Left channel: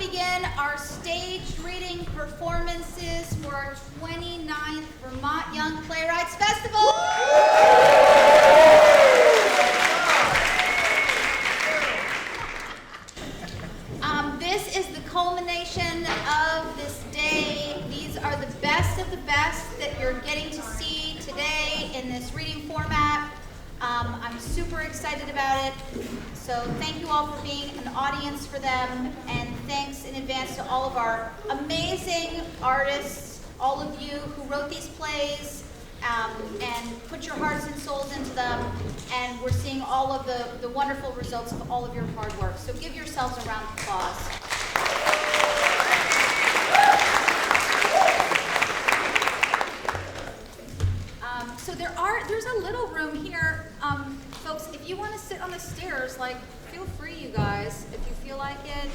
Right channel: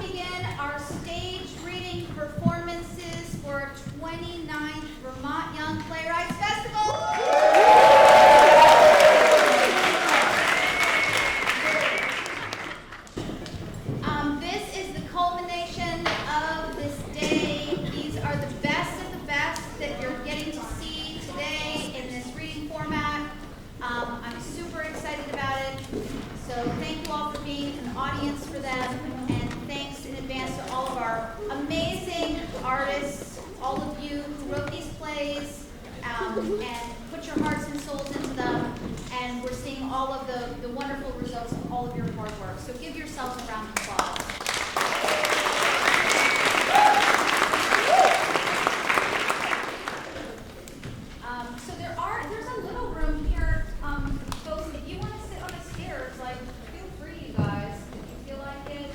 to begin our stage reading performances for our 29th Vermont Young Playwrights Festival. This is the culmination of this day. These are the best of the best that you're getting to see today in this reading format. I'm super excited about it. So thank you all for being an audience for them, and thanks in advance to all of our amazing artists, all of you who wrote these plays and put your hearts and souls into them, and we're seeing all of the wonderful results of all of your hard work. So give yourselves a round of applause. So there's a little room here. Folks, if you want to sit on the stairs, like, feel free, you guys, if you feel like it.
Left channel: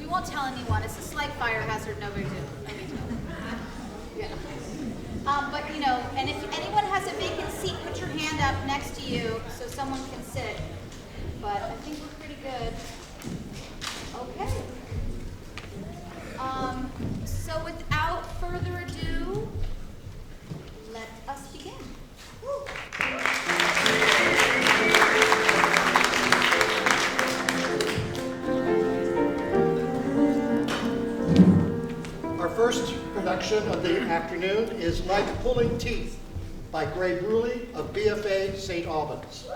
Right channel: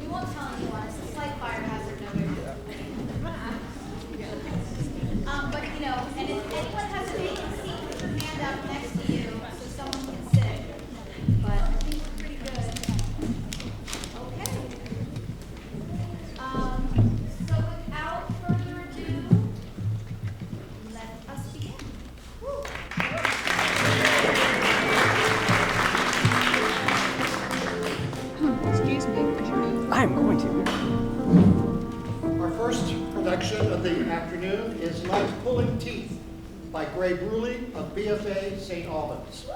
We won't tell anyone. It's a slight fire hazard, no big deal. But, you know, and if anyone has a vacant seat, put your hand up next to you so someone can sit. But I think we're pretty good. Okay. So without further ado, let us begin. Woo. Excuse me. I'm going to. Our first production of the afternoon is Like Pulling Teeth by Gray Bruley of BFA St. Albans.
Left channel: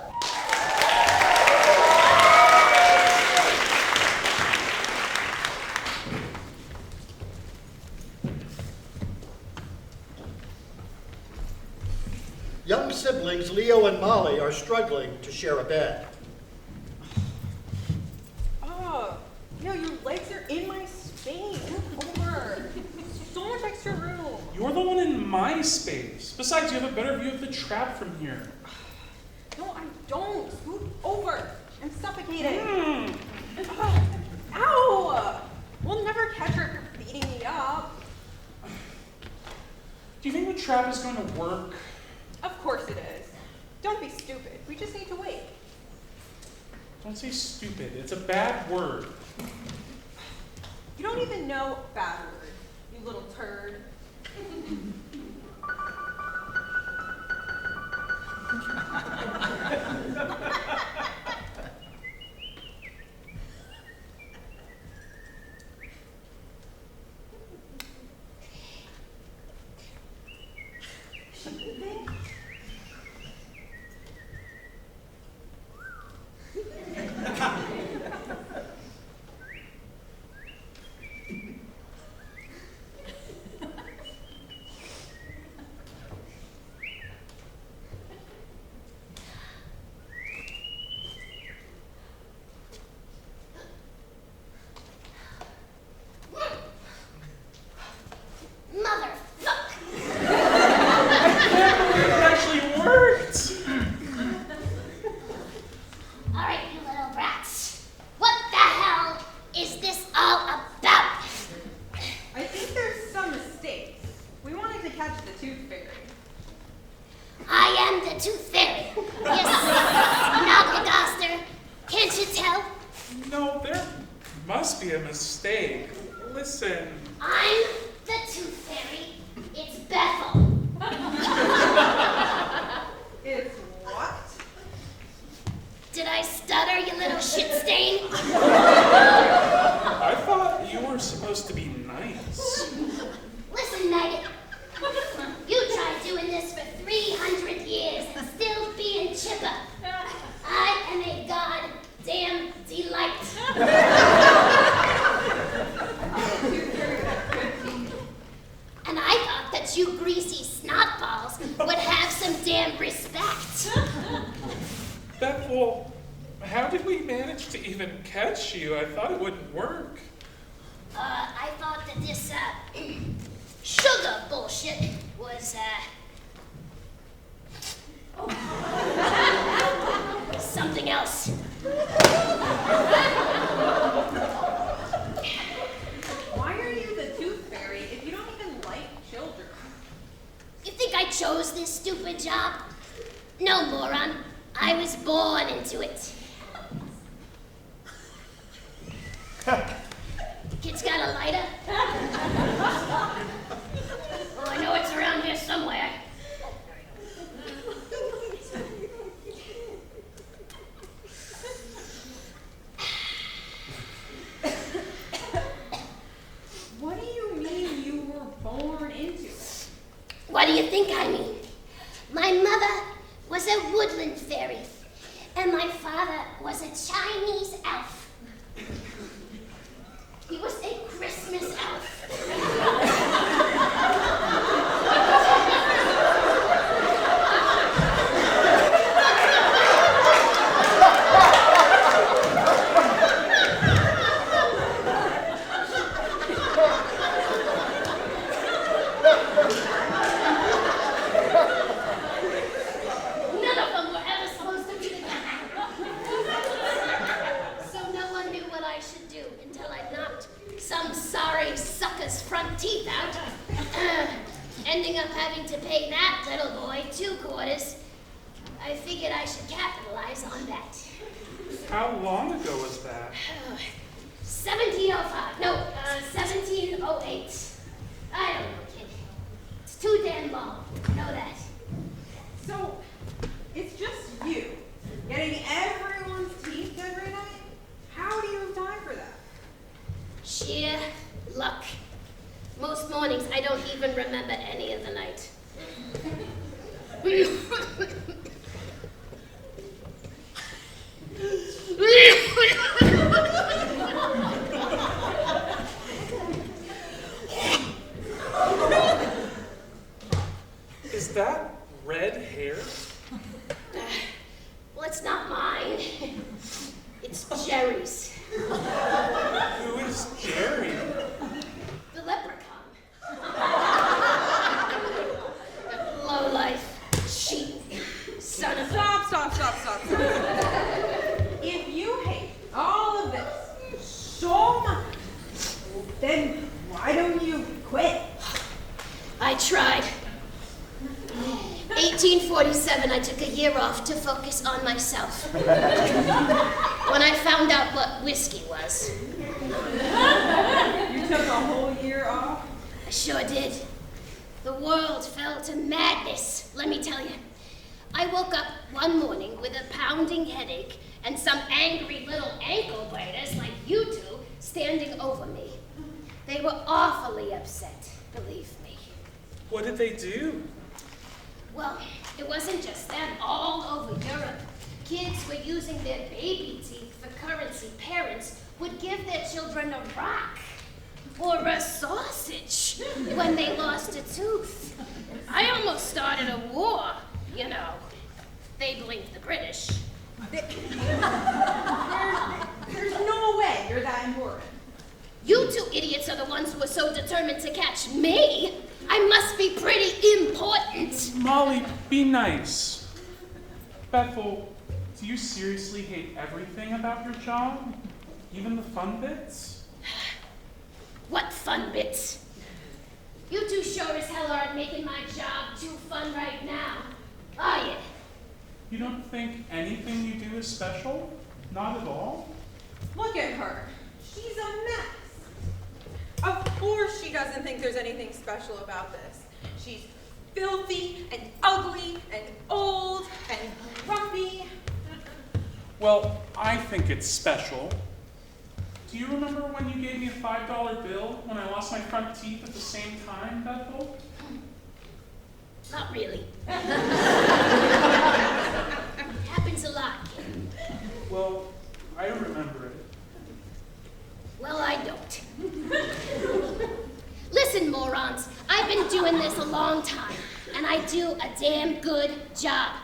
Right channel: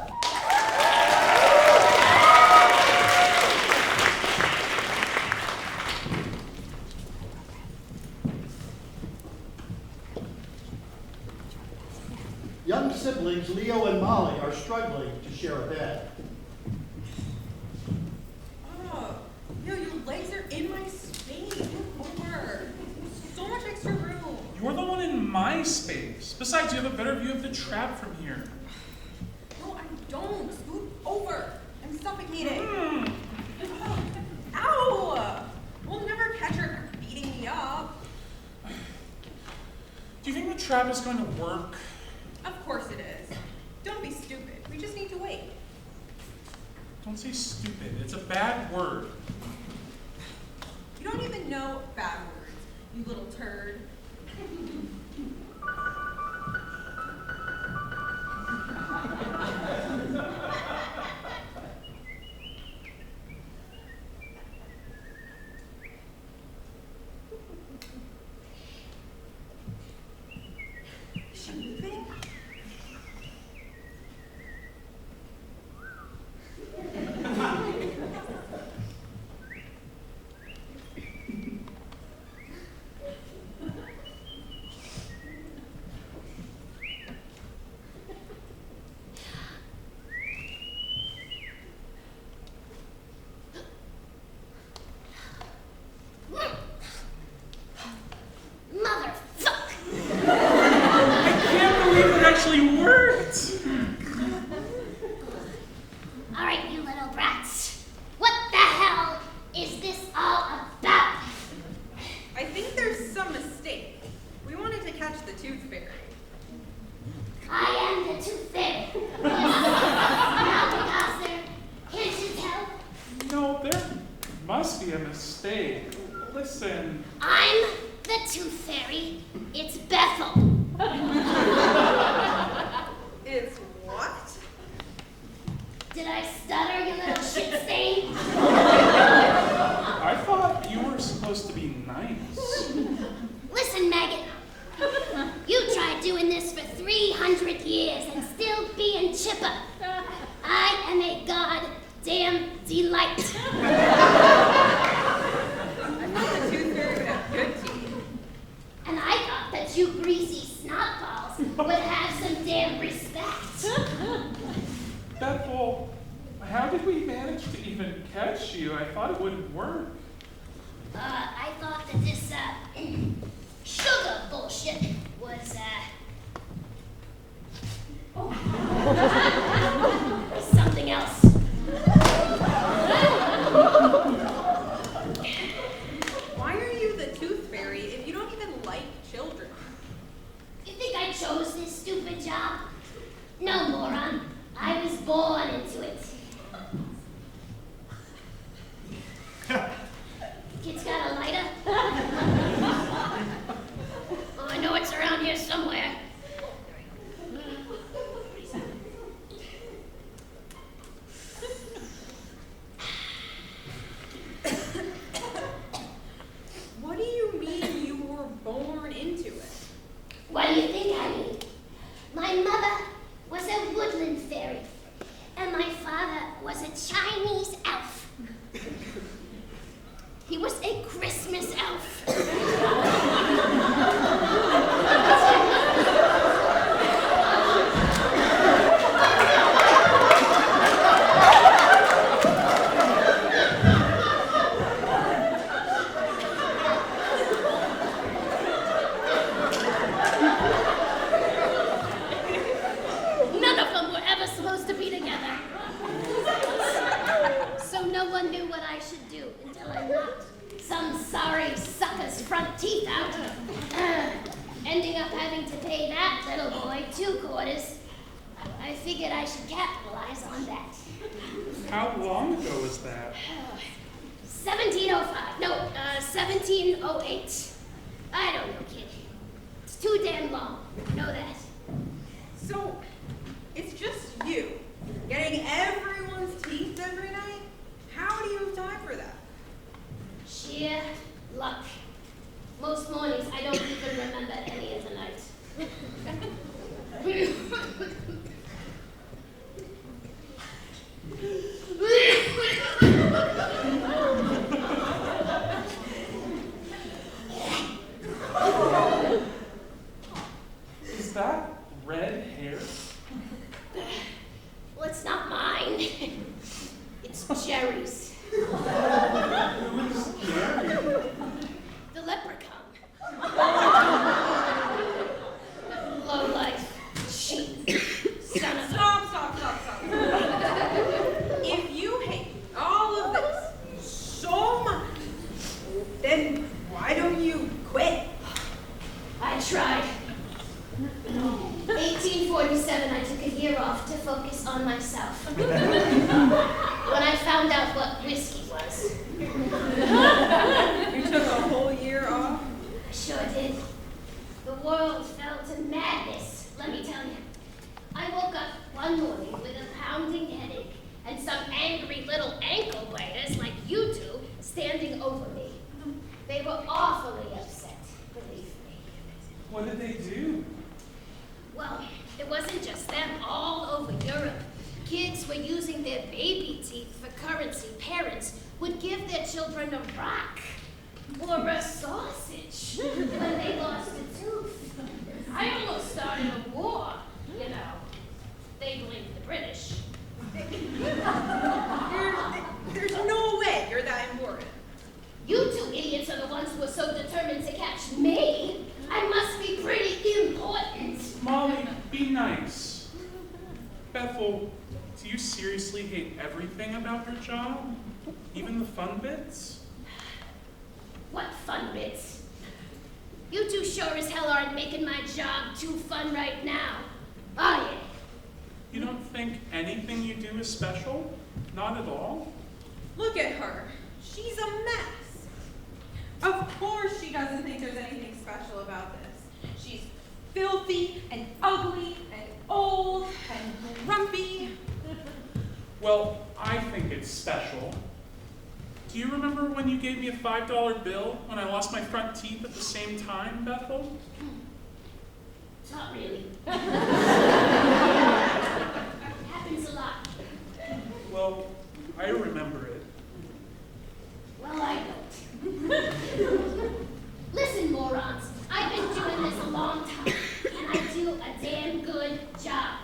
Young siblings Leo and Molly are struggling to share a bed. Your legs are in my space. Move over. So much extra room. You're the one in my space. Besides, you have a better view of the trap from here. No, I don't. Scoot over. I'm suffocating. Mm. Ow! We'll never catch her beating me up. Do you think the trap is going to work? Of course it is. Don't be stupid. We just need to wait. Don't say stupid. It's a bad word. You don't even know bad words, you little turd. How did we manage to even catch you? I thought it wouldn't work. I thought that this, sugar bullshit was, something else. Why are you the tooth fairy if you don't even like children? You think I chose this stupid job? No, moron. I was born into it. Kid's got a lighter? I know it's around here somewhere. What do you mean you were born into it? What do you think I mean? My mother was a woodland fairy, and my father was a Chinese elf. He was a Christmas elf. None of them were ever supposed to be together. So no one knew what I should do until I knocked some sorry sucker's front teeth out. Ending up having to pay that little boy 2 quarters. I figured I should capitalize on that. How long ago was that? 1705. No, 1708. I don't know, kid. It's too damn long. Know that. So, it's just you, getting everyone's teeth every night? How do you have time for that? Sheer luck. Most mornings, I don't even remember any of the night. Is that red hair? Well, it's not mine. It's Jerry's. Who is Jerry? The leprechaun. Lowlife, cheat, son of a... Stop. If you hate all of this so much, then why don't you quit? I tried. 1847, I took a year off to focus on myself. When I found out what whiskey was. You took a whole year off? I sure did. The world fell to madness, let me tell you. I woke up one morning with a pounding headache and some angry little ankle biters like you two standing over me. They were awfully upset, believe me. What did they do? Well, it wasn't just them. All over Europe, kids were using their baby teeth for currency. Parents would give their children a rock or a sausage when they lost a tooth. I almost started a war, you know. They blamed the British. There's no way you're that important. You two idiots are the ones who are so determined to catch me. I must be pretty important. Molly, be nice. Bethel, do you seriously hate everything about your job? Even the fun bits? What fun bits? You two sure as hell aren't making my job too fun right now, are you? You don't think anything you do is special? Not at all? Look at her. She's a mess. Of course she doesn't think there's anything special about this. She's filthy and ugly and old and grumpy. Well, I think it's special. Do you remember when you gave me a $5 bill when I lost my front teeth at the same time, Bethel? Not really. Happens a lot. Well, I remember it. Well, I don't. Listen, morons, I've been doing this a long time, and I do a damn good job.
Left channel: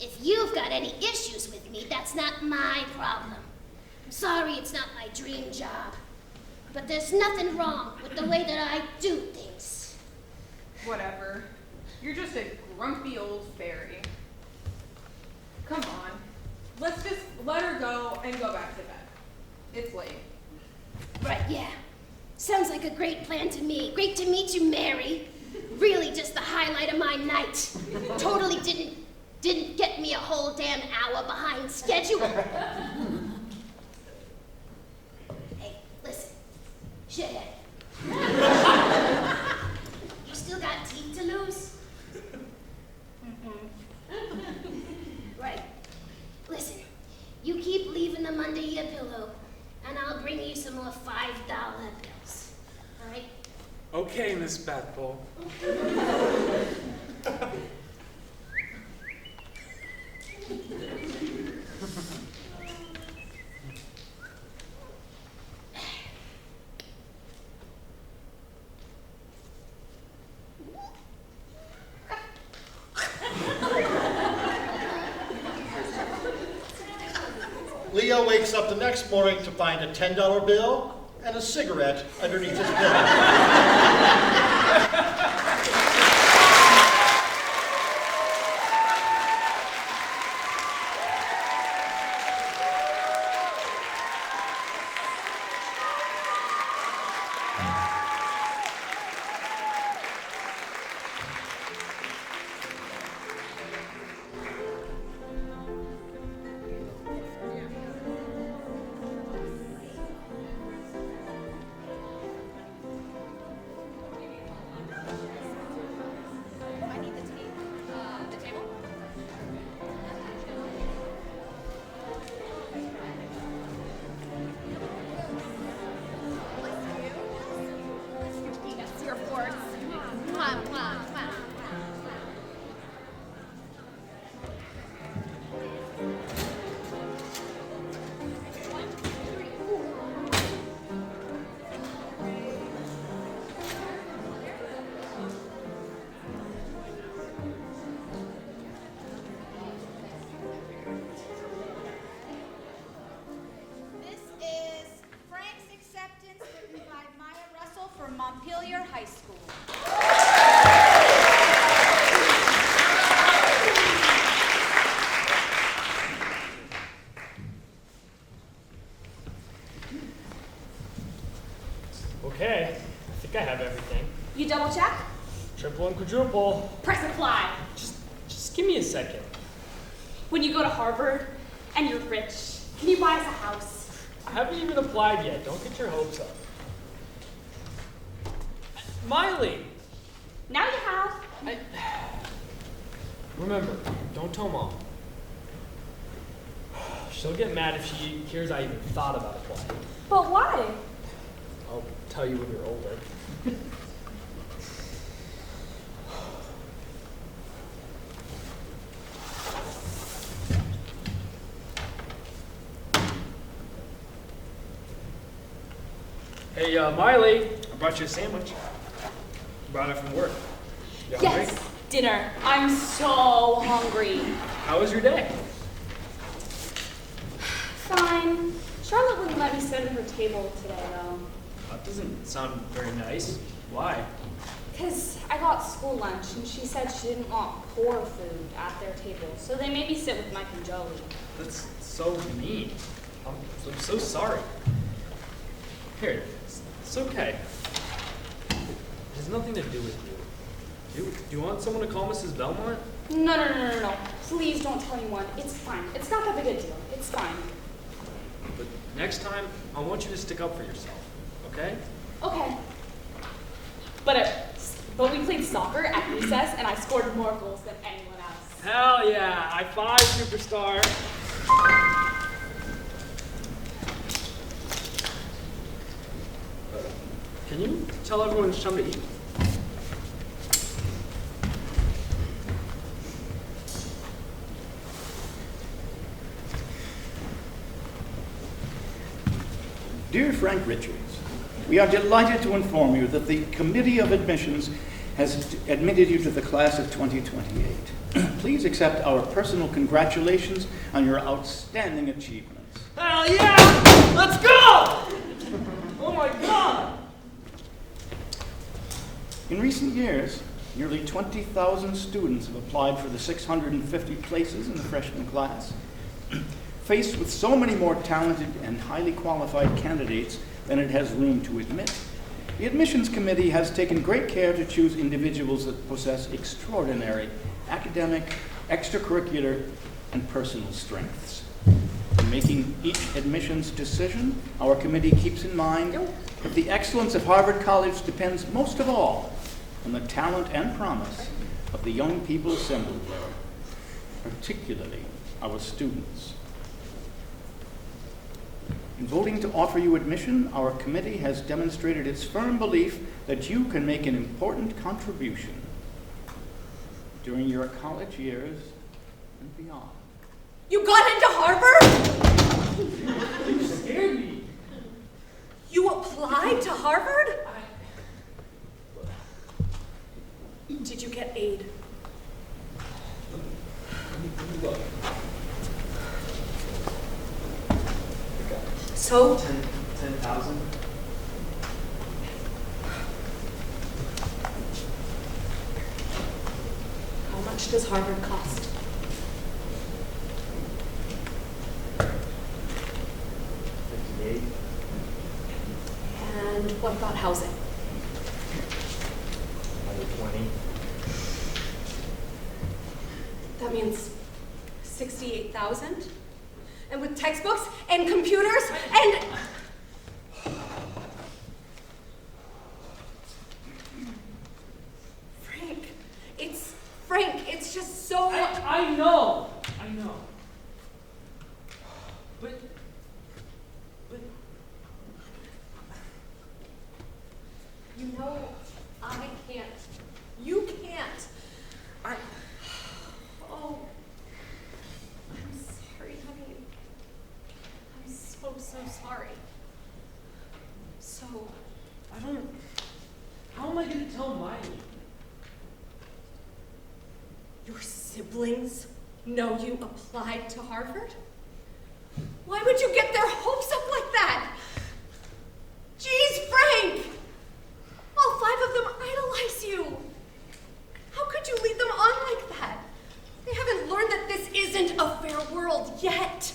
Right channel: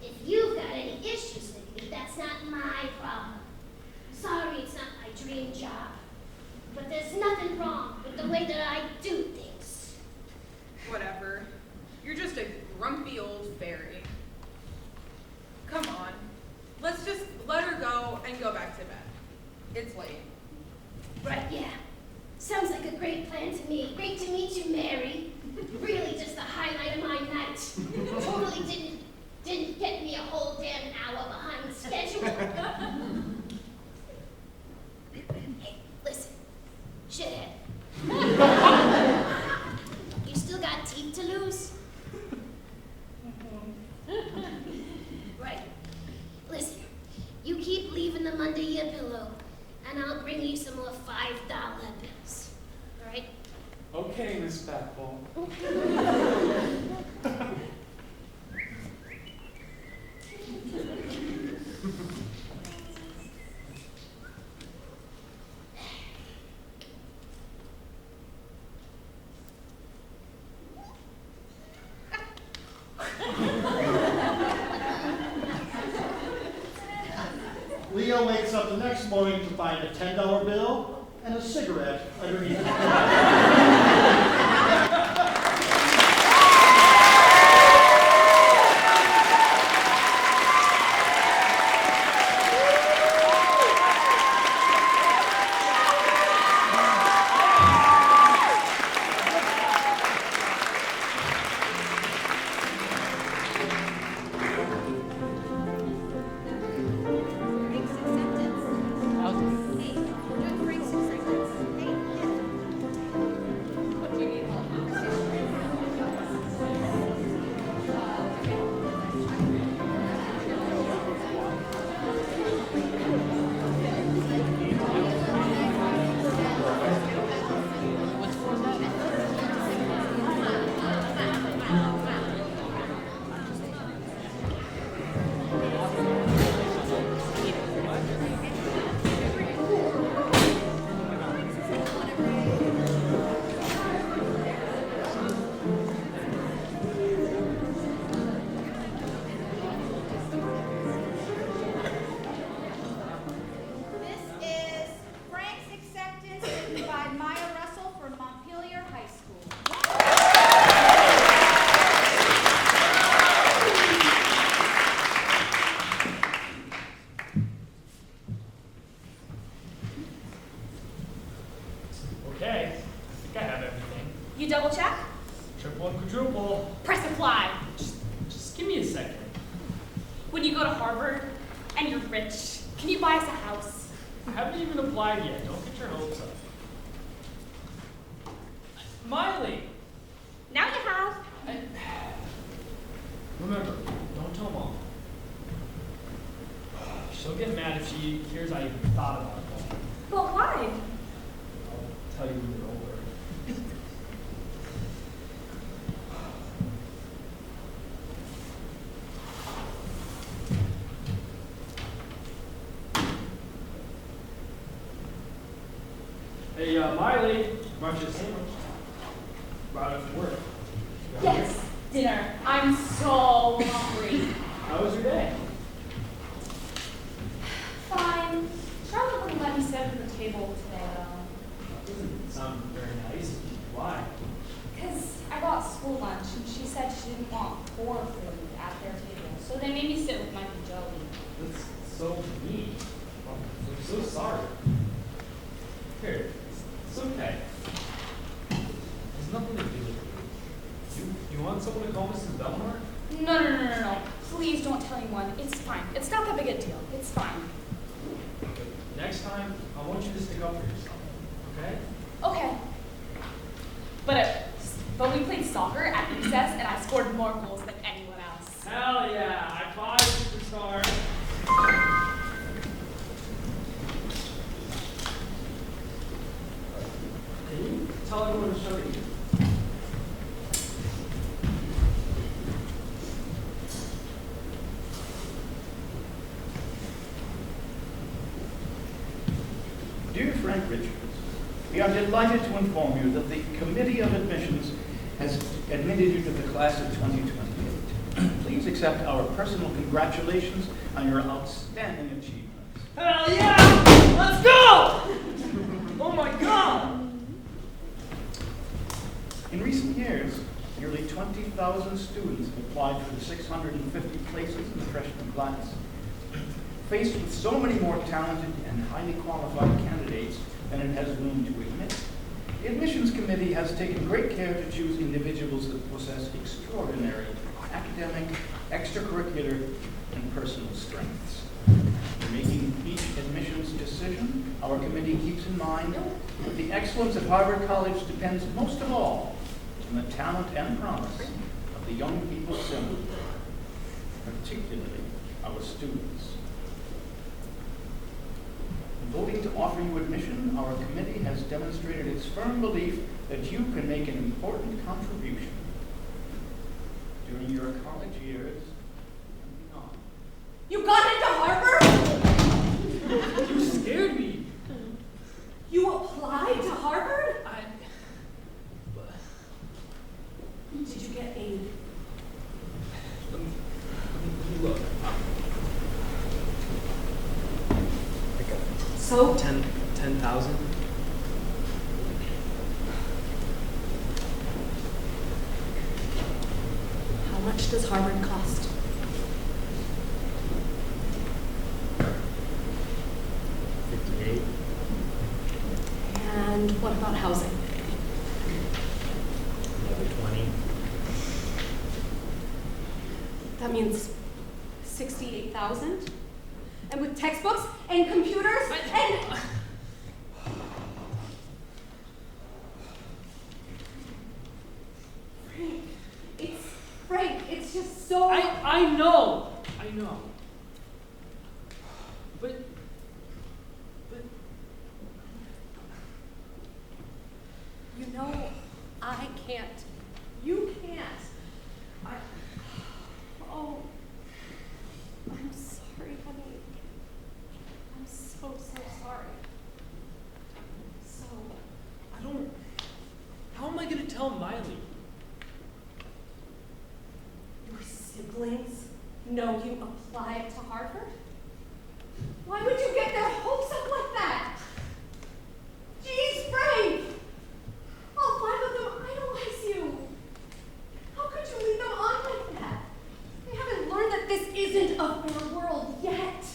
If you've got any issues with me, that's not my problem. Sorry it's not my dream job, but there's nothing wrong with the way that I do things. Whatever. You're just a grumpy old fairy. Come on. Let's just let her go and go back to bed. It's late. Right, yeah. Sounds like a great plan to me. Great to meet you, Mary. Really just the highlight of my night. Totally didn't get me a whole damn hour behind schedule. Hey, listen. Shit Okay, Miss Bethel. Leo wakes up the next morning to find a $10 bill and a cigarette underneath his bed. Okay, I think I have everything. You double check? Triple and quadruple. Press apply. Just give me a second. When you go to Harvard and you're rich, can you buy us a house? I haven't even applied yet. Don't get your hopes up. Miley! Now you have. Remember, don't tell Mom. She'll get mad if she hears I even thought about applying. But why? I'll tell you when you're older. Hey, Miley, I brought you a sandwich. Brought it from work. You hungry? Yes, dinner. I'm so hungry. How was your day? Fine. Charlotte wouldn't let me sit at her table today, though. That doesn't sound very nice. Why? Because I got school lunch, and she said she didn't want poor food at their table, so they made me sit with Mike and Joey. That's so mean. I'm so sorry. Here, it's okay. It has nothing to do with you. Do you want someone to call Mrs. Belmont? No. Please don't tell anyone. It's fine. It's not that big a deal. It's fine. But next time, I want you to stick up for yourself, okay? Okay. But we played soccer at recess, and I scored more goals than anyone else. Hell yeah! High five, superstar! Can you tell everyone to come to eat? Dear Frank Richards, we are delighted to inform you that the Committee of Admissions has admitted you to the class of 2028. Please accept our personal congratulations on your outstanding achievements. Hell yeah! Let's go! Oh my god! In recent years, nearly 20,000 students have applied for the 650 places in the freshman class. Faced with so many more talented and highly qualified candidates than it has room to admit, the admissions committee has taken great care to choose individuals that possess extraordinary academic, extracurricular, and personal strengths. In making each admissions decision, our committee keeps in mind that the excellence of Harvard College depends most of all on the talent and promise of the young people assembled there, particularly our students. In voting to offer you admission, our committee has demonstrated its firm belief that you can make an important contribution during your college years and beyond. You got into Harvard? You scared me. You applied to Harvard? Did you get aid? Look. So? 10,000. How much does Harvard cost? $58. And what about housing? Another 20. That means 68,000? And with textbooks and computers and... Frank, it's just so... I know. But You know, I can't. You can't. Oh, I'm sorry, honey. I'm so sorry. So, how am I gonna tell Miley? your siblings know you applied to Harvard? Why would you get their hopes up like that? Jeez, Frank! All 5 of them idolize you. How could you lead them on like that? They haven't learned that this isn't a fair world yet.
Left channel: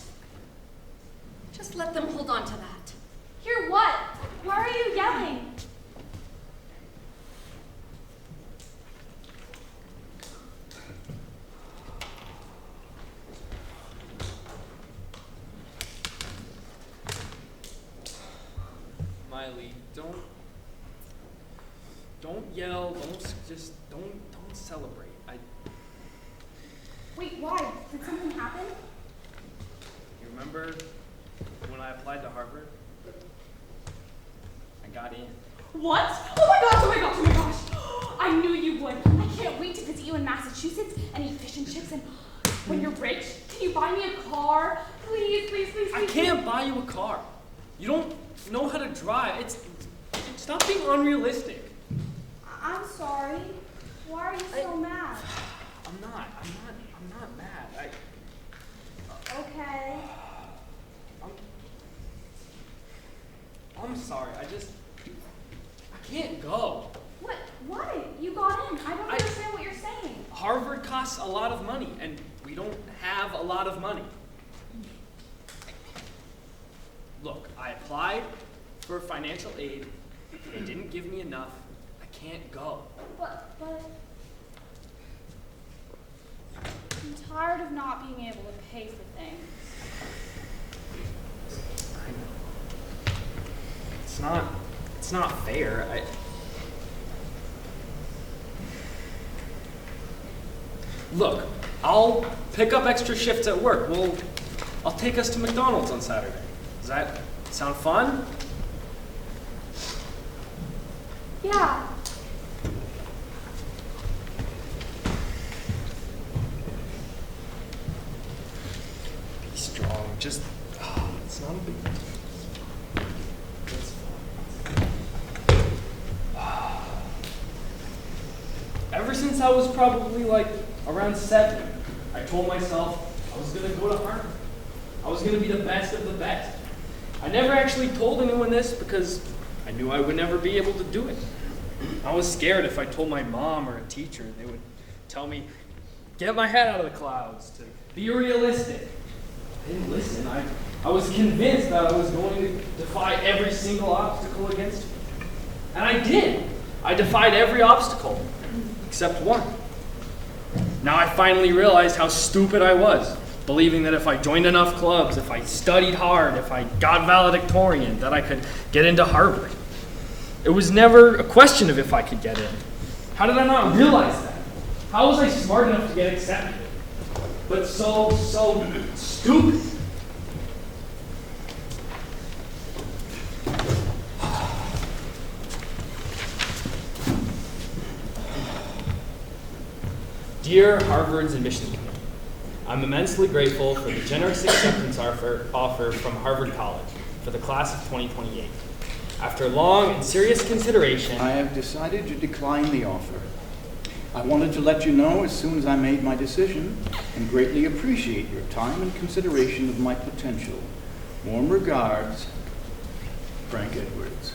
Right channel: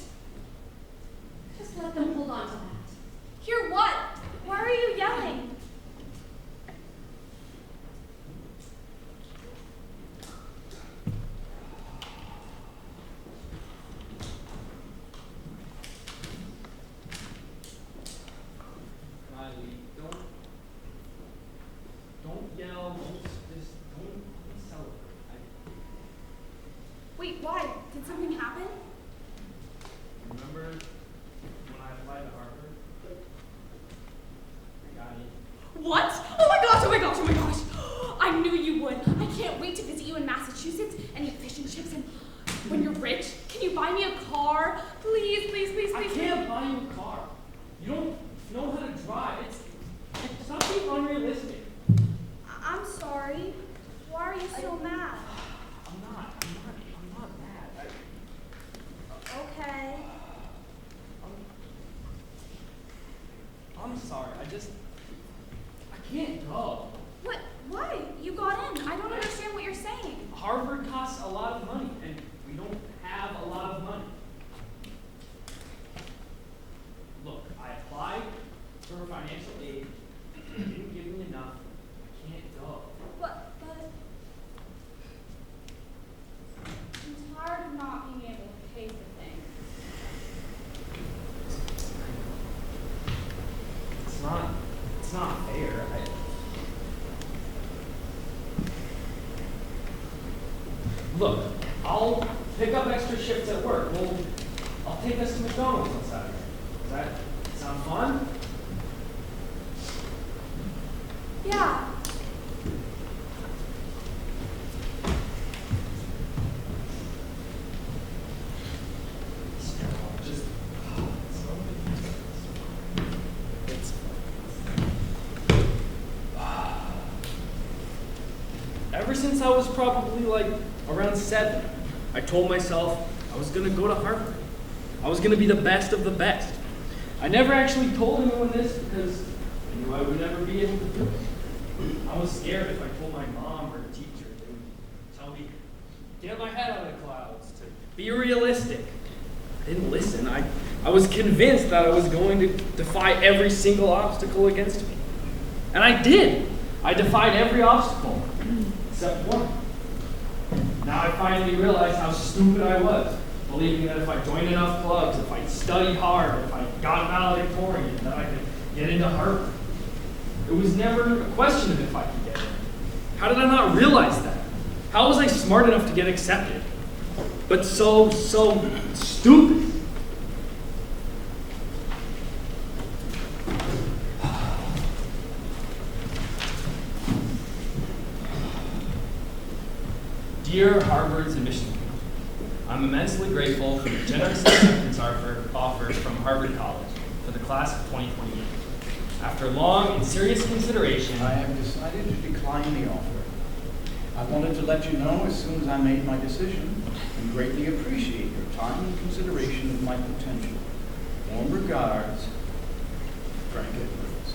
Just let them hold on to that. Hear what? Why are you yelling? Miley, don't yell. Don't celebrate. Wait, why? Did something happen? Remember when I applied to Harvard? I got in. What? Oh my gosh, oh my gosh, oh my gosh. I knew you would. I can't wait to visit you in Massachusetts and eat fish and chips, and when you're rich, can you buy me a car? Please, please, please, I please. can't buy you a car. You don't know how to drive. Stop being unrealistic. I'm sorry. Why are you so mad? I'm not mad. Okay. I'm sorry. I can't go. What? Why? You got in. I don't understand what you're saying. Harvard costs a lot of money, and we don't have a lot of money. Look, I applied for financial aid. They didn't give me enough. I can't go. But I'm tired of not being able to pay for things. It's not fair. Look, I'll pick up extra shifts at work. I'll take us to McDonald's on Saturday. Does that sound fun? Yeah. Be strong. Just, it's not a big deal. It's fine. Ever since I was probably like around 7, I told myself I was gonna go to Harvard. I was gonna be the best of the best. I never actually told anyone this because I knew I would never be able to do it. I was scared if I told my mom or a teacher, they would tell me, get my head out of the clouds, to be realistic. I didn't listen. I was convinced that I was going to defy every single obstacle against me. And I did. I defied every obstacle, except one. Now I finally realized how stupid I was, believing that if I joined enough clubs, if I studied hard, if I got valedictorian, that I could get into Harvard. It was never a question of if I could get in. How did I not realize that? How was I smart enough to get accepted? But so stupid. Dear Harvard's admission committee, I'm immensely grateful for the generous acceptance offer from Harvard College for the class of 2028. After long and serious consideration, I have decided to decline the offer. I wanted to let you know as soon as I made my decision and greatly appreciate your time and consideration of my potential. Warm regards, Frank Edwards.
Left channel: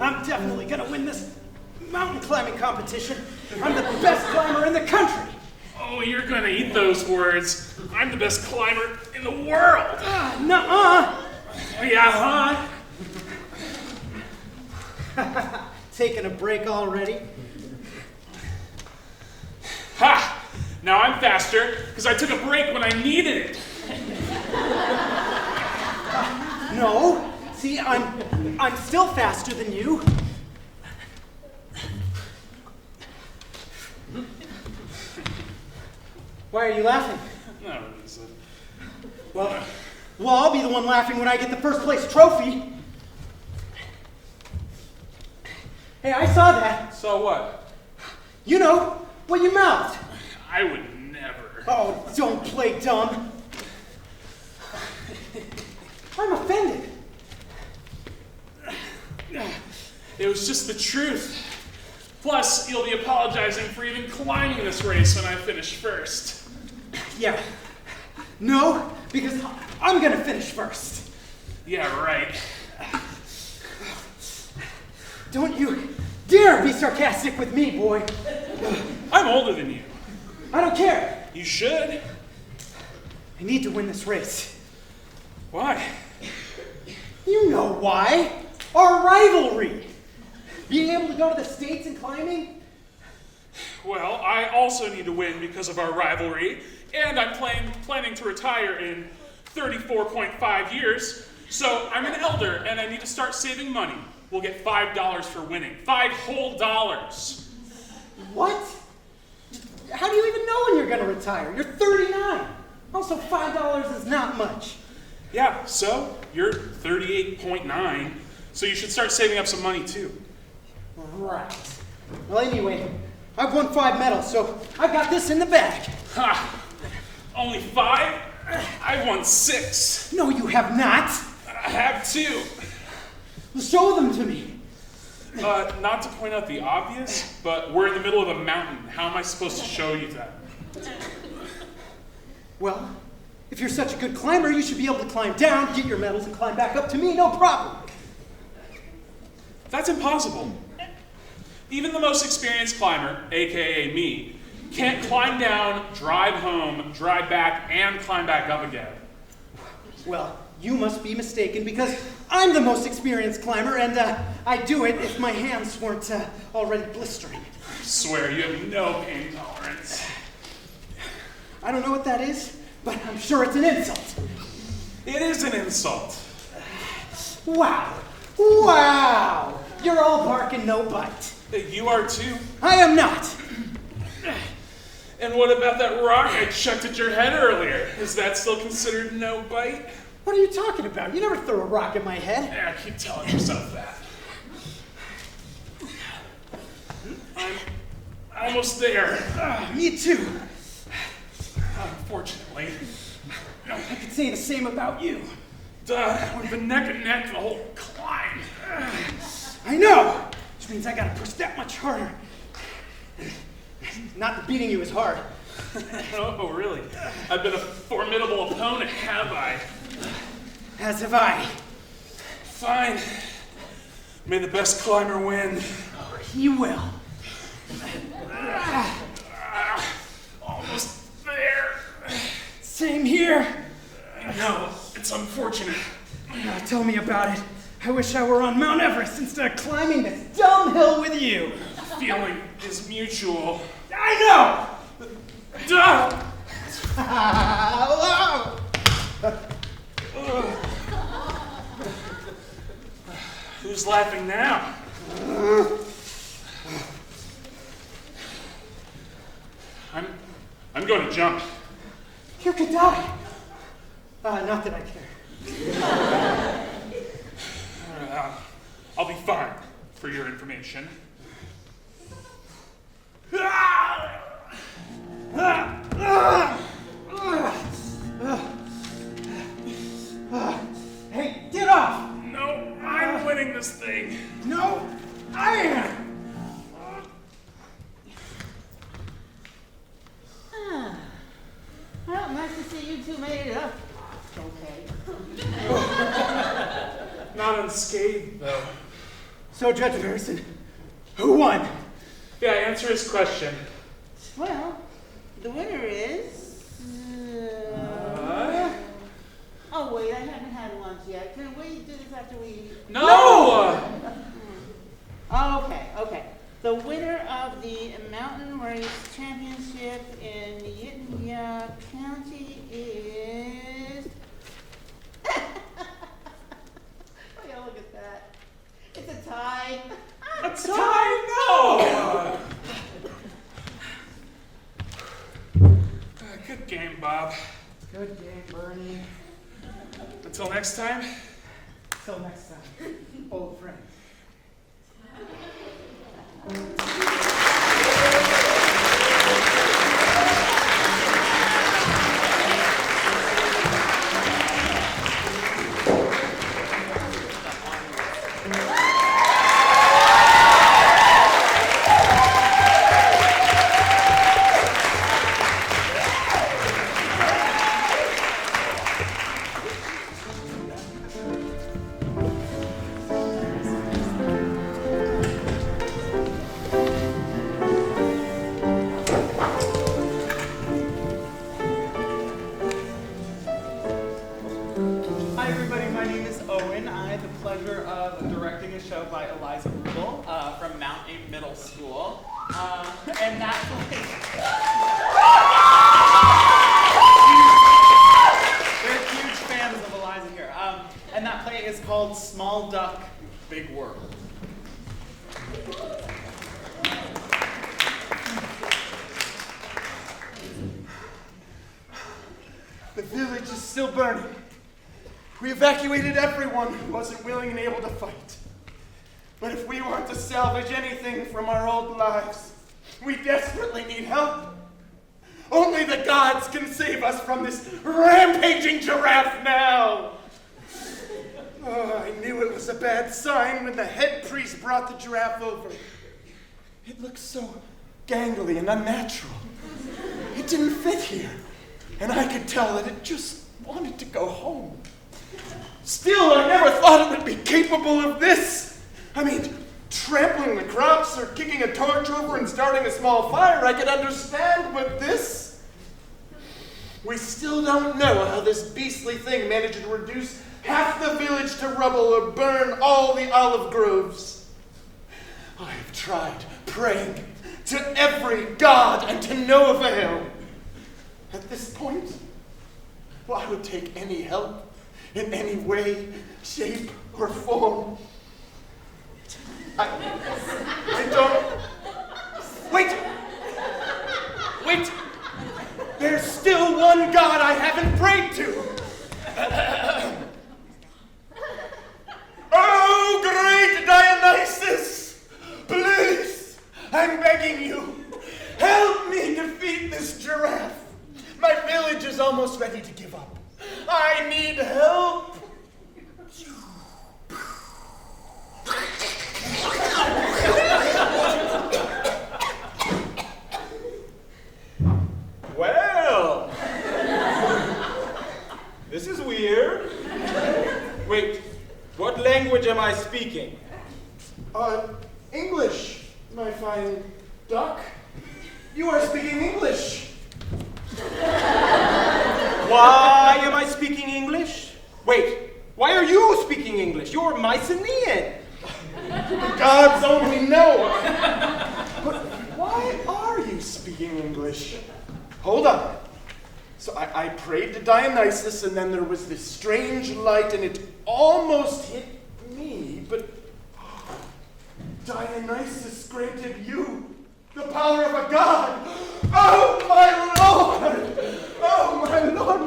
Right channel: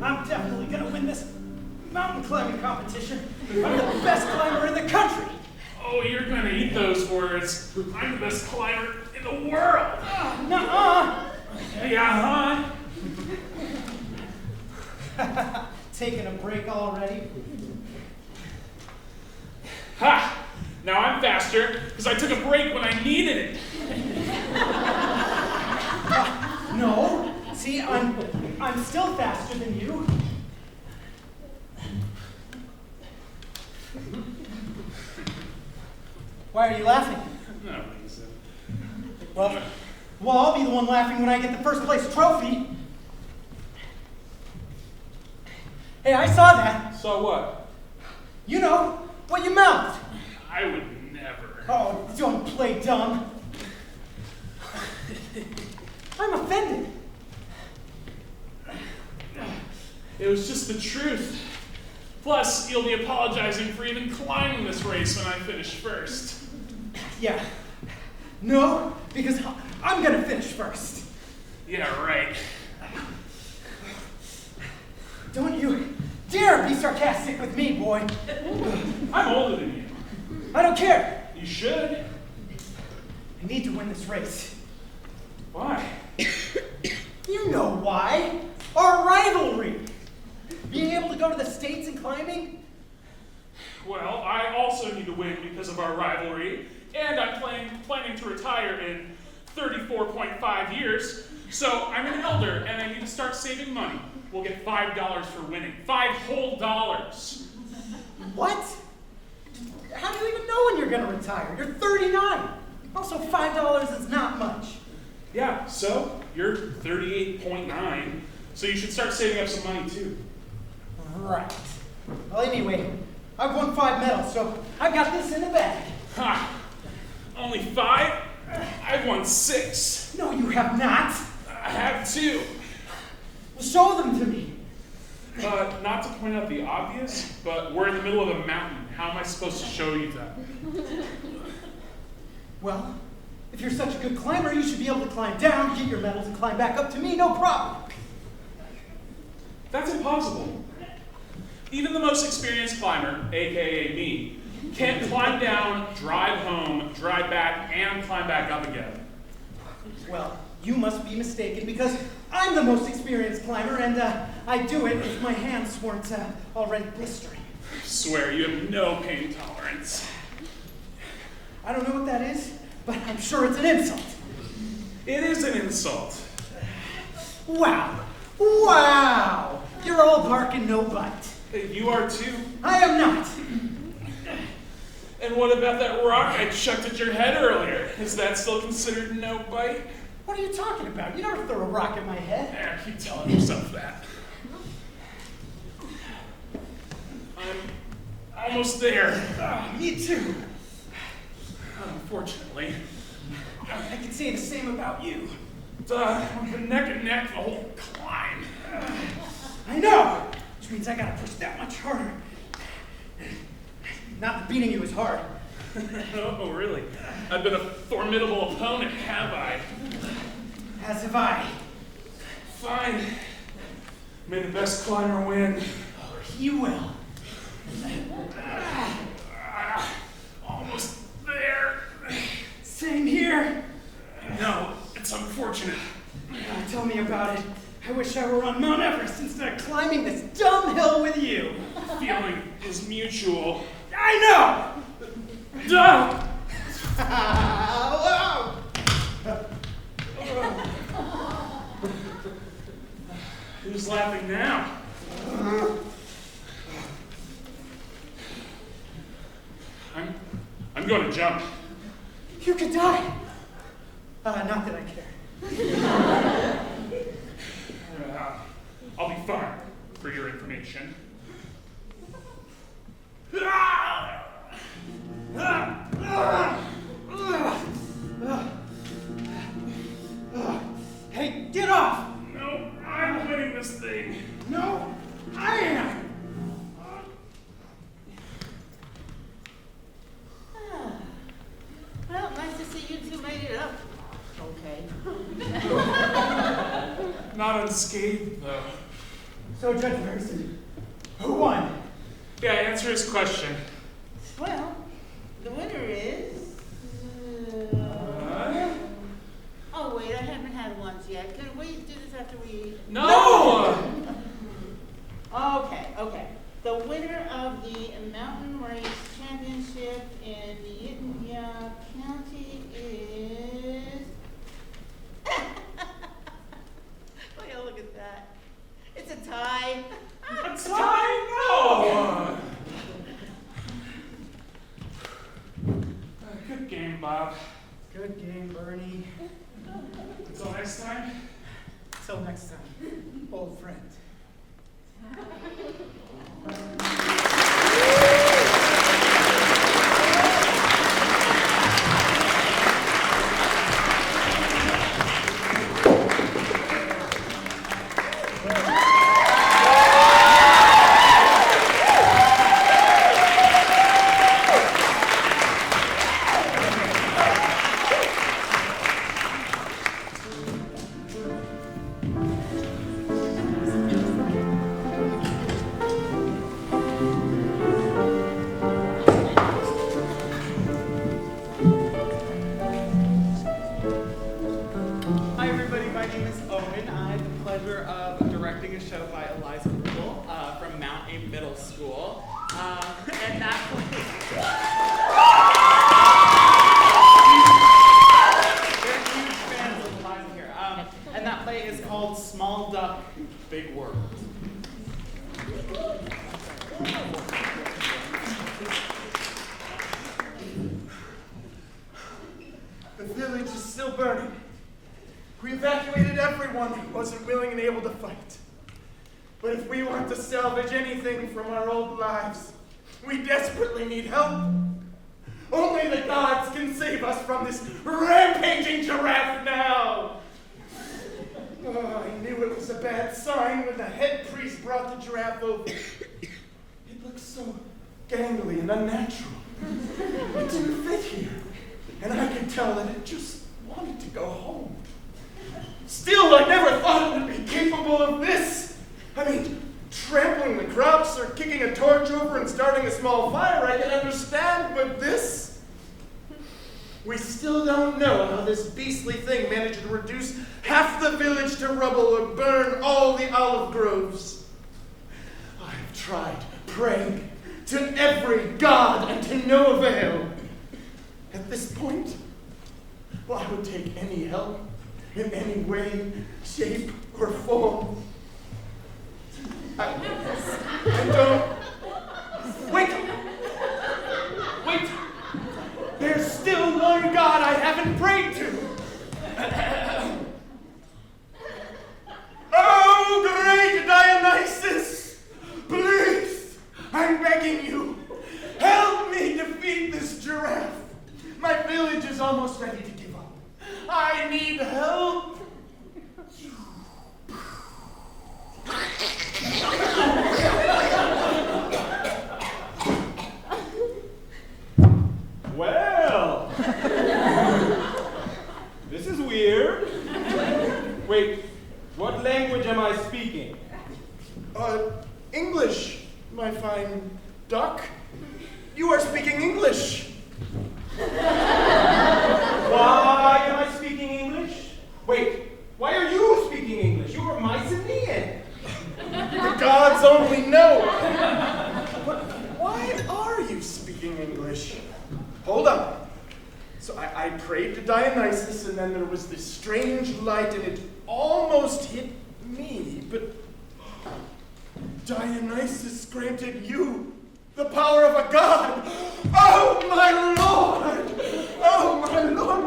I'm definitely gonna win this mountain climbing competition. I'm the best climber in the country. Oh, you're gonna eat those words. I'm the best climber in the world. Nuh-uh. Yeah, Taking a break already? Ha! Now I'm faster because I took a break when I needed it. No. See, I'm still faster than you. Why are you laughing? No reason. Well, I'll be the one laughing when I get the first place trophy. Hey, I saw that. So what? You know, what you mouthed. I would never. Oh, don't play dumb. I'm offended. It was just the truth. Plus, you'll be apologizing for even climbing this race when I finish first. Yeah. No, because I'm gonna finish first. Yeah, right. Don't you dare be sarcastic with me, boy. I'm older than you. I don't care. You should. I need to win this race. Why? You know why. Our rivalry. Being able to go to the States and climbing? Well, I also need to win because of our rivalry, and I'm planning to retire in 34.5 years, so I'm an elder and I need to start saving money. We'll get $5 for winning. $5 whole dollars. What? How do you even know when you're gonna retire? You're 39. Also, $5 is not much. Yeah, so you're 38.9, so you should start saving up some money too. Right. Well, anyway, I've won 5 medals, so I got this in the bag. Ha! Only 5? I've won 6. No, you have not. I have 2. Show them to me. Not to point out the obvious, but we're in the middle of a mountain. How am I supposed to show you that? Well, if you're such a good climber, you should be able to climb down, get your medals, and climb back up to me, no problem. That's impossible. Even the most experienced climber, aka me, can't climb down, drive home, drive back, and climb back up again. Well, You must be mistaken because I'm the most experienced climber, and I'd do it if my hands weren't already blistering. I swear you have no pain tolerance. I don't know what that is, but I'm sure it's an insult. It is an insult. Wow. Wow. You're all bark and no bite. You are too. I am not. And what about that rock I chucked at your head earlier? Is that still considered no bite? What are you talking about? You never threw a rock at my head. Yeah, keep telling yourself that. I'm almost there. Me too. Unfortunately. I could say the same about you. We've been neck and neck the whole climb. I know! Which means I gotta push that much harder. Not that beating you is hard. Oh, really? I've been a formidable opponent, have I? As have I. Fine. May the best climber win. He will. Almost there. Same here. No, it's unfortunate. Tell me about it. I wish I were on Mount Everest instead of climbing this dumb hill with you. The feeling is mutual. I know! Duh! Hello! Who's laughing now? I'm going to jump. You could die. Not that I care. I'll be fine, for your information. Hey, get off! No, I'm winning this thing. No, I am! Well, nice to see you two made it up. Okay. Not unscathed, though. So, Judge Harrison, who won? Yeah, answer his question. Well, the winner is... Oh, wait, I haven't had lunch yet. Can we do this after we... No! Okay. The winner of the Mountain Race Championship in Yittenya County is... Look at that. It's a tie. A tie? No! Good game, Bob. Good game, Bernie. Until next time. Till next time, old friends. The village is still burning. We evacuated everyone who wasn't willing and able to fight. But if we want to salvage anything from our old lives, we desperately need help. Only the gods can save us from this rampaging giraffe now. Oh, I knew it was a bad sign when the head priest brought the giraffe over. It looked so gangly and unnatural. It didn't fit here. And I could tell that it just wanted to go home. Still, I never thought it would be capable of this. I mean, trampling the crops or kicking a torch over and starting a small fire, I could understand, but this? We still don't know how this beastly thing managed to reduce half the village to rubble or burn all the olive groves. I have tried praying to every god and to no avail. At this point, well, I would take any help in any way, shape, or form. I don't... Wait! Wait! There's still one God I haven't prayed to! Oh, great Dionysus! Please, I'm begging you, help me defeat this giraffe. My village is almost ready to give up. I need help. Well, this is weird. Wait, what language am I speaking? English, my fine duck. You are speaking English. Why am I speaking English? Wait, why are you speaking English? You're Mycenaean. The gods only know. But why are you speaking English? Hold on. So I prayed to Dionysus, and then there was this strange light, and it almost hit me, but Dionysus granted you the power of a god. Oh, my lord! Oh, my lord!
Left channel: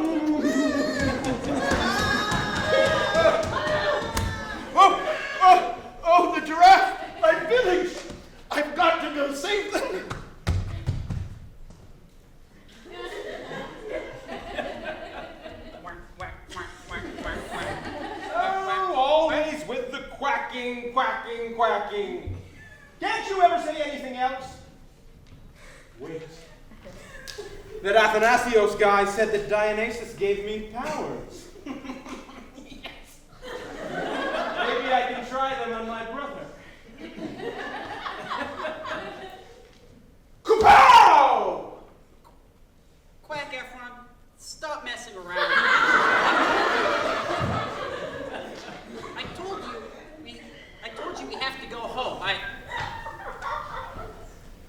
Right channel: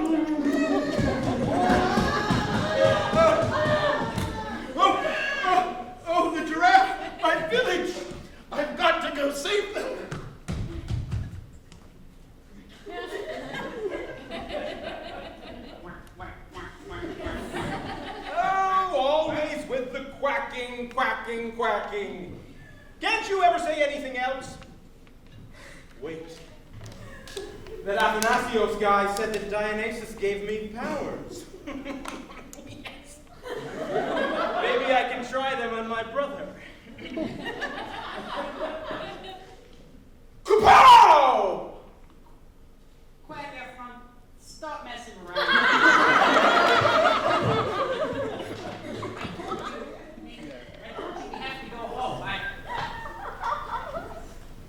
Oh, the giraffe! My village! I've got to go save them! Oh, always with the quacking, quacking, quacking. Can't you ever say anything else? Wait. That Athanasios guy said that Dionysus gave me powers. Yes. Maybe I can try them on my brother. Kupow! Quack Efron, stop messing around. I told you we have to go home.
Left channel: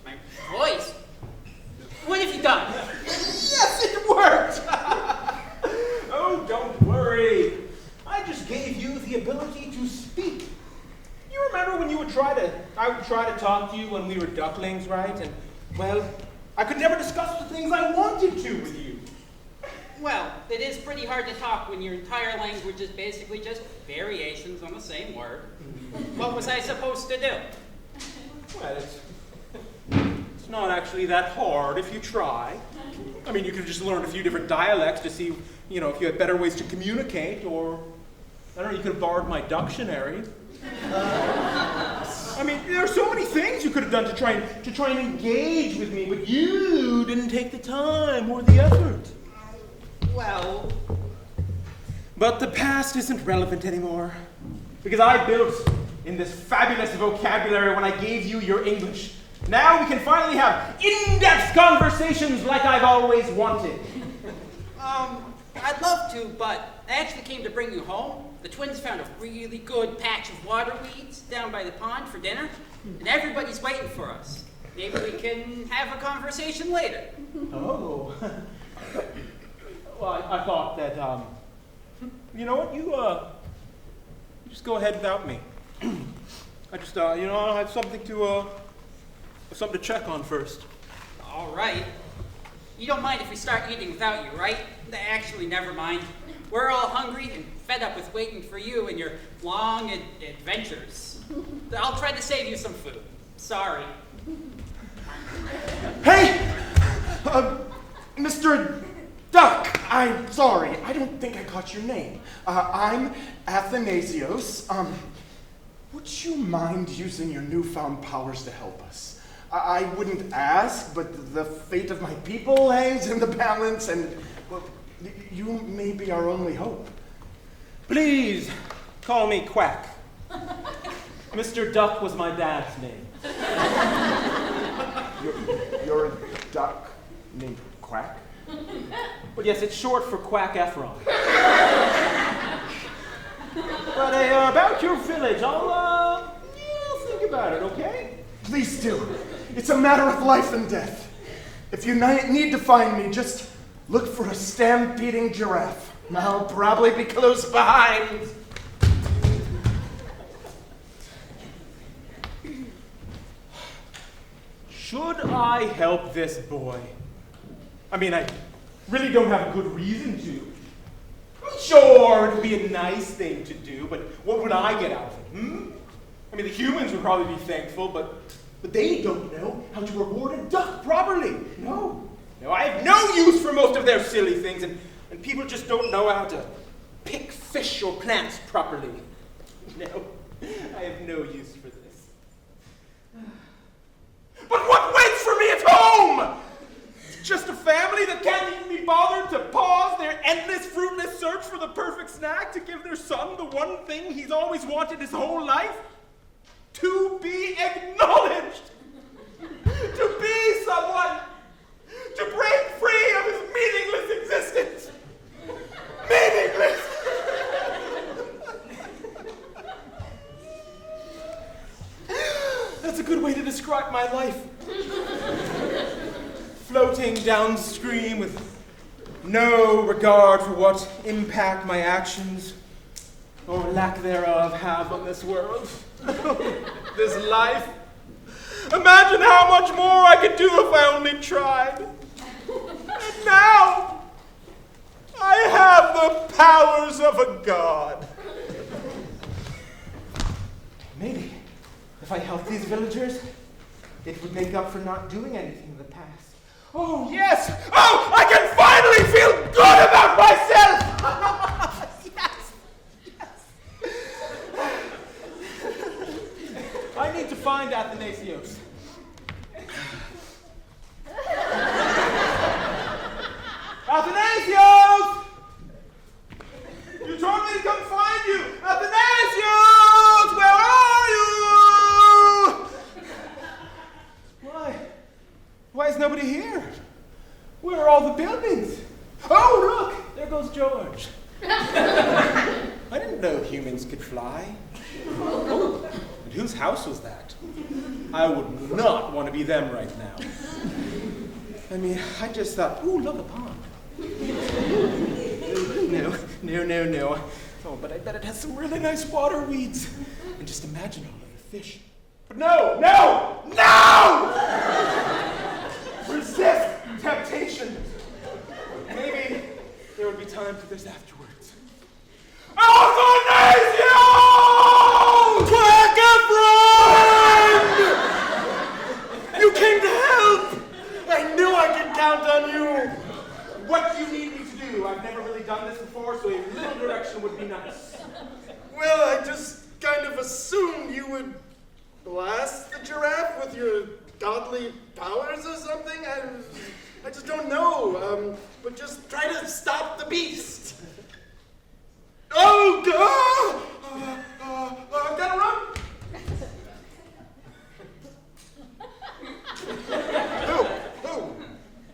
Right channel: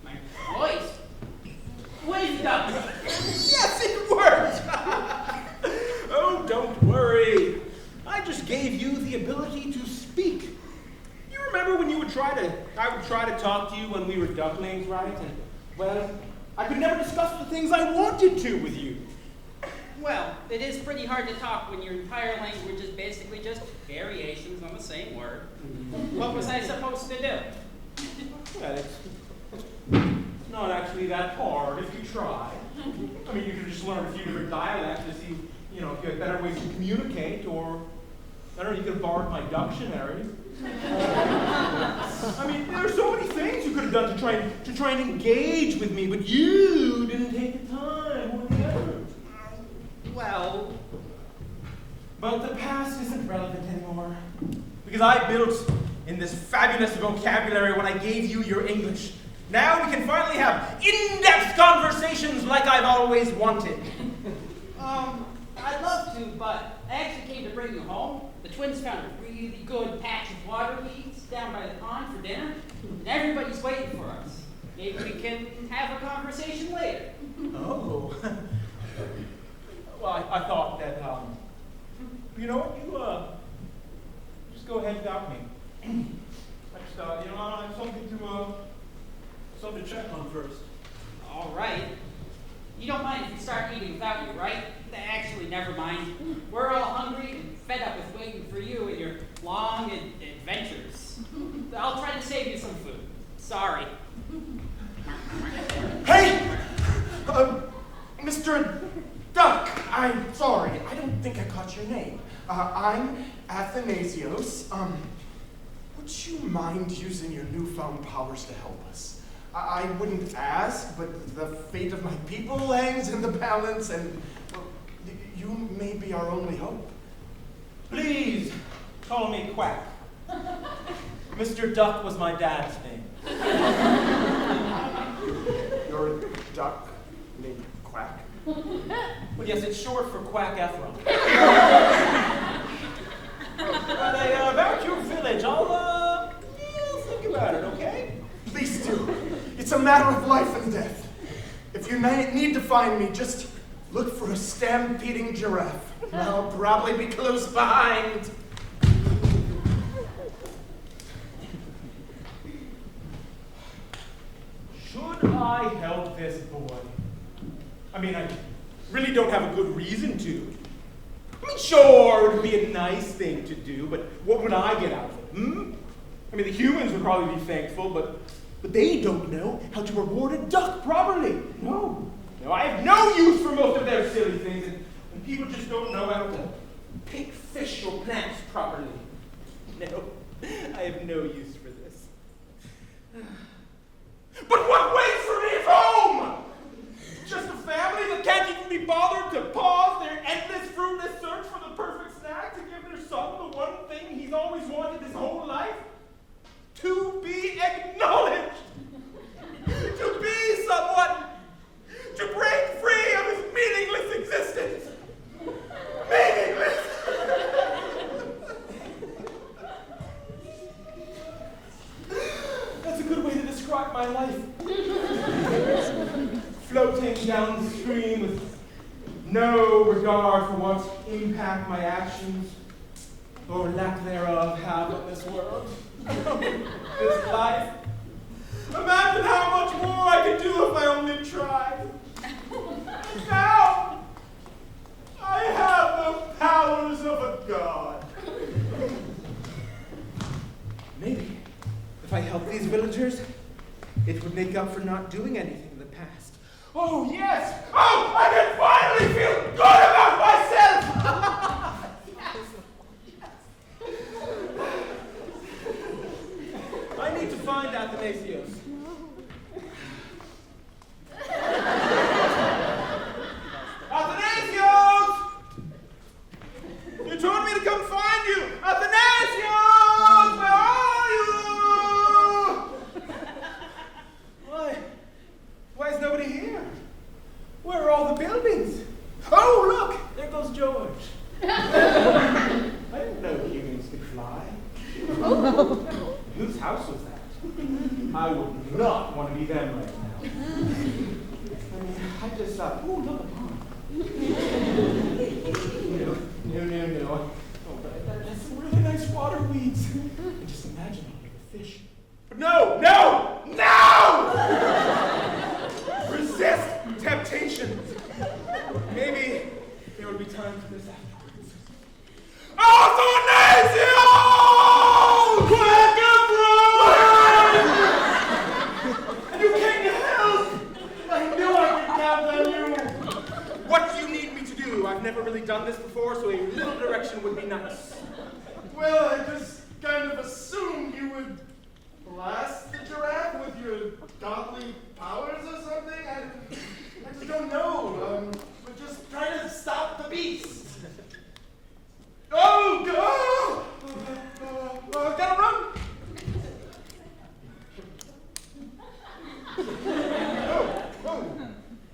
My voice. What have you done? Yes, it worked! Oh, don't worry. I just gave you the ability to speak. You remember when I would try to talk to you when we were ducklings, right? And, well, I could never discuss the things I wanted to with you. Well, it is pretty hard to talk when your entire language is basically just variations on the same word. What was I supposed to do? Well, it's not actually that hard if you try. I mean, you could just learn a few different dialects to see, if you had better ways to communicate, or, I don't know, you could have borrowed my dictionary. I mean, there are so many things you could have done to try and engage with me, but you didn't take the time or the effort. Well... But the past isn't relevant anymore, because I built in this fabulous vocabulary when I gave you your English. Now we can finally have in-depth conversations like I've always wanted. I'd love to, but I actually came to bring you home. The twins found a really good patch of water weeds down by the pond for dinner, and everybody's waiting for us. Maybe we can have a conversation later. Oh. Well, I thought that, you know what, you just go ahead without me. I just, I have something to check on first. All right. You don't mind if we start eating without you, right? Actually, never mind. We're all hungry and fed up with waiting for you and your long adventures. I'll try to save you some food. Sorry. Hey! Mr. Duck, I'm sorry. I don't think I caught your name. I'm Athanasios. Would you mind using your newfound powers to help us? I wouldn't ask, but the fate of my people hangs in the balance, and, well, you may be our only hope. Please call me Quack. Mr. Duck was my dad's name. You're a duck named Quack? Well, yes, it's short for Quack Ephron. But about your village, I'll think about it, okay? Please do. It's a matter of life and death. If you need to find me, just look for a stampeding giraffe. I'll probably be close behind. Should I help this boy? I mean, I really don't have a good reason to. I mean, sure, it'd be a nice thing to do, but what would I get out of it, I mean, the humans would probably be thankful, but they don't know how to reward a duck properly. No, I have no use for most of their silly things, and people just don't know how to pick fish or plants properly. No, I have no use for this. But what waits for me at home? Just a family that can't even be bothered to pause their endless, fruitless search for the perfect snack to give their son the one thing he's always wanted his whole life? To be acknowledged! To be someone! To break free of his meaningless existence! Meaningless! That's a good way to describe my life. Floating downstream with no regard for what impact my actions, or lack thereof, have on this world. This life. Imagine how much more I could do if I only tried. And now, I have the powers of a god. Maybe, if I helped these villagers, it would make up for not doing anything in the past. Oh, yes! Oh, I can finally feel good about myself! Yes! I need to find Athanasios. Athanasios! You told me to come find you! Athanasios! Where are you? Why is nobody here? Where are all the buildings? Oh, look! There goes George. I didn't know humans could fly. And whose house was that? I would not want to be them right now. I mean, I just thought, ooh, look, a pond. No. Oh, but I bet it has some really nice water weeds. And just imagine it like a fish. But no! Resist temptation. Maybe there would be time for this afterwards. Athanasios! Quack Ephron! You came to help! I knew I could count on you! What do you need me to do? I've never really done this before, so a little direction would be nice. Well, I just kind of assumed you would blast the giraffe with your godly powers or something. I just don't know. But just try to stop the beast. Oh, gotta run.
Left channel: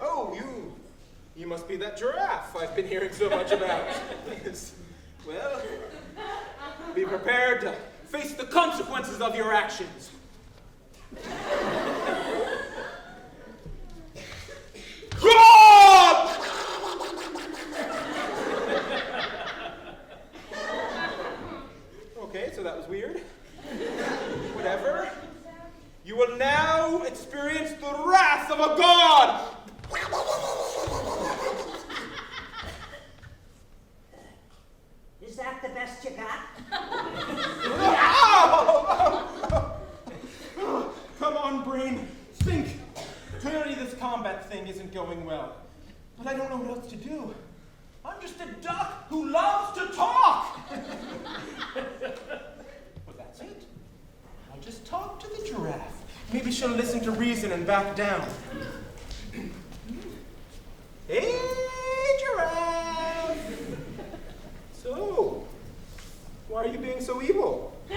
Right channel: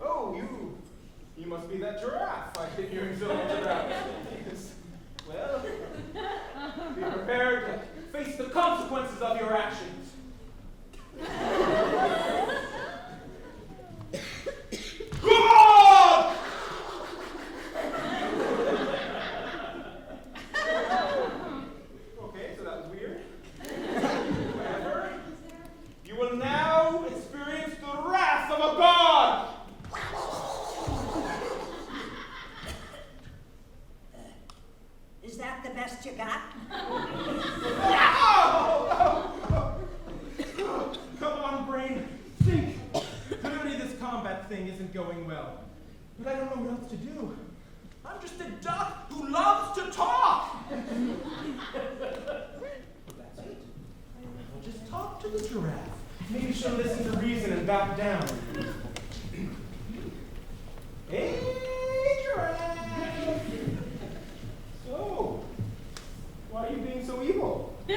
Oh, you must be that giraffe I've been hearing so much about. Yes. Well, be prepared to face the consequences of your actions. God! Okay, so that was weird. Whatever. You will now experience the wrath of a god! Is that the best you got? Come on, brain. Think. Clearly this combat thing isn't going well. But I don't know what else to do. I'm just a duck who loves to talk. Well, that's it. I'll just talk to the giraffe. Maybe she'll listen to reason and back down. Hey, giraffe. So, why are you being so evil? I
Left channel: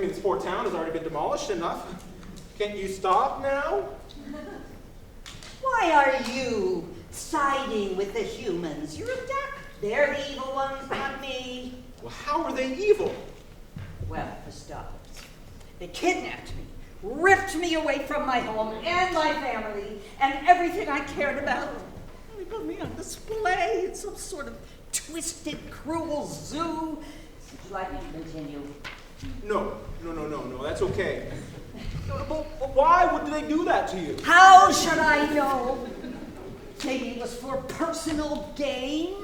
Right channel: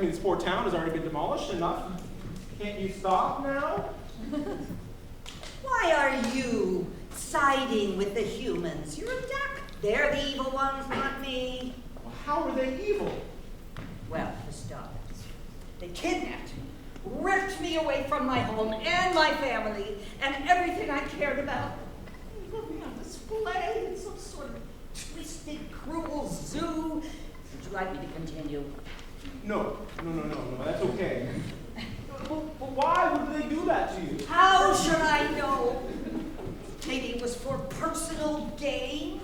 mean, this poor town has already been demolished enough. Can't you stop now? Why are you so siding with the humans. You're a duck. They're the evil ones, not me. Well, how are they evil? Well, for starters, they kidnapped me, ripped me away from my home and my family and everything I cared about. They put me on display in some sort of twisted, cruel zoo. Would you like me to continue? No, that's okay. But why would they do that to you? How should I know? Maybe it was for personal gain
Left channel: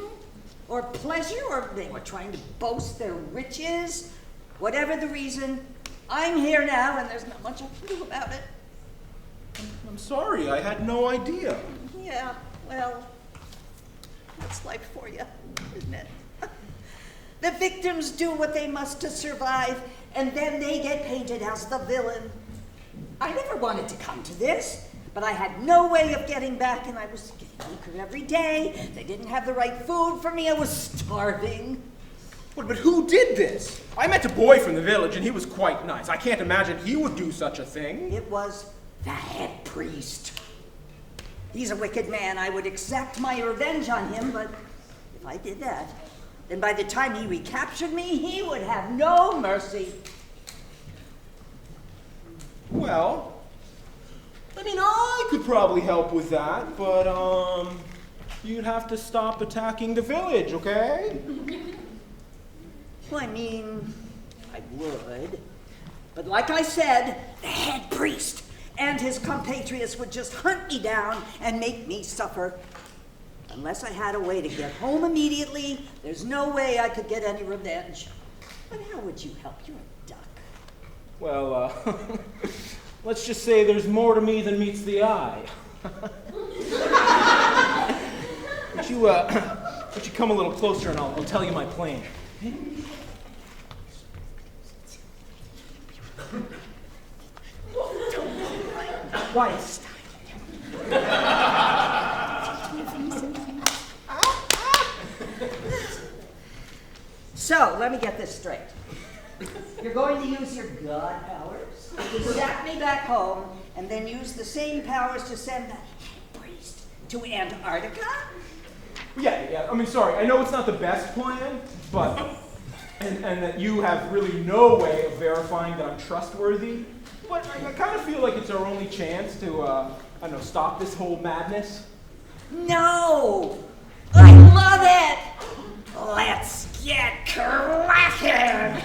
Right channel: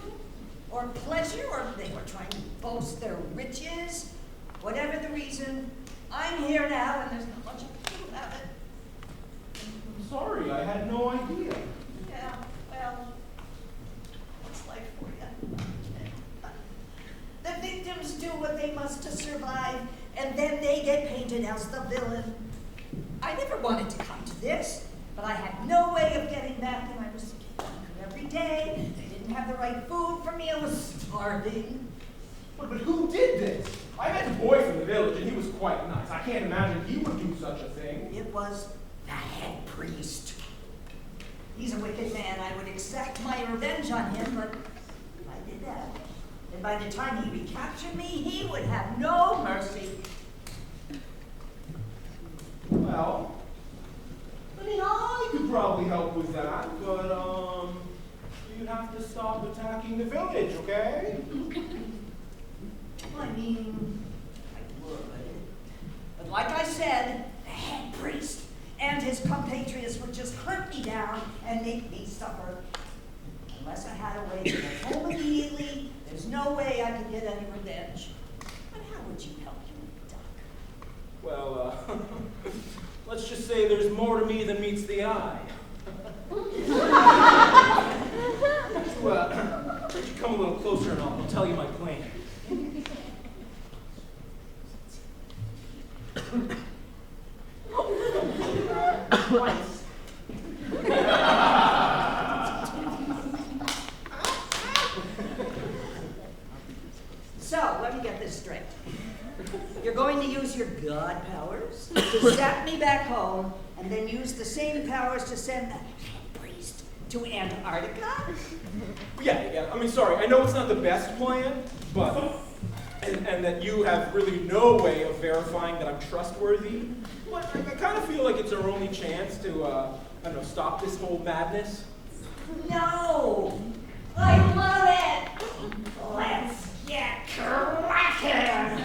or pleasure, or they were trying to boast their riches. Whatever the reason, I'm here now and there's not much I can do about it. I'm sorry, I had no idea. Yeah, well, that's life for you, isn't it? The victims do what they must to survive, and then they get painted as the villain. I never wanted to come to this, but I had no way of getting back, and I was weaker every day. They didn't have the right food for me. I was starving. But who did this? I met a boy from the village, and he was quite nice. I can't imagine he would do such a thing. It was the head priest. He's a wicked man. I would exact my revenge on him, but if I did that, then by the time he recaptured me, he would have no mercy. Well, I mean, I could probably help with that, but, you'd have to stop attacking the village, okay? Well, I mean, I would. But like I said, the head priest and his compatriots would just hunt me down and make me suffer. Unless I had a way to get home immediately, there's no way I could get any revenge. But how would you help? You're a duck. Well, let's just say there's more to me than meets the eye. Would you come a little closer and I'll tell you my plan. Christ. So, let me get this straight. You're going to use your god powers to sap me back home, and then use the same powers to send the head priest to Antarctica? Yeah, I mean, sorry, I know it's not the best plan, but, and that you have really no way of verifying that I'm trustworthy, but I kind of feel like it's our only chance to, I don't know, stop this whole madness. No! I love it! Let's get cracking!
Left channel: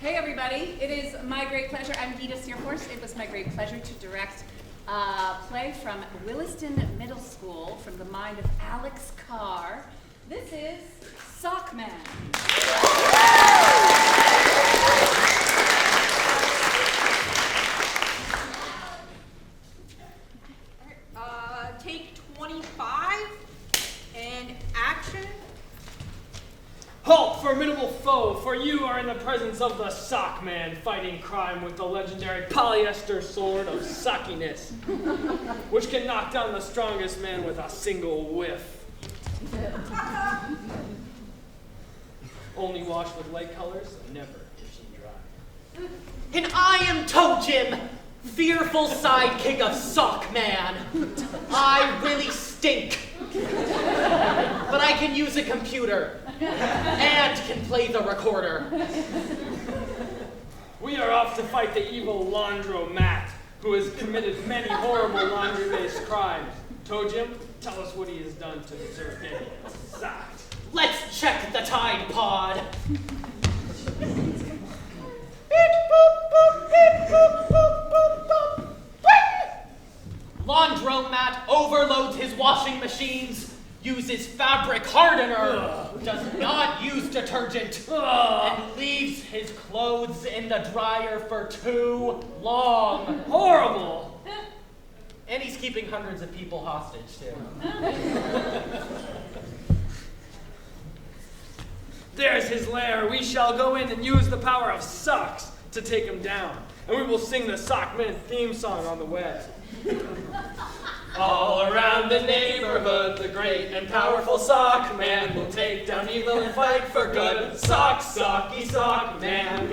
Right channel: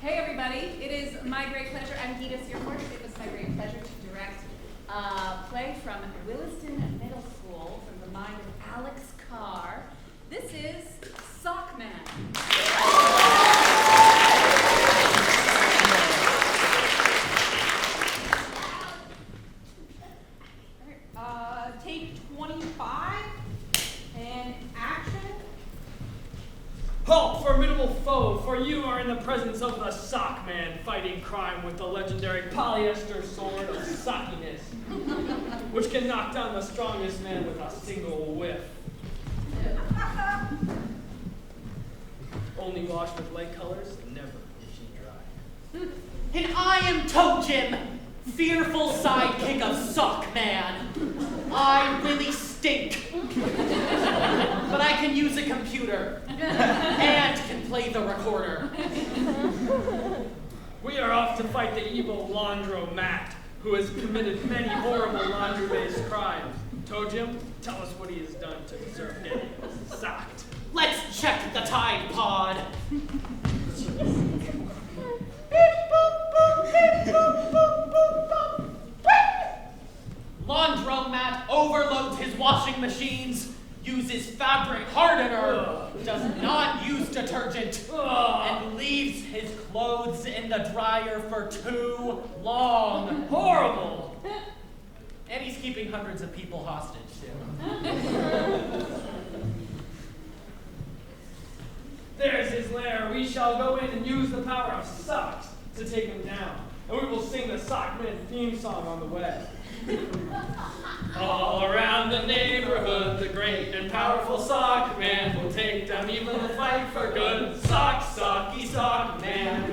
Hey everybody, it is my great pleasure. I'm Gita Searforce. It was my great pleasure to direct a play from Williston Middle School from the mind of Alex Carr. This is Sockman. Take 25 and action. Halt, formidable foe, for you are in the presence of the Sockman, fighting crime with the legendary polyester sword of suckiness, which can knock down the strongest men with a single whiff. Only wash with light colors, and never if she dry. And I am Toe-Jim, fearful sidekick of Sockman. I really stink. But I can use a computer and can play the recorder. We are off to fight the evil laundromat, who has committed many horrible laundry-based crimes. Toe Jim, tell us what he has done to deserve getting sacked. Let's check the Tide Pod. Laundromat overloads his washing machines, uses fabric hardener, does not use detergent, and leaves his clothes in the dryer for too long. Horrible! And he's keeping hundreds of people hostage, too. There's his lair. We shall go in and use the power of socks to take him down. And we will sing the Sockman theme song on the way. All around the neighborhood, the great and powerful sock man will take down evil and fight for good. Sock, socky, sock man.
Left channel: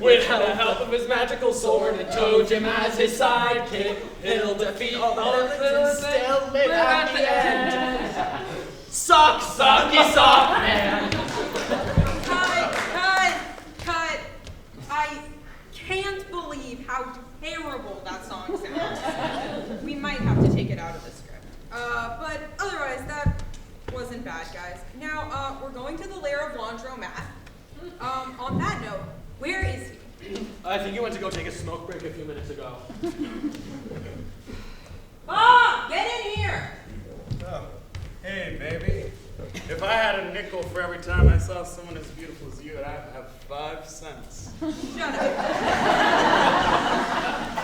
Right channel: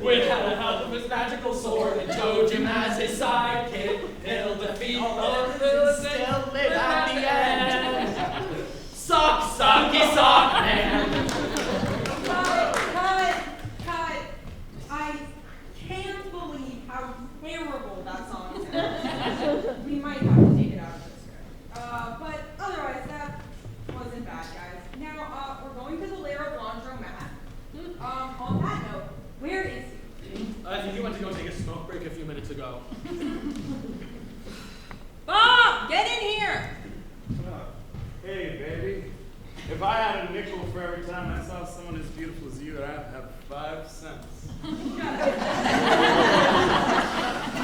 With the help of his magical sword and Toe Jim as his sidekick, he'll defeat all the villains and still live at the end. Sock, socky, sock man. Cut. I can't believe how terrible that song sounds. We might have to take it out of the script. But otherwise, that wasn't bad, guys. Now, we're going to the lair of Laundromat. On that note, where is he? I think he went to go take a smoke break a few minutes ago. Bob, get in here! Oh, hey, baby. If I had a nickel for every time I saw someone as beautiful as you, I'd have 5 cents. Shut up.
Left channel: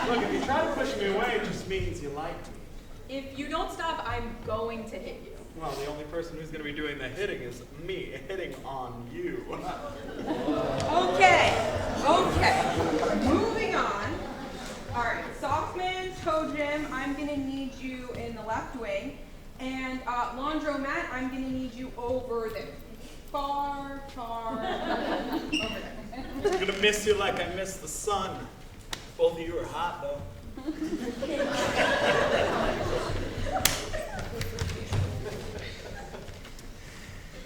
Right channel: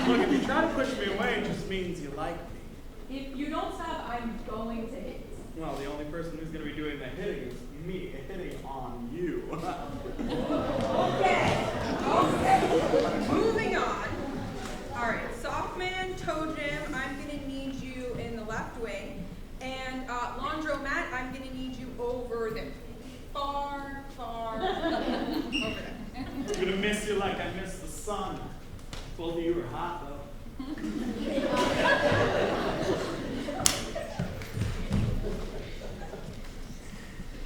Look, if you try to push me away, it just means you like me. If you don't stop, I'm going to hit you. Well, the only person who's going to be doing the hitting is me, hitting on you. Okay. Moving on. All right, Softman, Toe Jim, I'm gonna need you in the left wing, and Laundromat, I'm gonna need you over there. Far over there. I'm going to miss you like I miss the sun. Both of you are hot, though.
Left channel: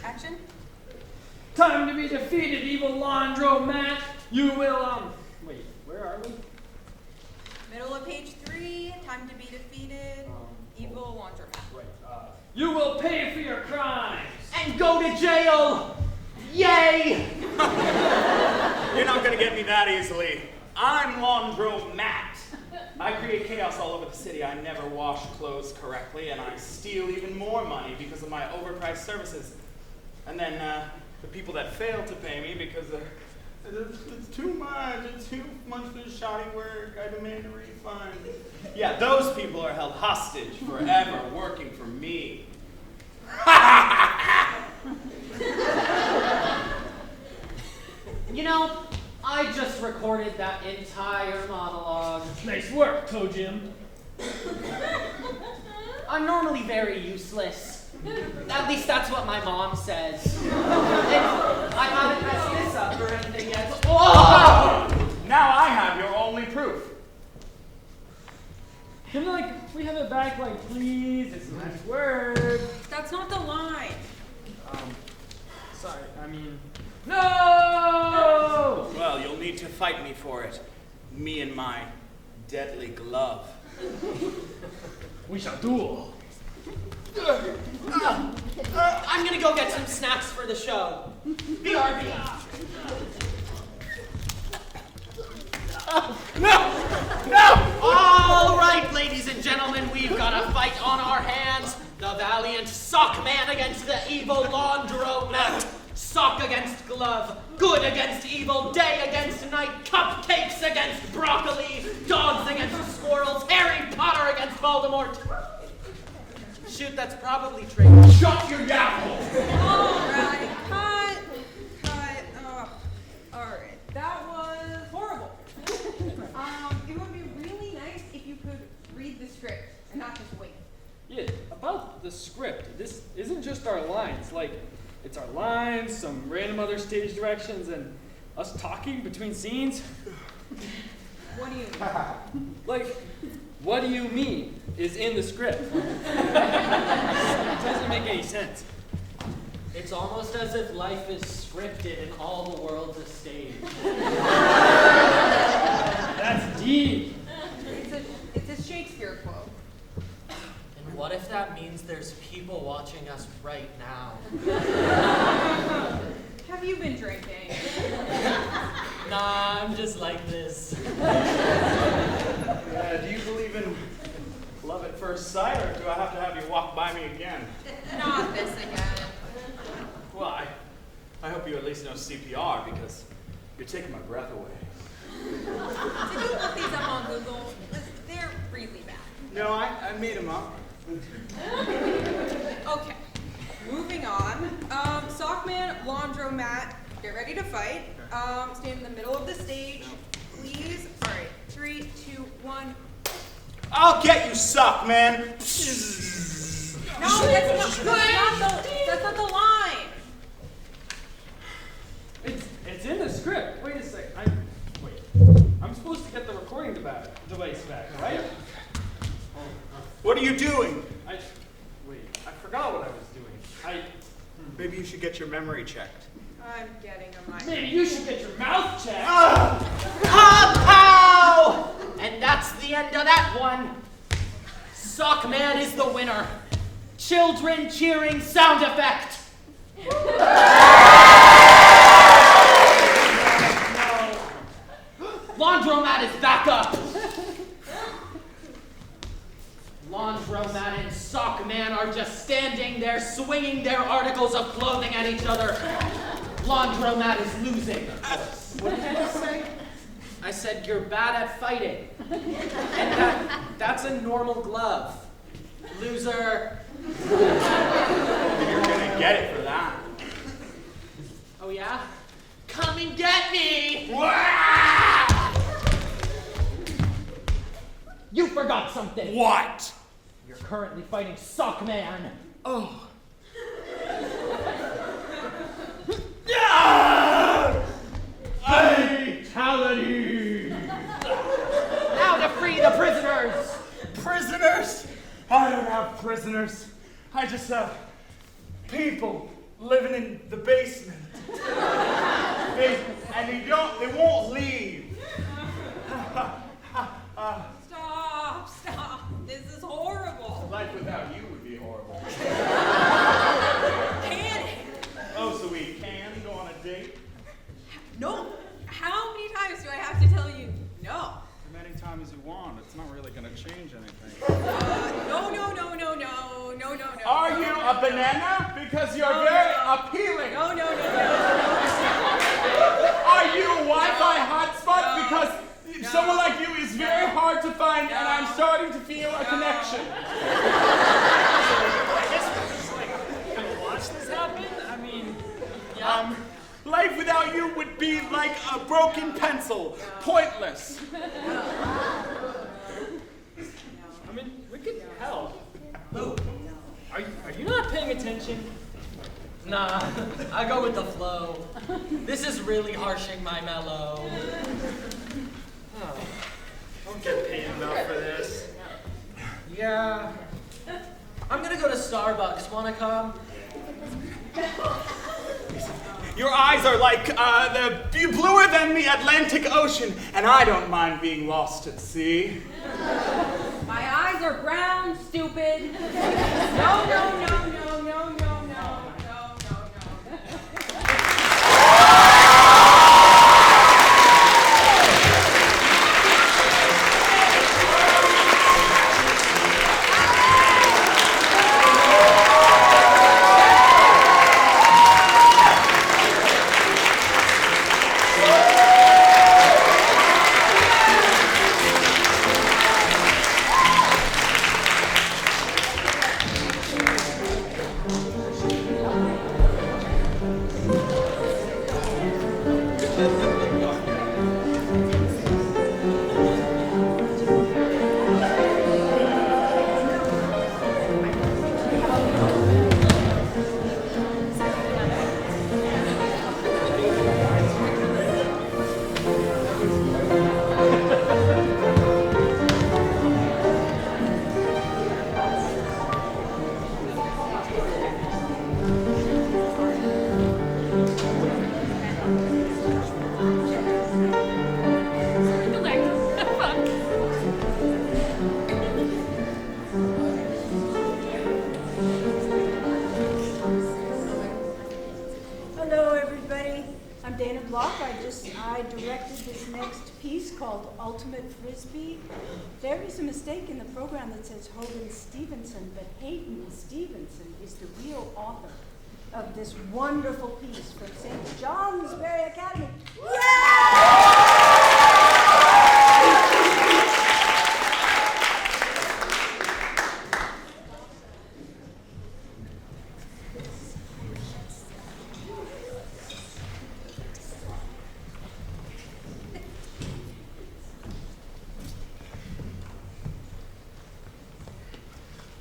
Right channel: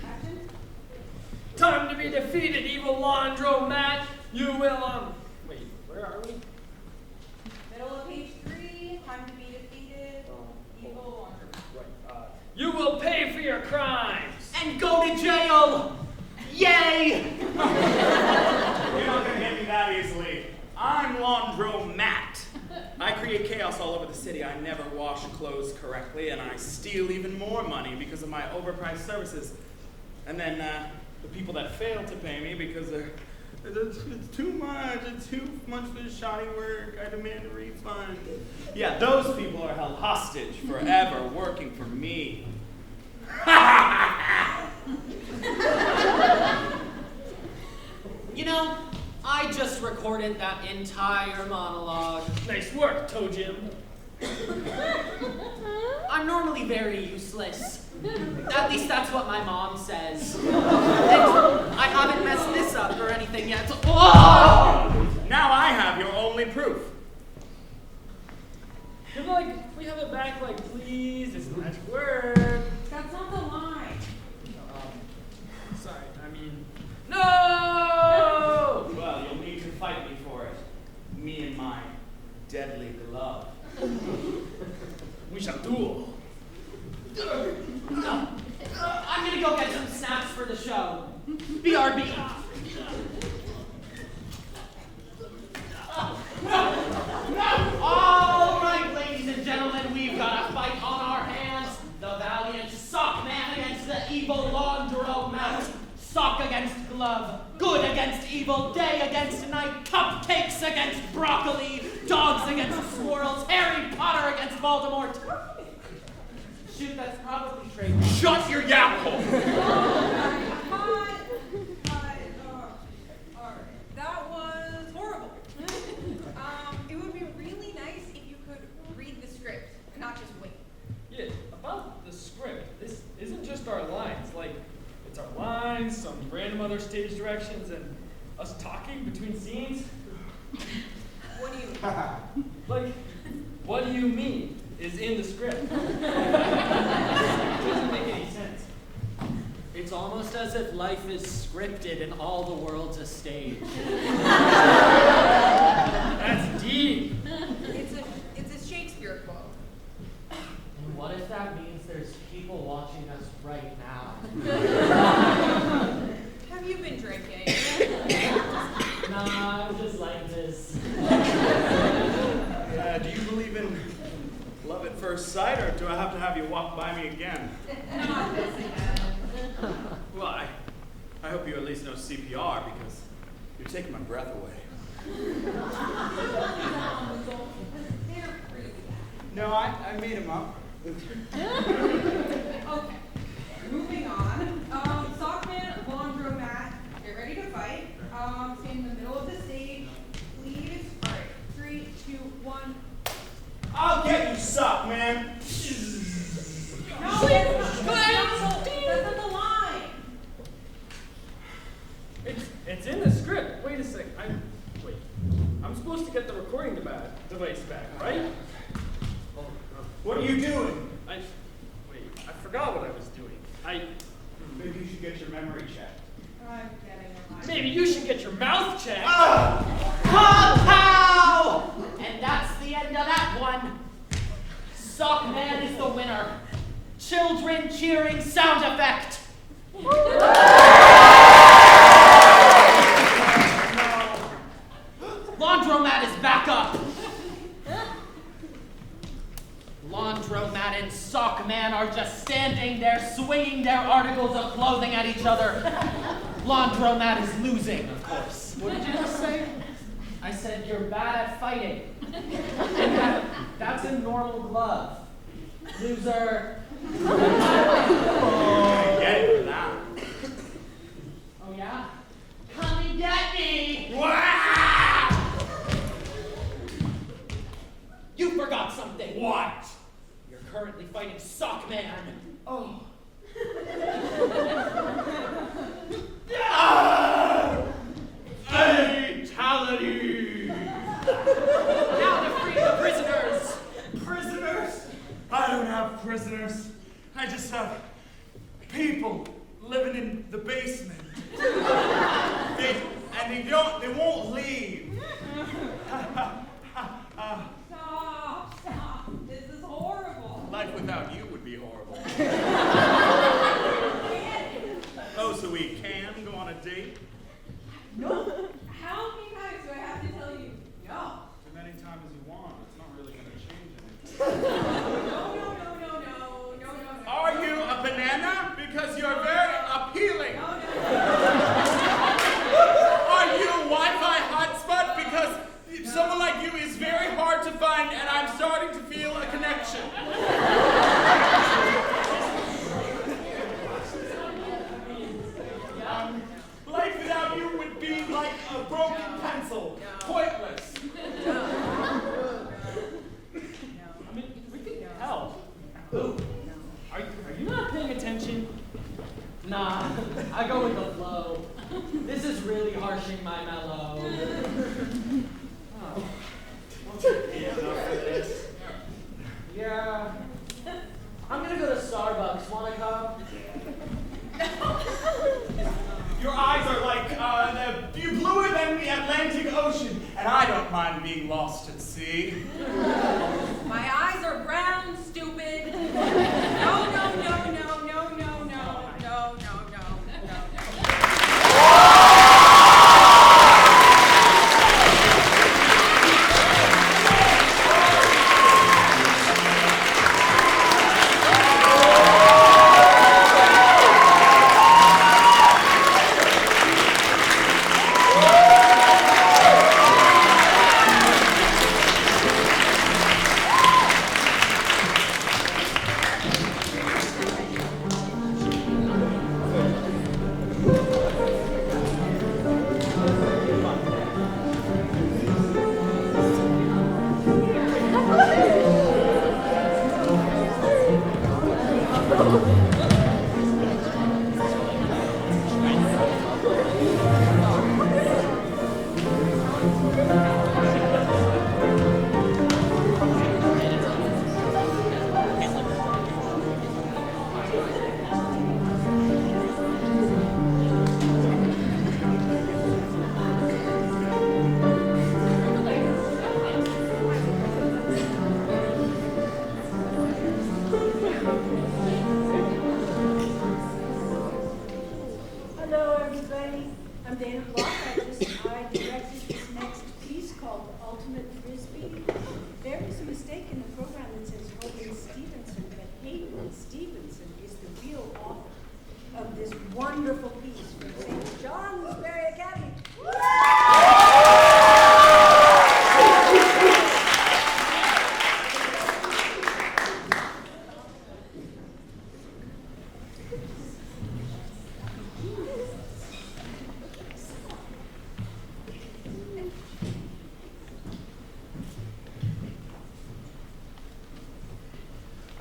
Action. Time to be defeated, evil laundromat. You will, wait, where are we? Middle of page 3, time to be defeated, evil Laundromat. Right, you will pay for your crimes. And go to jail! Yay! You're not going to get me that easily. I'm Laundromat. I create chaos all over the city. I never wash clothes correctly, and I steal even more money because of my overpriced services. And then the people that fail to pay me because it's too much for the shoddy work, I demand a refund. Yeah, those people are held hostage forever working for me. You know, I just recorded that entire monologue. Nice work, Toe Jim. I'm normally very useless. At least that's what my mom says. And I haven't messed this up or anything yet. Whoa! Now I have your only proof. Can we have it back, please? It's a nice word. That's not the line. Sorry, no! Well, you'll need to fight me for it. Me and my deadly glove. We shall duel. I'm gonna go get some snacks for the show. BRB. No! All right, ladies and gentlemen, we've got a fight on our hands. The valiant sock man against the evil laundromat. Sock against glove. Good against evil. Day against night. Cupcakes against broccoli. Dogs against squirrels. Harry Potter against Voldemort. Shoot, that's probably true. Shut your yap hole! Alright, cut. Alright, that was horrible. It would be really nice if you could read the script and not just wait. Yeah, about the script. This isn't just our lines. It's our lines, some random other stage directions, and us talking between scenes. What do you mean? What do you mean is in the script. It doesn't make any sense. It's almost as if life is scripted and all the world's a stage. That's deep. It's a Shakespeare quote. And what if that means there's people watching us right now? Have you been drinking? Nah, I'm just like this. Do you believe in love at first sight, or do I have to have you walk by me again? Not this again. Why? I hope you at least know CPR, because you're taking my breath away. Did you look these up on Google? They're really bad. No, I made them up. Okay, moving on. Sockman, laundromat, get ready to fight. Stand in the middle of the stage. Please, sorry, 3, 2, 1. I'll get you, suck, man. No, that's not the line. It's in the script. Wait a sec. I'm supposed to get the recording device back, right? What are you doing? I forgot what I was doing. Maybe you should get your memory checked. I'm getting a mic. Maybe you should get your mouth checked. Pow! And that's the end of that one. Sockman is the winner. Children cheering sound effect. Laundromat is back up. Laundromat and Sockman are just standing there swinging their articles of clothing at each other. Laundromat is losing, of course. What did you just say? I said you're bad at fighting. And that's a normal glove. Loser. You're gonna get it for that. Oh yeah? Come and get me! Wow! You forgot something. What? You're currently fighting Sockman. Oh. Fatality! Now to free the prisoners! Prisoners? I don't have prisoners. I just have people living in the basement. They won't leave. Stop. This is horrible. Life without you would be horrible. Can it? Oh, so we can go on a date? No. How many times do I have to tell you no? As many times as you want. It's not really going to change anything. No. Are you a banana? Because you're very appealing. No. Are you a Wi-Fi hotspot? Because someone like you is very hard to find, and I'm starting to feel a connection. Watch this happen? I mean, Life without you would be like a broken pencil, pointless. I mean, we could help. Are you not paying attention? Nah, I go with the flow. This is really harshing my mellow. Oh, don't get paid enough for this. Yeah. I'm gonna go to Starbucks. Wanna come? Your eyes are like bluer than the Atlantic Ocean, and I don't mind being lost at sea. My eyes are brown, stupid. No. ultimate frisbee? There is a mistake in the program that says Hogan Stevenson, but Hayden Stevenson is the real author of this wonderful piece from St. Johnsbury Academy.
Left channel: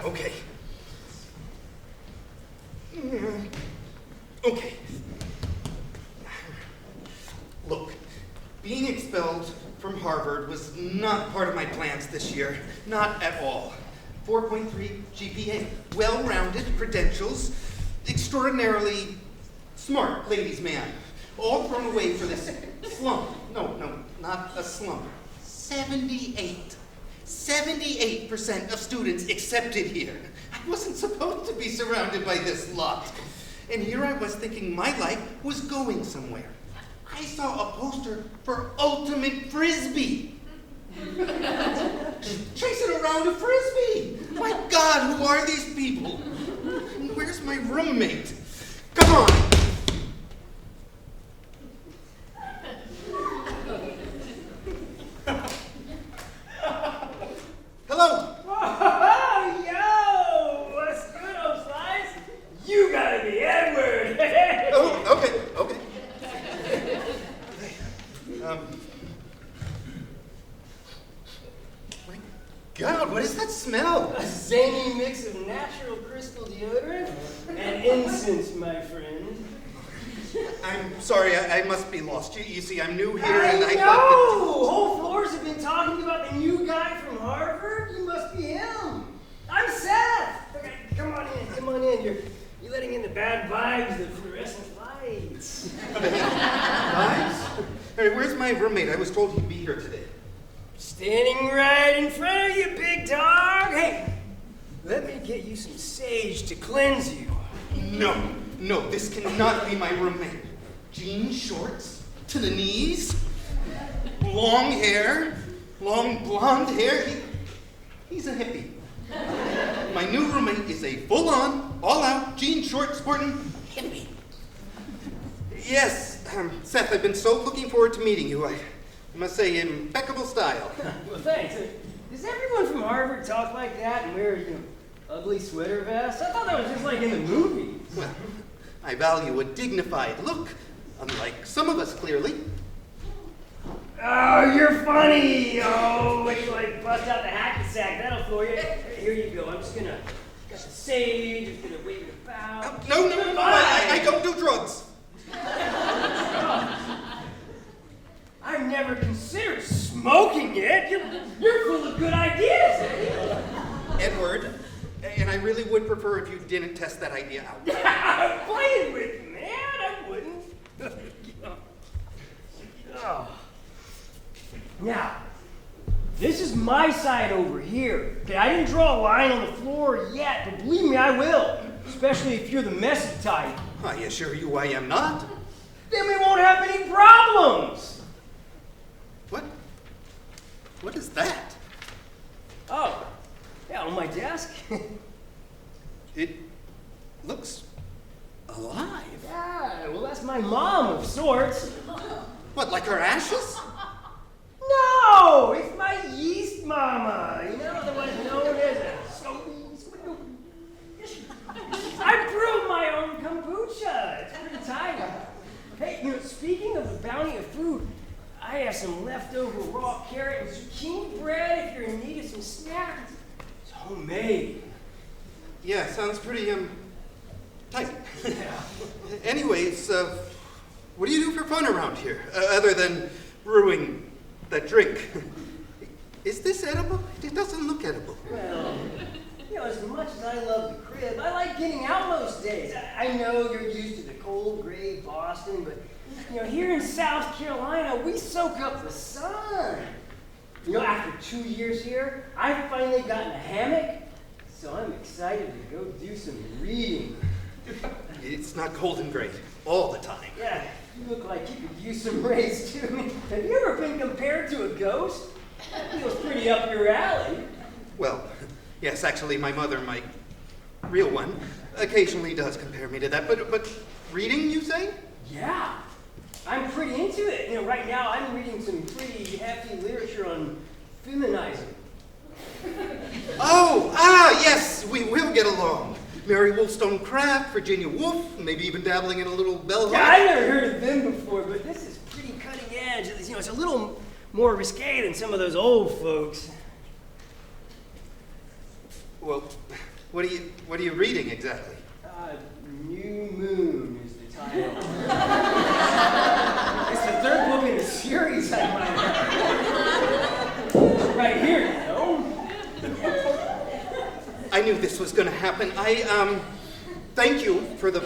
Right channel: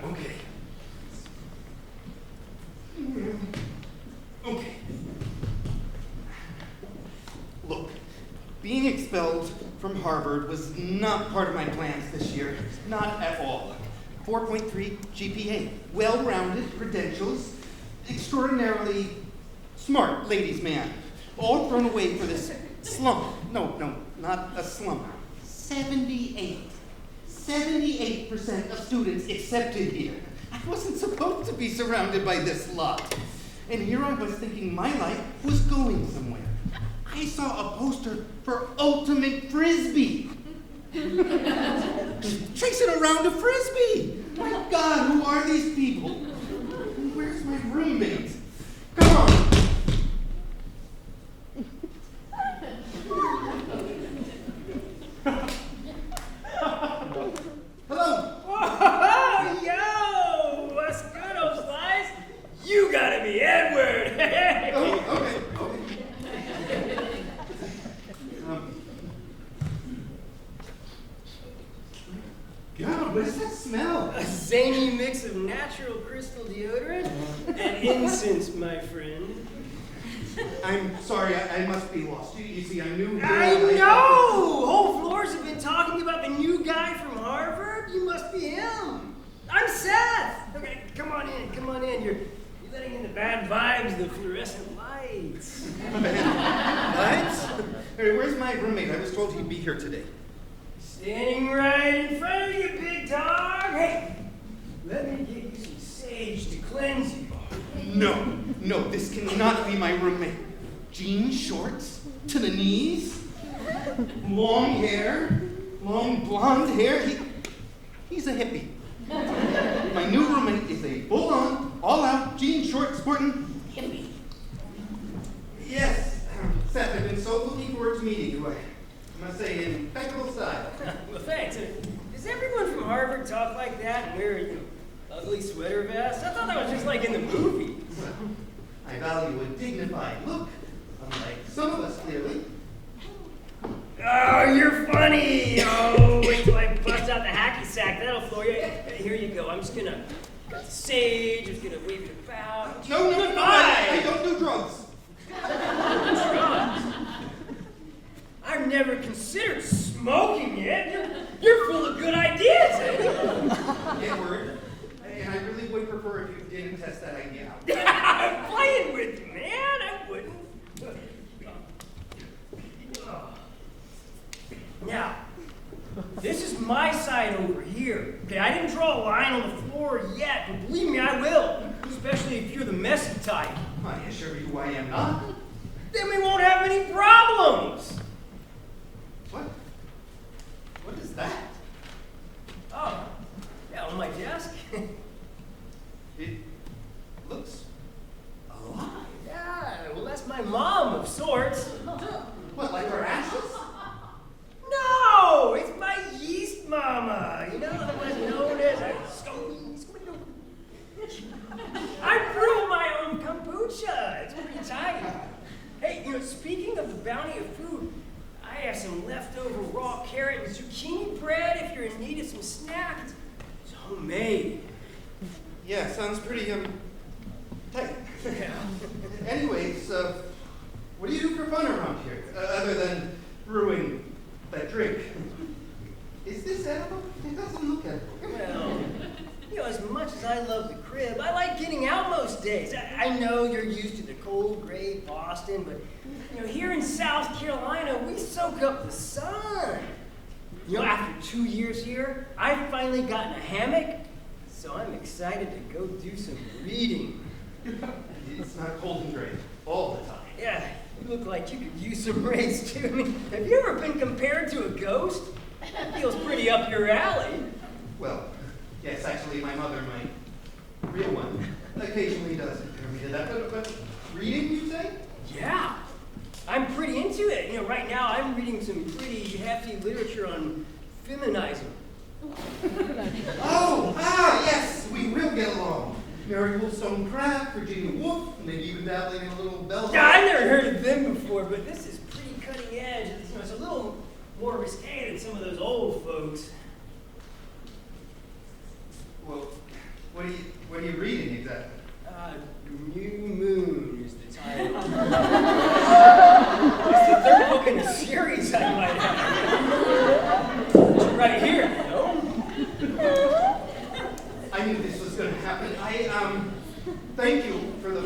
Okay. Okay. Look, being expelled from Harvard was not part of my plans this year. Not at all. 4.3 GPA, well-rounded credentials, extraordinarily smart ladies' man, all thrown away for this slump. No, not a slump. 78% of students accepted here. I wasn't supposed to be surrounded by this lot. And here I was thinking my life was going somewhere. I saw a poster for Ultimate Frisbee. Chasing around a Frisbee. My God, who are these people? Where's my roommate? Come on. Hello. Oh, yo! What's good, old slice? You gotta be Edward! Oh, okay. My God, what is that smell? A zany mix of natural crystal deodorant and incense, my friend. I'm sorry, I must be lost. You see, I'm new here. I and know! thought Whole floors have been talking about the new guy from Harvard. You must be him. I'm Seth. Okay, come on in. You're letting in the bad vibes, the fluorescent lights. Lights? Hey, where's my roommate? I was told he'd be here today. Standing right in front of you, big dog. Hey, let me get you some sage to cleanse you. No, this cannot be my roommate. Jean shorts to the knees, long hair, long blonde hair. He's a hippie. My new roommate is a full-on, all-out, jean short sporting hippie. Yes, Seth, I've been so looking forward to meeting you. I must say, impeccable style. Well, thanks. Does everyone from Harvard talk like that and wear, ugly sweater vests? I thought that was just like in the movies. Well, I value a dignified look, unlike some of us, clearly. Oh, you're funny! Oh, wait till I bust out the hacky sack. That'll floor you. Here you go. I'm just gonna got the sage. I'm just gonna wave it about. No, I don't do drugs. I've never considered smoking it. You're full of good ideas, eh? Edward, and I really would prefer if you didn't test that idea out. I'm playing with you, man. I wouldn't. Oh. Now, this is my side over here. Okay, I didn't draw a line on the floor yet, but believe me, I will. Especially if you're the messy type. I assure you I am not. Then we won't have any problems. What is that? Oh, yeah, on my desk. It looks alive. Yeah, well, that's my mom of sorts. What, like her ashes? No, it's my yeast mama. Otherwise known as a I brew my own kombucha. It's pretty tight. Hey, speaking of the bounty of food, I have some leftover raw carrot and zucchini bread if you're in need of some snacks. It's homemade. Yeah, sounds pretty, tight. Anyways, what do you do for fun around here, other than brewing that drink? Is this edible? It doesn't look edible. Well, as much as I love the crib, I like getting out most days. I know you're used to the cold, gray Boston, but here in South Carolina, we soak up the sun. After 2 years here, I've finally gotten a hammock, so I'm excited to go do some reading. It's not cold and gray all the time. Yeah, you look like you could use some rays too. Have you ever been compared to a ghost? pretty up your alley. Well, yes, actually, my mother, my real one, occasionally does compare me to that. But reading, you say? Yeah, I'm pretty into it. You know, right now I'm reading some pretty hefty literature on feminizing. Yes, we will get along. Mary Wollstonecraft, Virginia Woolf, maybe even dabbling in a little bell hook. Yeah, I've never heard of them before, but this is pretty cutting edge. You know, it's a little more risque than some of those old folks. Well, what are you reading exactly? New Moon is the title. It's the third book in the series I'm writing. Right here, you know? I knew this was going to happen. Thank you for the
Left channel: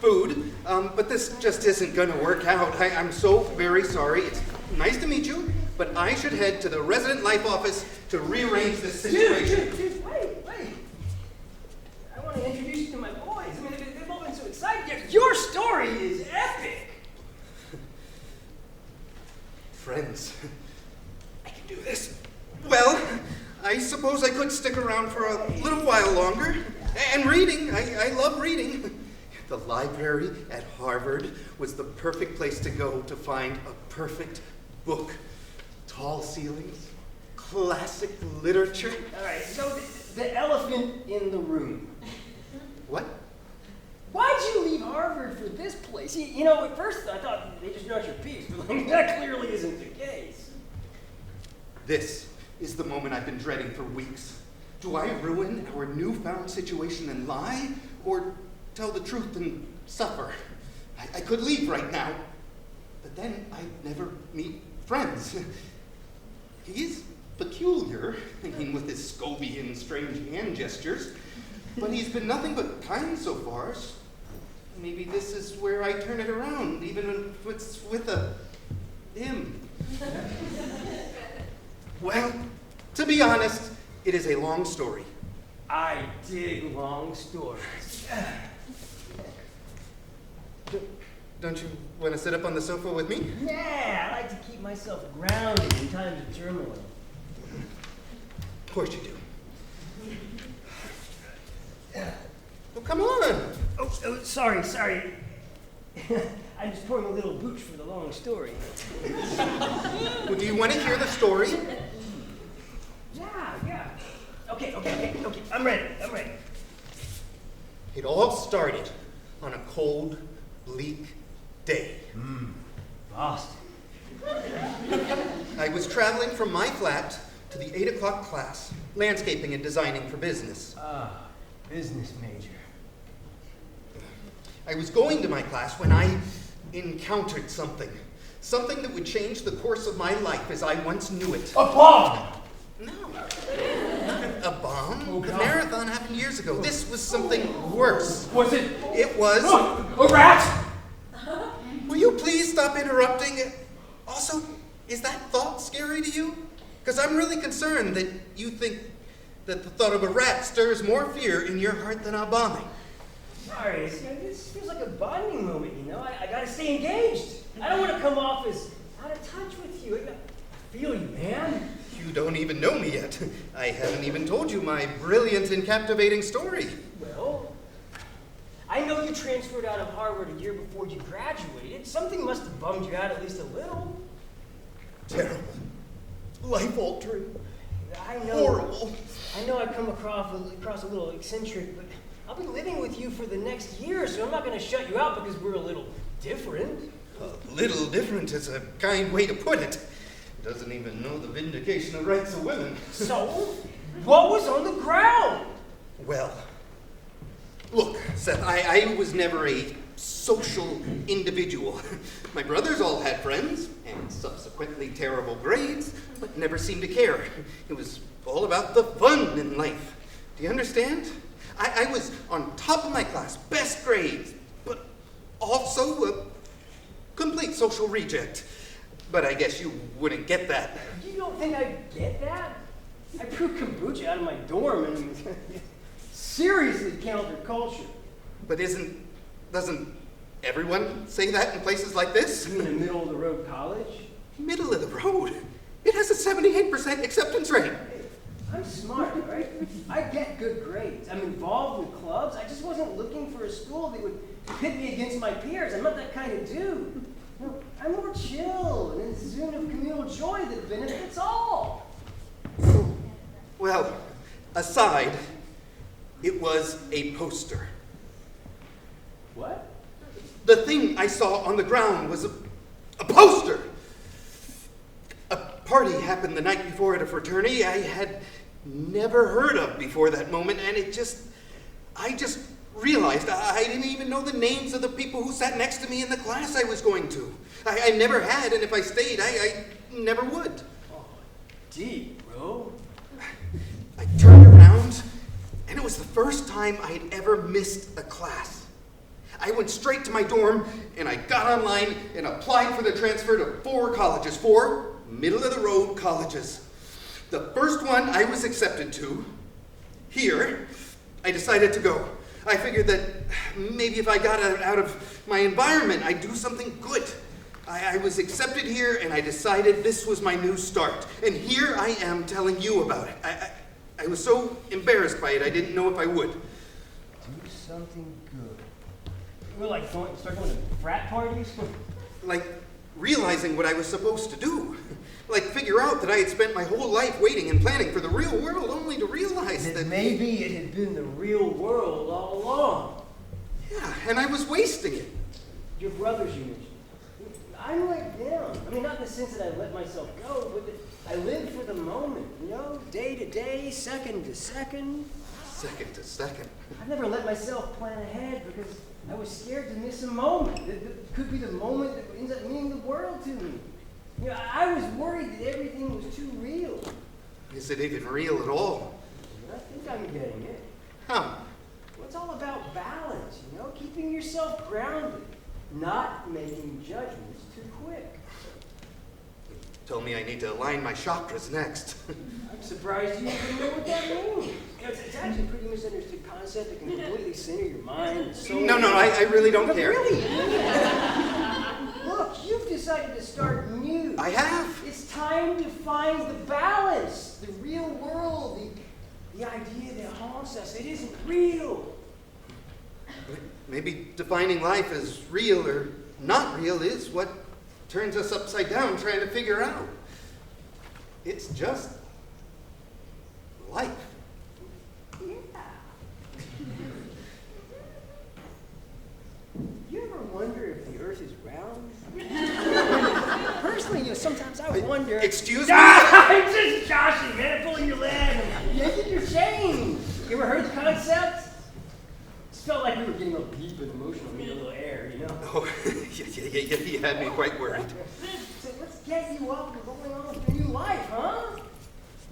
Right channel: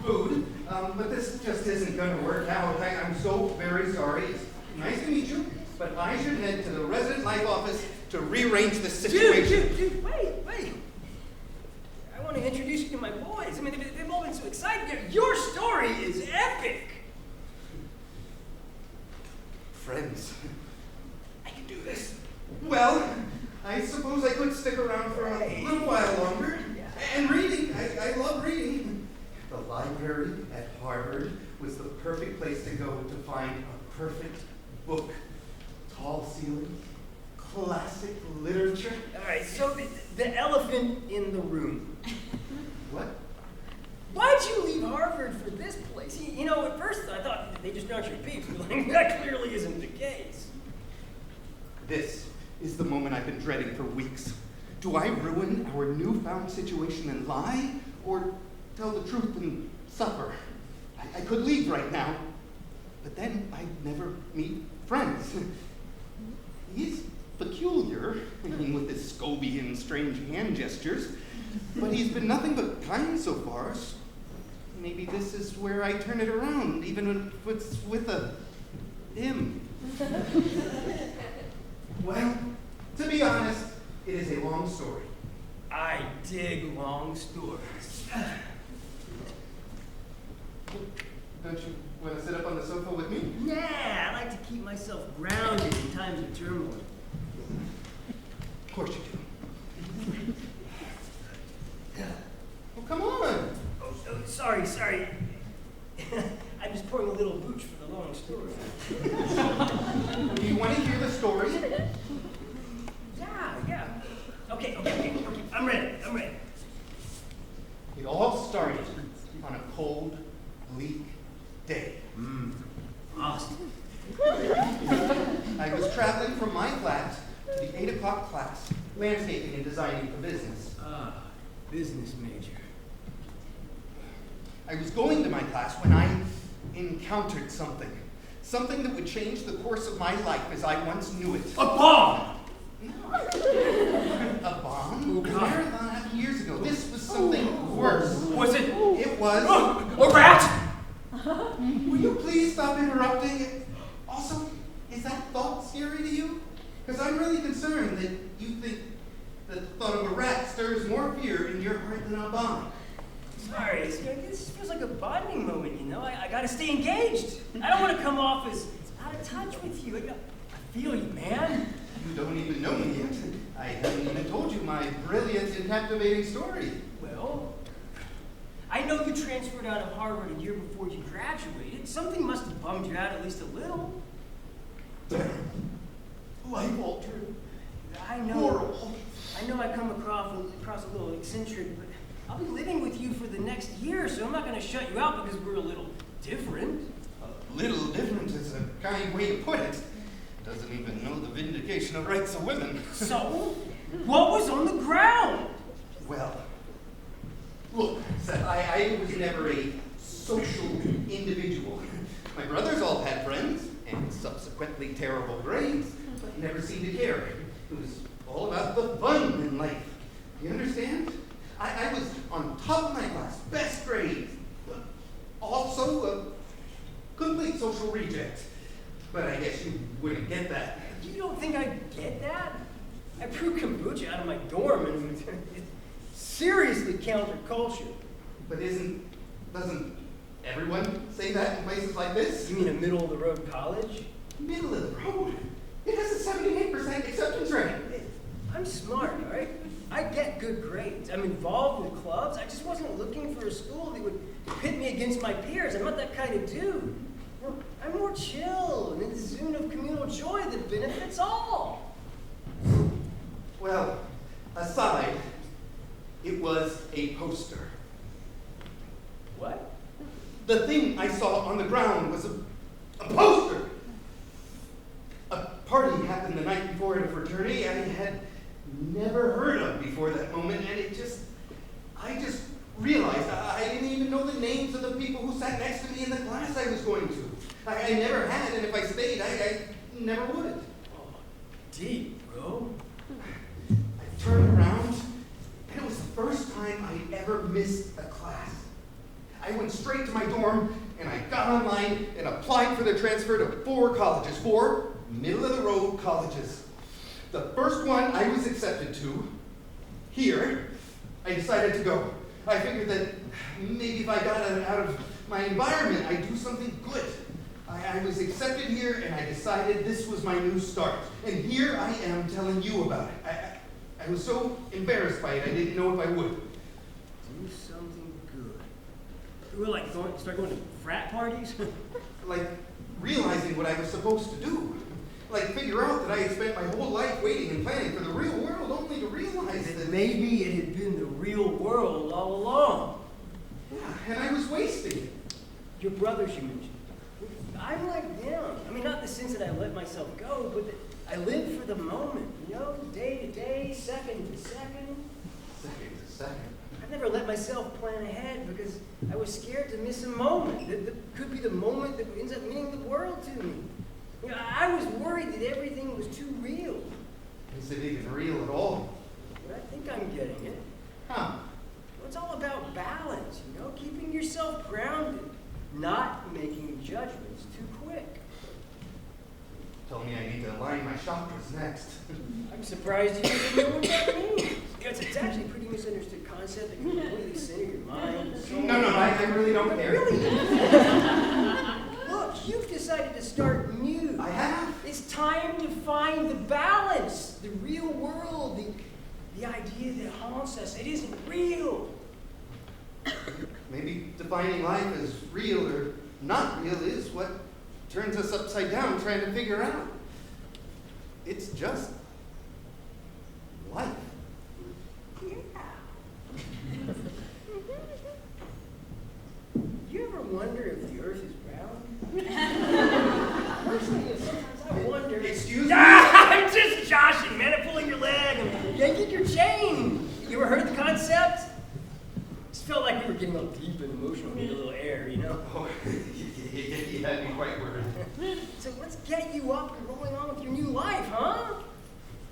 food, but this just isn't going to work out. I'm so very sorry. It's nice to meet you, but I should head to the resident life office to rearrange this situation. Dude, wait. I want to introduce you to my boys. I mean, they've all been so excited. Your story is epic. Friends, I can do this. Well, I suppose I could stick around for a little while longer. And reading, I love reading. The library at Harvard was the perfect place to go to find a perfect book. Tall ceilings, classic literature. All right, so the elephant in the room. What? Why'd you leave Harvard for this place? You know, at first I thought they just aren't your peeps, but like, that clearly isn't the case. This is the moment I've been dreading for weeks. Do I ruin our newfound situation and lie, or tell the truth and suffer? I could leave right now, but then I'd never meet friends. He is peculiar, with his Scobie and strange hand gestures, but he's been nothing but kind so far. Maybe this is where I turn it around, even if it's with him. Well, to be honest, it is a long story. I dig long stories. Don't you want to sit up on the sofa with me? Nah, I like to keep myself grounded in times of turmoil. Of course you do. Well, come on. Oh, sorry. I'm just pouring a little booch for the long story. Well, do you want to hear the story? Yeah. Okay. I'm ready. It all started on a cold, bleak day. Frost. I was traveling from my flat to the 8 o'clock class, landscaping and designing for business. Business major. I was going to my class when I encountered something. Something that would change the course of my life as I once knew it. A bomb! No. Not a bomb. Oh, The God. marathon happened years ago. This was something worse. Was it? It was... A rat? Will you please stop interrupting? Also, is that thought scary to you? Because I'm really concerned that you think that the thought of a rat stirs more fear in your heart than our bombing. Sorry, this feels like a bonding moment, you know? I gotta stay engaged. I don't want to come off as out of touch with you. I feel you, man. You don't even know me yet. I haven't even told you my brilliant and captivating story. Well, I know you transferred out of Harvard a year before you graduated. Something must have bummed you out at least a little. Terrible. Life-altering. I know. Horrible. I know I come across a little eccentric, but I'll be living with you for the next year, so I'm not going to shut you out because we're a little different. A little different is a kind way to put it. Doesn't even know the vindication of rights of women. So, what was on the ground? Well, look, Seth, I was never a social individual. My brothers all had friends, and subsequently terrible grades, but never seemed to care. It was all about the fun in life. Do you understand? I was on top of my class, best grades, but also a complete social reject. But I guess you wouldn't get that. You don't think I get that? I brewed kombucha out of my dorm and seriously counterculture. But doesn't everyone say that in places like this? You mean a middle-of-the-road college? Middle of the road? It has a 78% acceptance rate. I'm smart, right? I get good grades. I'm involved in clubs. I just wasn't looking for a school that would pit me against my peers. I'm not that kind of dude. No, I'm more chill and in the zone of communal joy that benefits all. Well, aside, it was a poster. What? The thing I saw on the ground was a poster. A party happened the night before at a fraternity I had never heard of before that moment, and I just realized I didn't even know the names of the people who sat next to me in the class I was going to. I never had, and if I stayed, I never would. Oh, deep, bro. I turned around, and it was the first time I had ever missed a class. I went straight to my dorm, and I got online and applied for the transfer to 4 colleges, 4 middle-of-the-road colleges. The first one I was accepted to, here, I decided to go. I figured that maybe if I got out of my environment, I'd do something good. I was accepted here, and I decided this was my new start. And here I am telling you about it. I was so embarrassed by it, I didn't know if I would. Do something good. Well, like start going to frat parties? Like realizing what I was supposed to do. Like figure out that I had spent my whole life waiting and planning for the real world, only to realize that maybe it had been the real world all along. Yeah, and I was wasting it. Your brothers you mentioned. I'm like them. I mean, not in the sense that I let myself go, but that I live for the moment, you know, day to day, second to second. Second to second. I never let myself plan ahead because I was scared to miss a moment. That could be the moment that ends up meaning the world to me. You know, I was worried that everything was too real. Is it even real at all? I think I'm getting it. Huh. Well, it's all about balance, you know, keeping yourself grounded, not making judgments too quick. Told me I need to align my chakras next. I'm surprised you didn't remember what that means. You know, it's actually a pretty misunderstood concept that can completely center your mind and soul. No, I really don't care. Really? Look, you've decided to start new. I have. It's time to find the balance, the real world, the idea that haunts us. It isn't real. Maybe defining life as real or not real is what turns us upside down trying to figure out. It's just life. You ever wonder if the earth is round? Personally, you know, sometimes I wonder. Excuse me? I'm just joshing, man. I'm pulling your leg. Yanking your chain. You ever heard the concept? Just felt like we were getting a little deep and emotional, need a little air, you know? Oh, you had me quite worried. So let's get you up and rolling on with your new life, huh?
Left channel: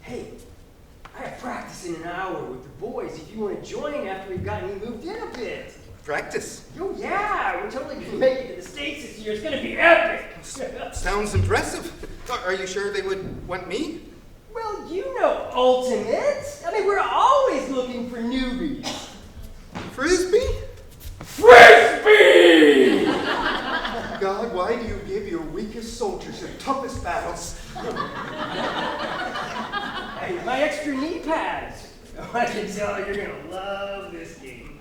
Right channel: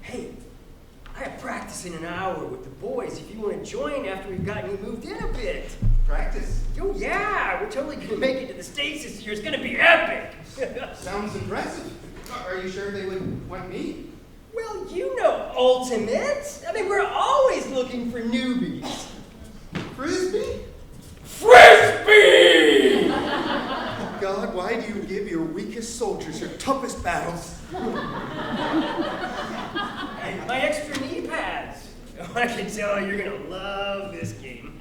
Hey, I have practice in an hour with the boys if you want to join after we've gotten you moved in a bit. Practice? Oh yeah, we're totally going to make it to the States this year. It's going to be epic. Sounds impressive. Are you sure they would want me? Well, you know ultimate. I mean, we're always looking for newbies. Frisbee? Frisbee! God, why do you give your weakest soldiers your toughest battles? Hey, my extra knee pads. Oh, I can tell you're going to love this game.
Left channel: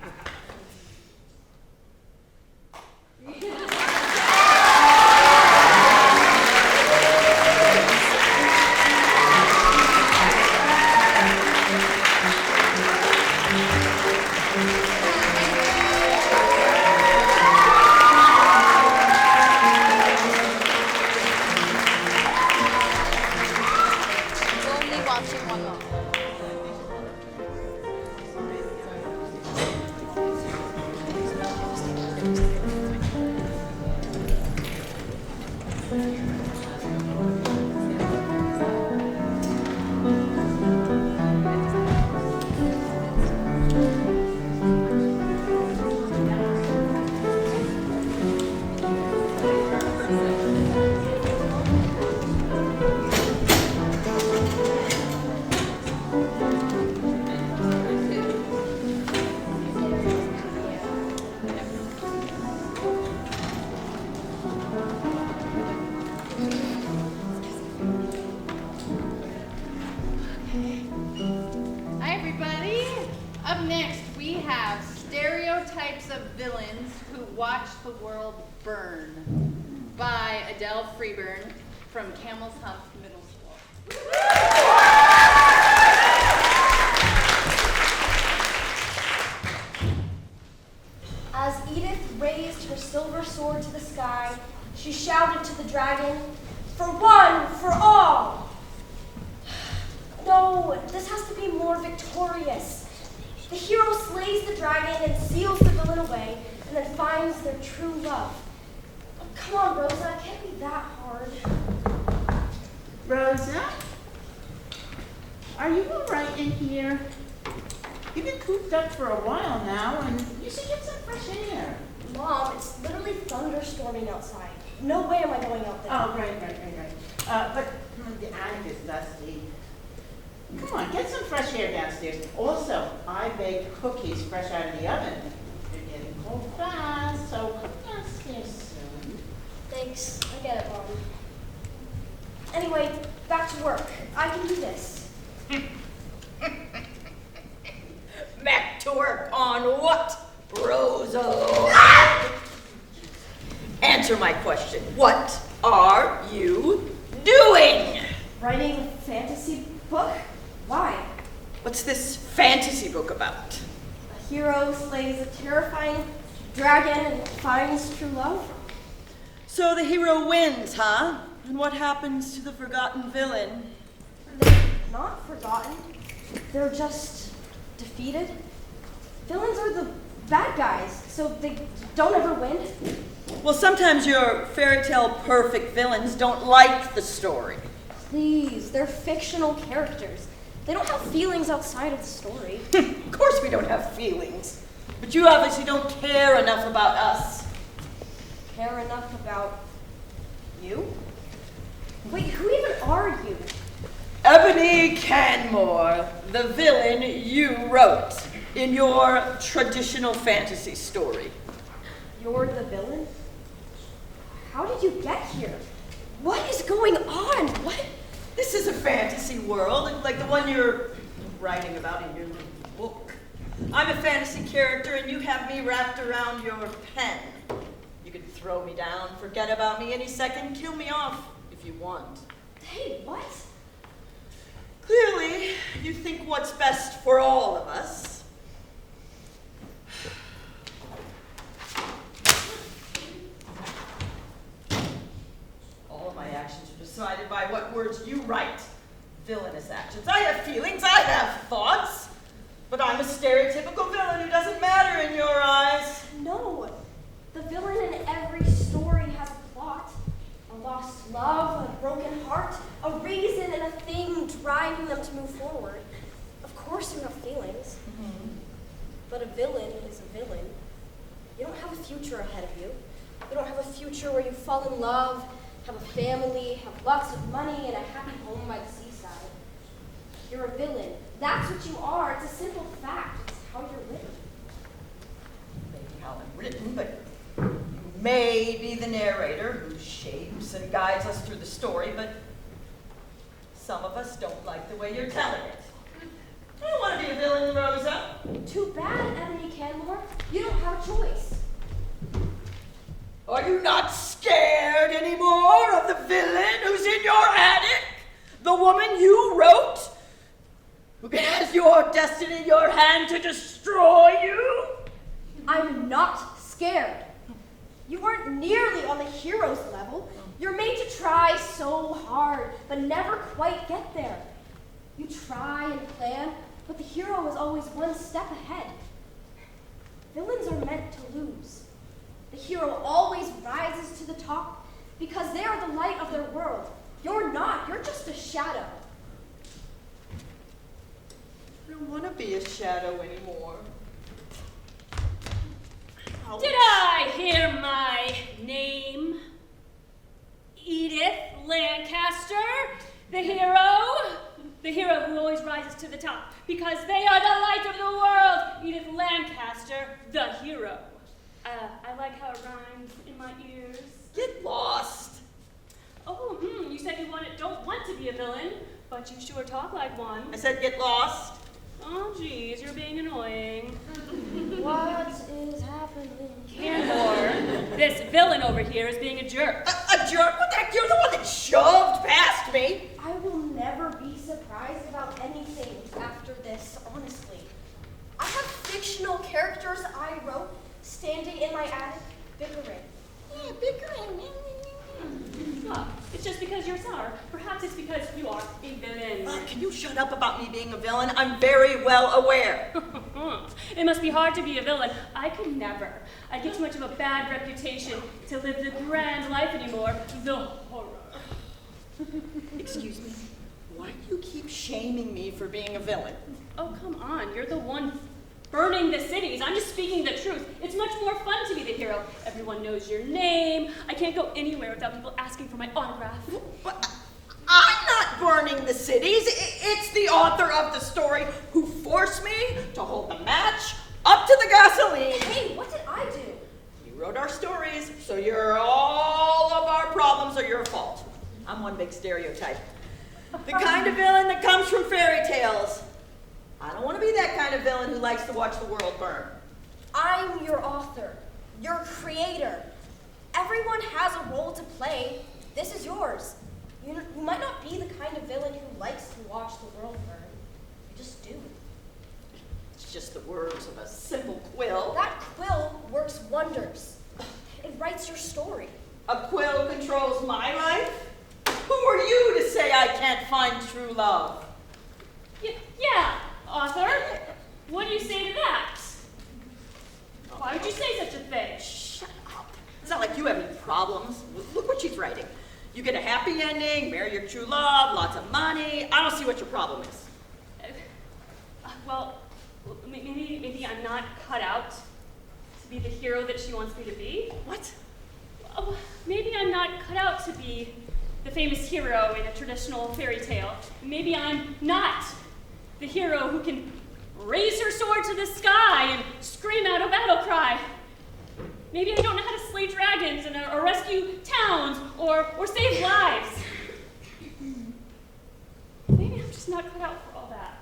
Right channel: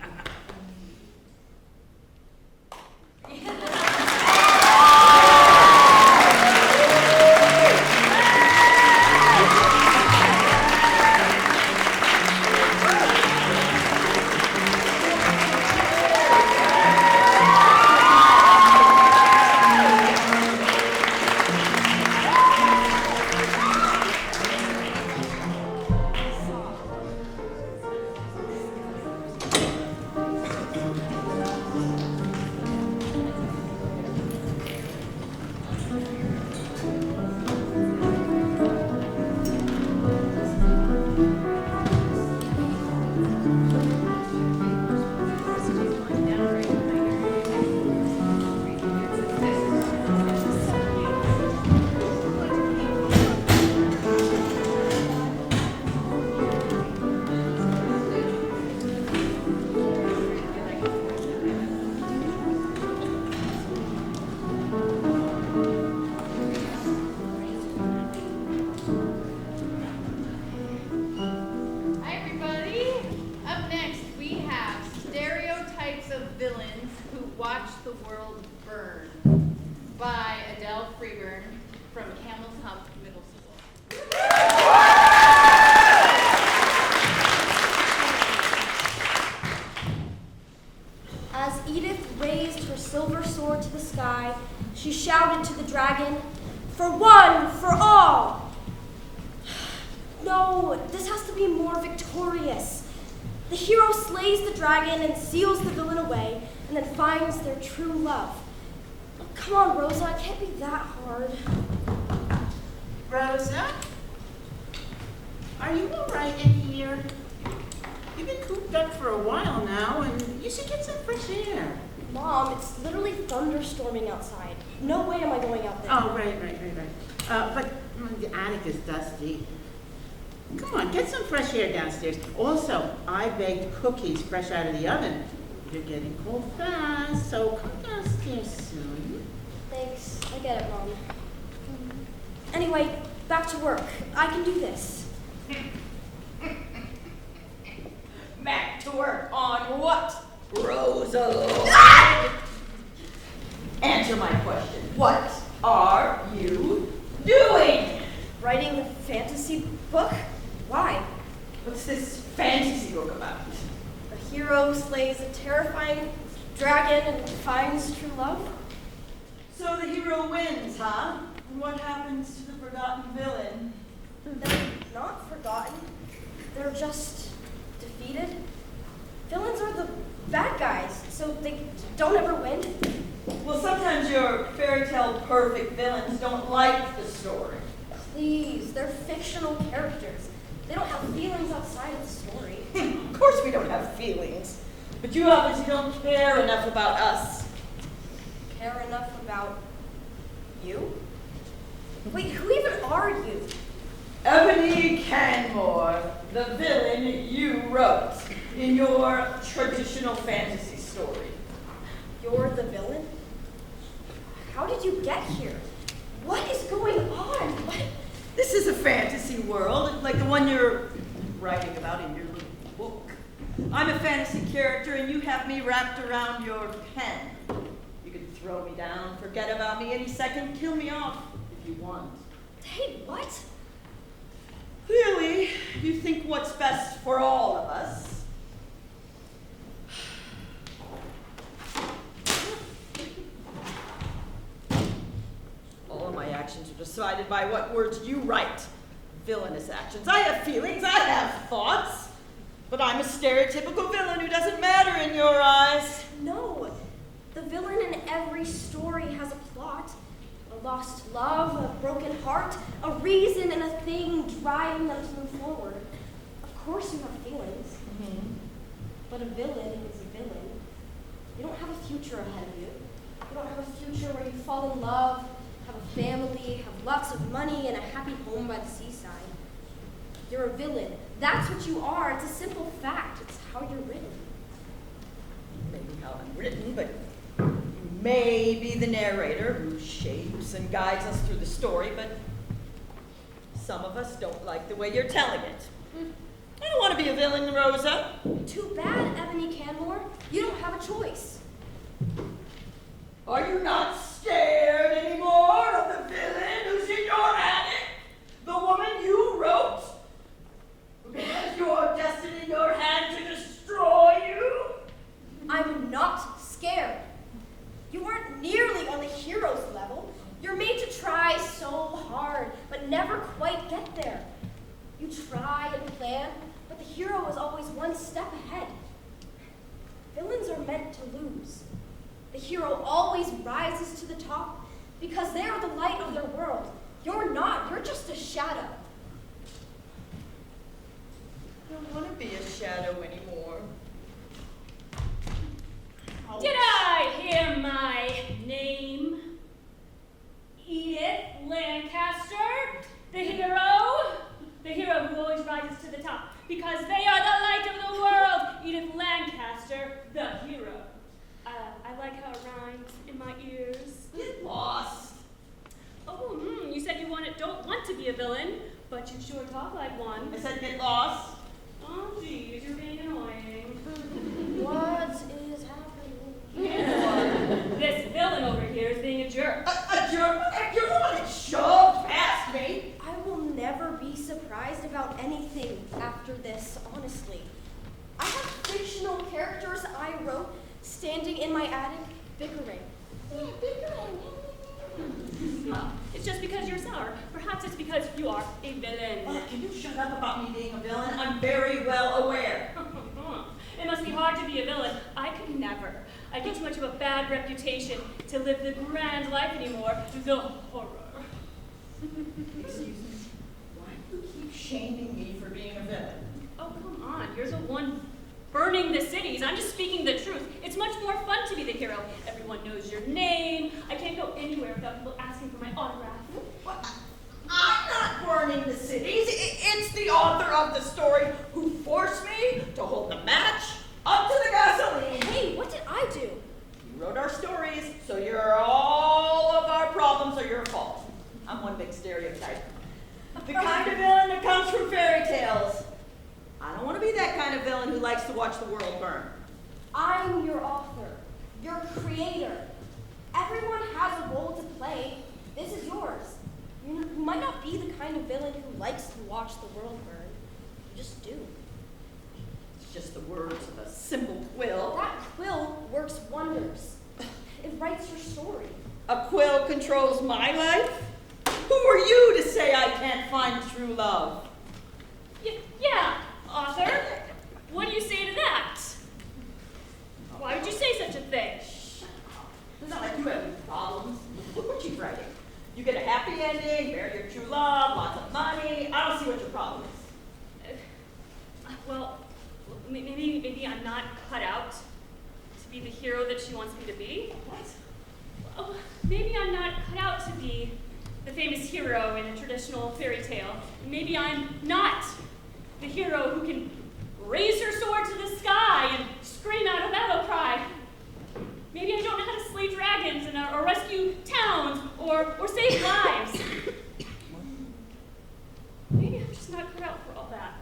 She shouted to the dragon, "For one, for all!" No, this has to be more victorious. The hero slays the dragon and seals the villain away, and then finds their true love. Come on, Rosa, it can't be that hard. Rosa? Are you all right in here? You've been cooped up for a while now, and you should get some fresh air. Mom, it's literally thunderstorming outside. No way am I going out there. Oh, right. But the attic is dusty. Come on, get some fresh air downstairs. Also, I baked cookies fresh out of the oven. You're getting cold fast, so come downstairs soon. Thanks, I get it, Mom. Anyway, back to work. I can do this. Back to work on what, Rosa? Answer my question. What are you doing? Writing a fantasy book? Why? What's this fantasy book about? A hero slays a terrifying dragon and finds true love? So the hero wins, huh? And what happens to the forgotten villain? They're not forgotten. They're just defeated. Villains are the bad guys, so they don't ever win. Well, sometimes your fairy tale perfect villains don't like the story. Please, they're fictional characters. They don't have feelings outside of the story. Of course we don't have feelings. But you obviously don't care enough about us. Care enough about you? Wait, who even are you? Ebony Canmore, the villain you wrote in your traditional fantasy story. You're the villain? How did you get here? What is going on? What? This is a fantasy world, like the one you're writing about in your book. I'm a fantasy character and you have me wrapped around your pen. You can throw me down, forget about me any second, kill me off if you want. Hey, what? Clearly, you think what's best for all of us. All of my actions are decided by what words you write. Villainous actions. I have feelings, I have thoughts. But I'm a stereotypical villain who doesn't matter in your eyes. No. The villain in every story has a plot. A lost love, a broken heart, a reason and a thing driving them to move forward. Of course you have feelings. But a villain is a villain. You don't have a future ahead of you. You don't have a future where you fall in love, have a family, have lots of money, and a happy home by the seaside. You're a villain. That's what you are. It's a simple fact. It's how you're written. Maybe how I'm written, but maybe the narrator who shapes and guides us through the story, but some of us don't like the way you're telling it. I don't want to be a villain, Rosa. Too bad, Ebony Canmore. You don't have a choice. Are you not scared anymore of the villain who's in your attic? The woman you wrote? Who has your destiny in your hand to destroy you? I'm not scared. You aren't nearly on the hero's level. You're made to try so hard, but never quite get there. You try and plan, but the hero is always one step ahead. Villains are meant to lose. The hero always rises to the top because they are the light of their world. You're not. You're just a shadow. I don't want to be a shadow anymore. Ouch. Did I hear my name? Edith Lancaster, the hero who always rises to the top, because they are the light of the world. Edith Lancaster, the hero. I like how it rhymes in my ears. Get lost. Oh, you said you don't want to be a villain, but you sure talk like one. I said get lost. Oh, geez, you're being annoying. What is happening? Canmore, this villain over here is being a jerk. A jerk? What the heck? You're the one that shoved past me. I will never be surprised about anything after this, honestly. I have fictional characters I wrote standing in my attic, bickering. Yeah, bickering. can you shut up about me being a villain? I'm very well aware. It must be hard to be a villain. I could never. I get too much of a bad reputation to live the grand life anymore. The horror. Excuse me. Why do you keep shaming me for being a villain? Oh, come on. You're the one burning the cities. I'm just speaking the truth. It's much more fun to be the hero. Everyone knows your name. I can't go anywhere without people asking for my autograph. But I'm not burning the cities. It's the author of the story who forced me to hold the match up to the gasoline. Hey, what did I do? You wrote our stories, so all of our problems are your fault. I'm one big stereotype. The kind of villain that comes from fairy tales. I don't want to be that kind of villain who likes to watch the world burn. I'm your author, your creator. Everyone has a role to play. This is yours. You might not be the kind of villain who likes to watch the world burn. You just do. It's just the words of a simple quill. That quill works wonders. It writes your story. A quill controls my life? Who are you to say I can't find true love? Yeah, author. What do you say to that? Why would you say such a thing? Shut up. It's not like you have any problems. Look what she's writing. You get a happy ending, marry your true love, lots of money. I don't see what your problem is. Well, maybe I'm not cut out to be the hero that she wants me to be. What? Oh, maybe I'm not cut out to be the famous hero in a traditional fairy tale. Maybe I'm not the hero who can raise her sword to the sky and scream out a battle cry. Maybe I don't know how to slay dragons or rescue towns or save lives. Maybe I'm just not cut out for all that.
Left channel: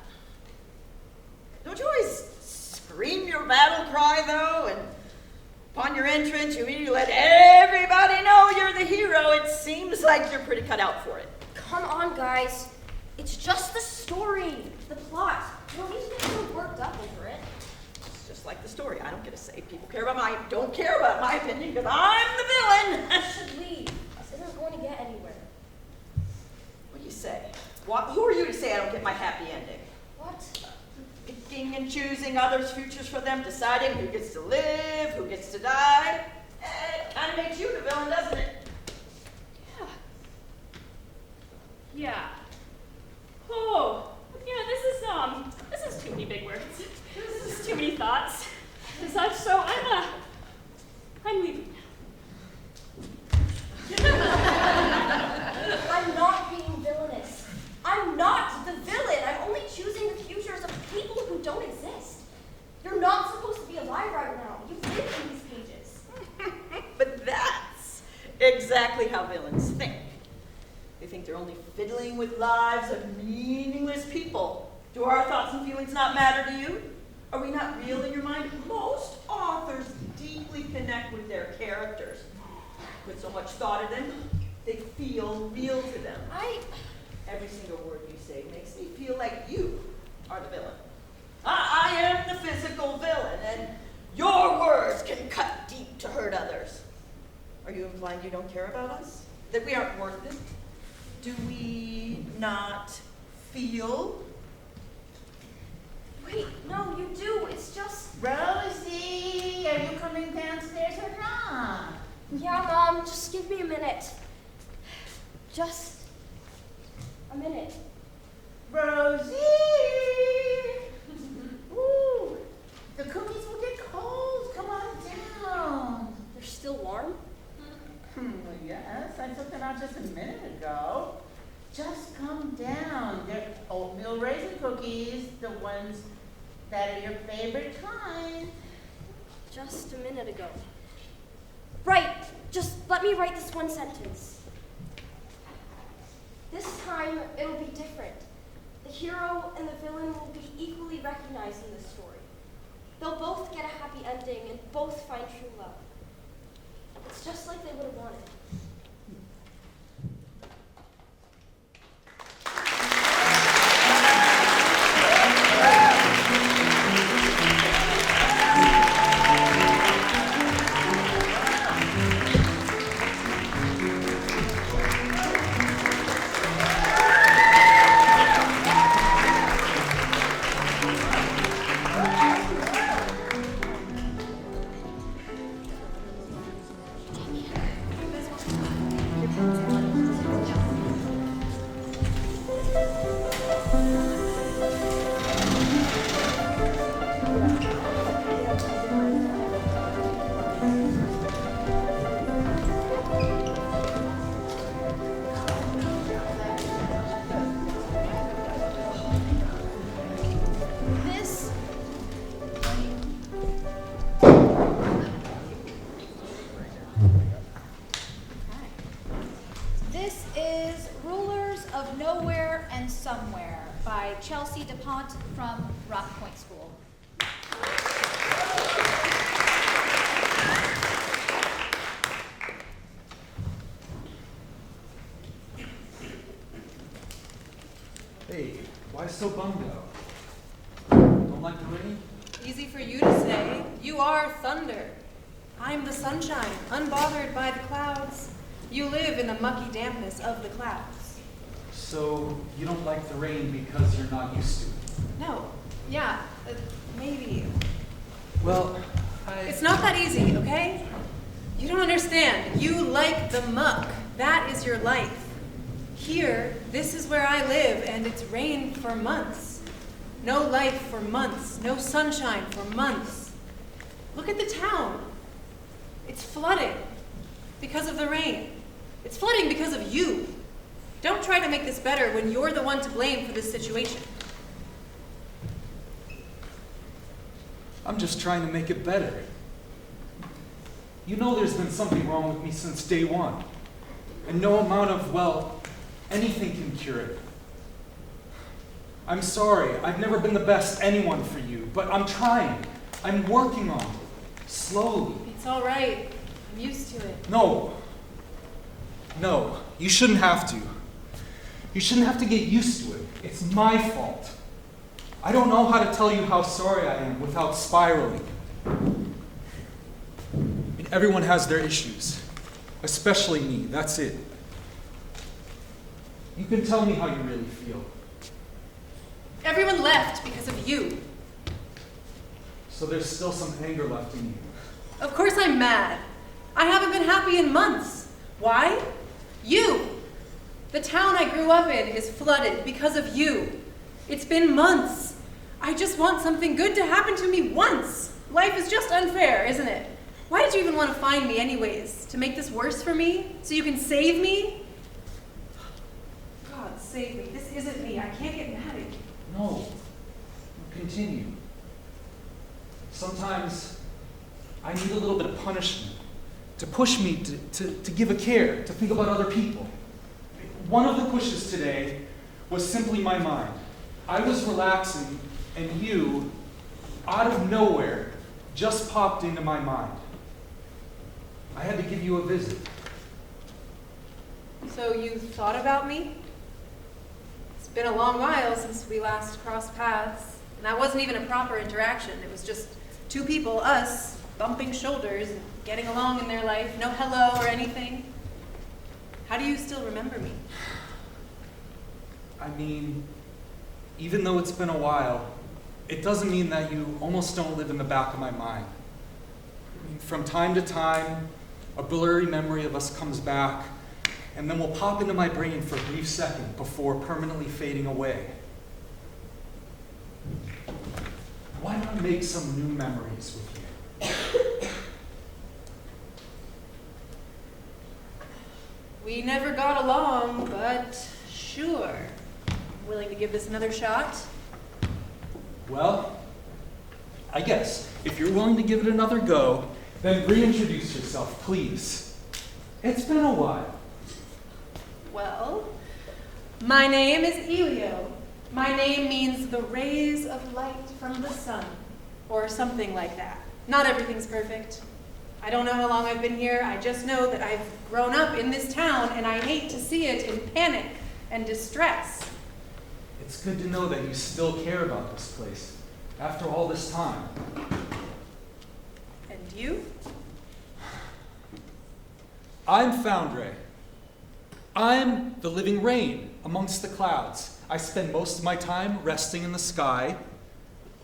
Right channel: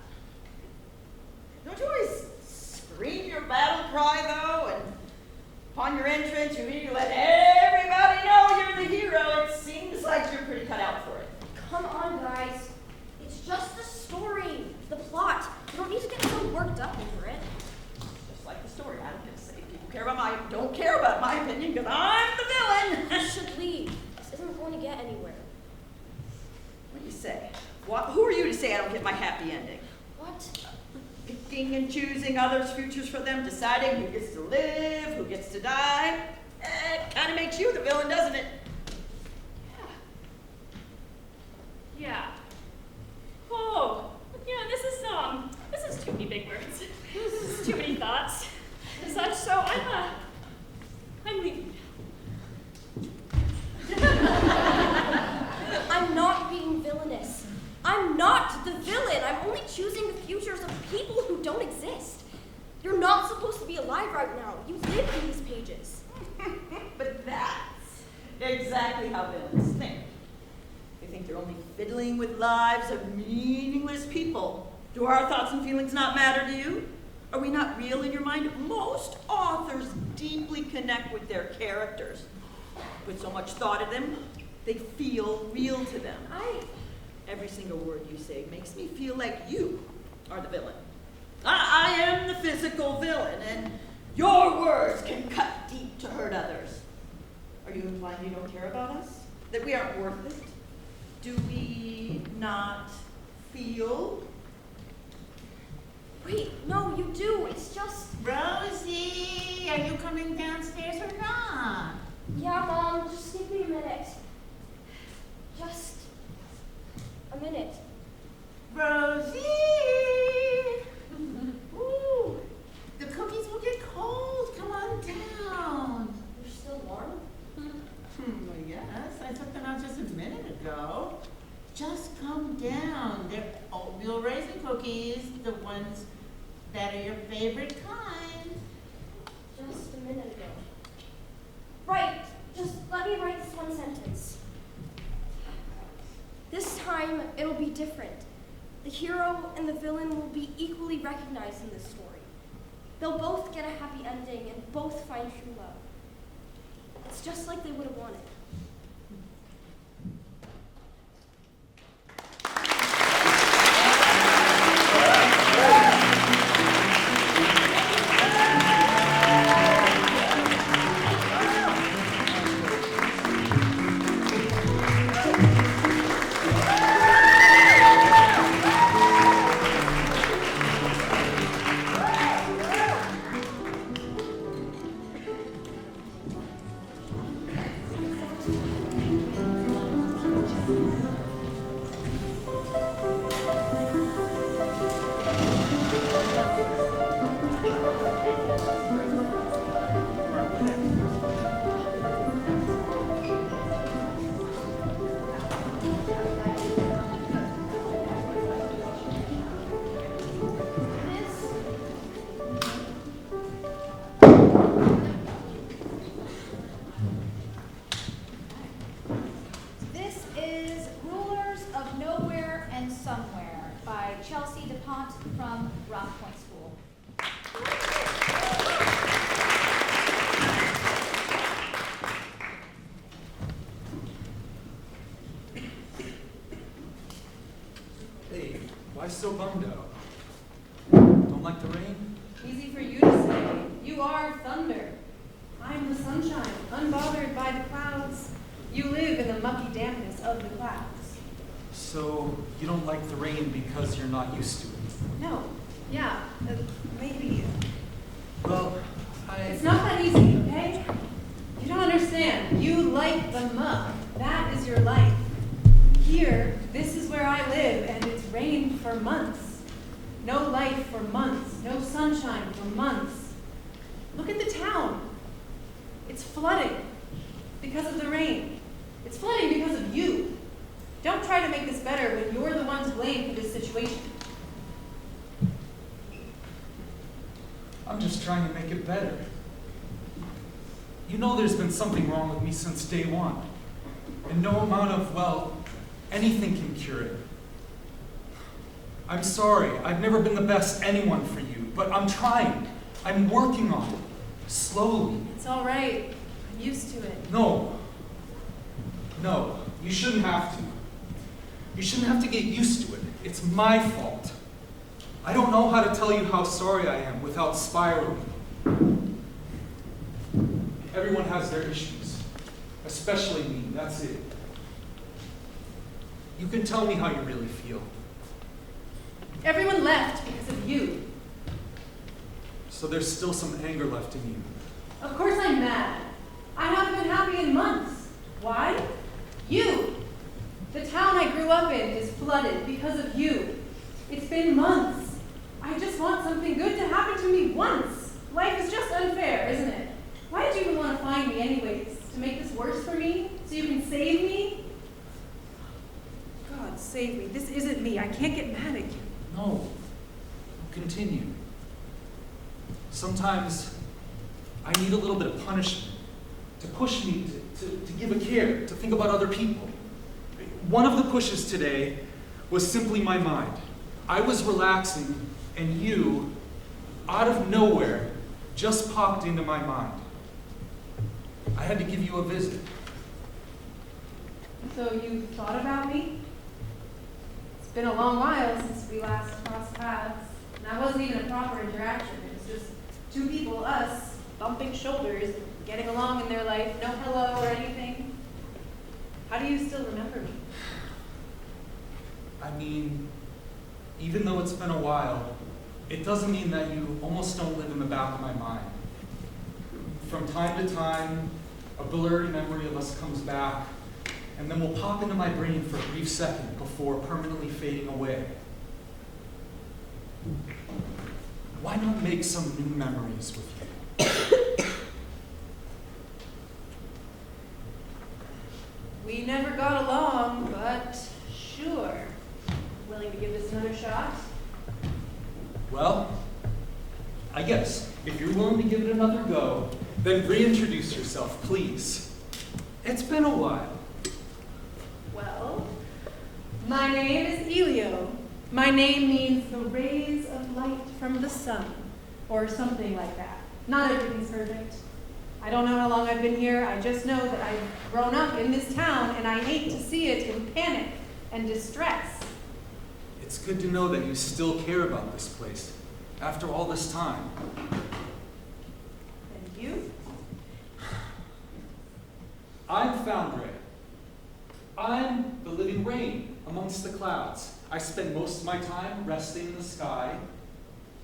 Don't you always scream your battle cry, though? And upon your entrance, you immediately let everybody know you're the hero. It seems like you're pretty cut out for it. Come on, guys. It's just the story, the plot. You don't need to get so worked up over it. It's just like the story. I don't get a say. People care about don't care about my opinion because I'm the villain. You should leave. This isn't going to get anywhere. What do you say? Who are you to say I don't get my happy ending? What? Picking and choosing others' futures for them, deciding who gets to live, who gets to die. It kind of makes you the villain, doesn't it? Yeah. Oh, this is too many big words. This is too many thoughts and such, so I'm leaving now. I'm not being villainous. I'm not the villain. I'm only choosing the futures of people who don't exist. You're not supposed to be alive right now. You live in these pages. But that's exactly how villains think. They think they're only fiddling with lives of meaningless people. Do our thoughts and feelings not matter to you? Are we not real in your mind? Most authors deeply connect with their characters. Put so much thought in them, they feel real to them. Every single word you say makes me feel like you are the villain. I am the physical villain, and your words can cut deep to hurt others. Are you implying you don't care about us? That we aren't worth it? Do we not feel? Wait, no, you do. It's just... Rosie, are you coming downstairs or not? Yeah, Mom, just give me a minute. Just a minute. Rosie! Ooh, the cookies will get cold. Come on down. You're still warm? Yes, I took them out just a minute ago. Just come down. They're oatmeal raisin cookies, the ones that are your favorite kind. Just a minute ago. Right, just let me write this one sentence. This time, it'll be different. The hero and the villain will be equally recognized in this story. They'll both get a happy ending and both find true love. It's just like they would have wanted. DuPont from Rock Point School. Hey, why so bummed out? Don't like the rain? Easy for you to say. You are thunder. I'm the sunshine, unbothered by the clouds. You live in the mucky dampness of the clouds. So, you don't like the rain because you're not used to it? No. Yeah, maybe. Well, It's not that easy, okay? You don't understand. You like the muck. That is your life. Here, this is where I live, and it's rained for months. No light for months. No sunshine for months. Look at the town. It's flooding because of the rain. It's flooding because of you. Don't try to make this better when you're the one to blame for this situation. I'm just trying to make it better. You know there's been something wrong with me since day one. And no amount of, well, anything can cure it. I'm sorry, I've never been the best anyone for you, but I'm trying. I'm working on it. Slowly. It's all right. I'm used to it. No. No, you shouldn't have to. You shouldn't have to get used to it. It's my fault. I don't know how to tell you how sorry I am without spiraling. Everyone has their issues, especially me, that's it. You can tell me how you really feel. Everyone left because of you. So there's still some anger left in you. Of course I'm mad. I haven't been happy in months. Why? You. The town I grew up in is flooded because of you. It's been months. I just want something good to happen to me once. Life is just unfair, isn't it? Why did you even want to find me anyways? To make this worse for me? So you can save me? God, save me. This isn't me. I can't get mad at you. No. Continue. Sometimes I need a little bit of punishment to push me to give a care, to think about other people. One of the pushes today was simply my mind. I was relaxing, and you, out of nowhere, just popped into my mind. I had to give you a visit. So you thought about me? It's been a long while since we last crossed paths. And that wasn't even a proper interaction. It was just two people, us, bumping shoulders and getting along in their life. No hello or anything. How do you still remember me? I mean, even though it's been a while, it doesn't mean that you almost don't live in the back of my mind. From time to time, a blurry memory of us comes back, and then will pop into my brain for a brief second before permanently fading away. Why not make some new memories with you? We never got along, but sure. Willing to give this another shot? Well, I guess if you're willing to give it another go, then reintroduce yourself, please. It's been a while. Well, my name is Elio. My name means the rays of light from the sun, or something like that. Not everything's perfect. I don't know how long I've been here. I just know that I've grown up in this town, and I hate to see it in panic and distress. It's good to know that you still care about this place after all this time. And you? I'm Foundry. I'm the living rain amongst the clouds. I spend most of my time resting in the sky.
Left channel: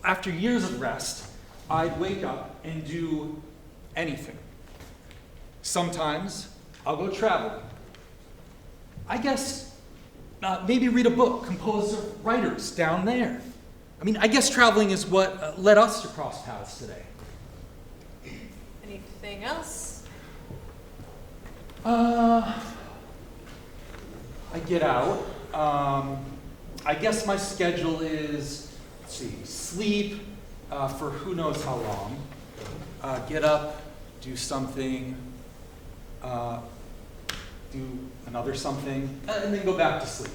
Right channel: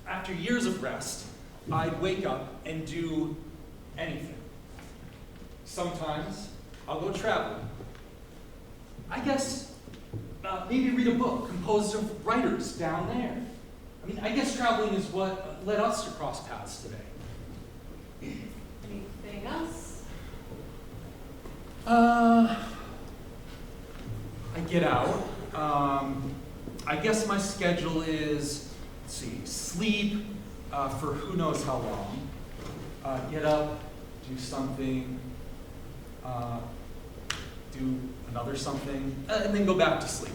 After years of rest, I'd wake up and do anything. Sometimes I'll go travel. I guess maybe read a book composed of writers down there. I mean, I guess traveling is what led us to cross paths today. Anything else? I get out. I guess my schedule is, let's see, sleep for who knows how long. Get up, do something, do another something, and then go back to sleep.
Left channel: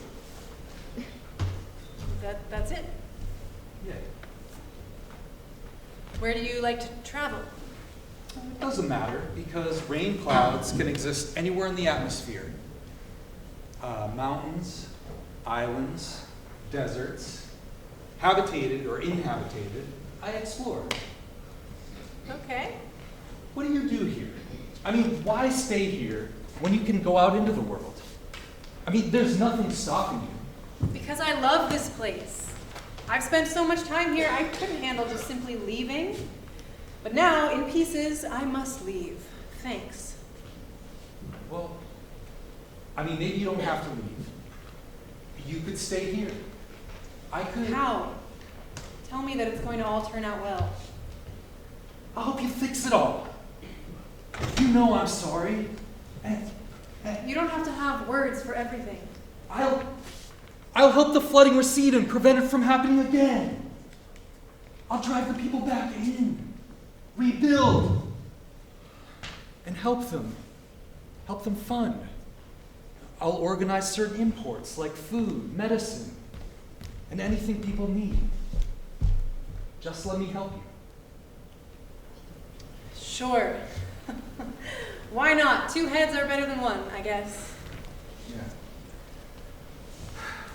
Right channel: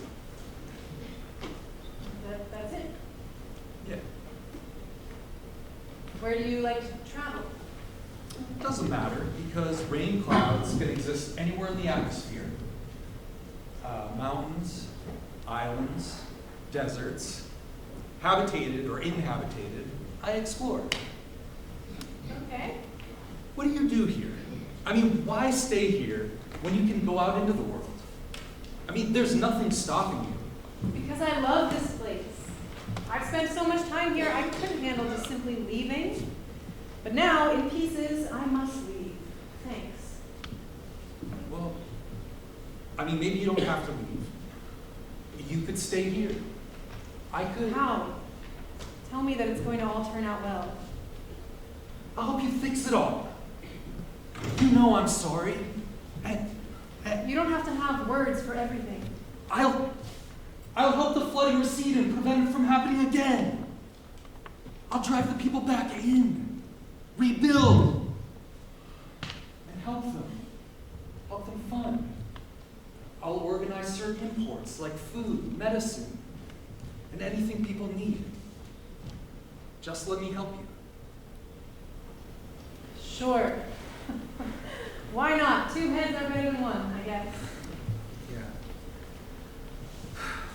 That's it? Where do you like to travel? It doesn't matter, because rain clouds can exist anywhere in the atmosphere. Mountains, islands, deserts, habitated or inhabitated, I explore. Okay. What do you do here? I mean, why stay here when you can go out into the world? I mean, there's nothing stopping you. Because I love this place. I've spent so much time here, I couldn't handle just simply leaving. But now, in pieces, I must leave. Thanks. Well, I mean, maybe you don't have to leave. You could stay here. I could. How? Tell me that it's going to all turn out well. I'll help you fix it all. You know I'm sorry. And you don't have to have words for everything. I'll help the flooding recede and prevent it from happening again. I'll drive the people back in, rebuild, and help them fund. I'll organize certain imports like food, medicine, and anything people need. Just let me help you. Sure. Why not? Two heads are better than one, I guess. Yeah.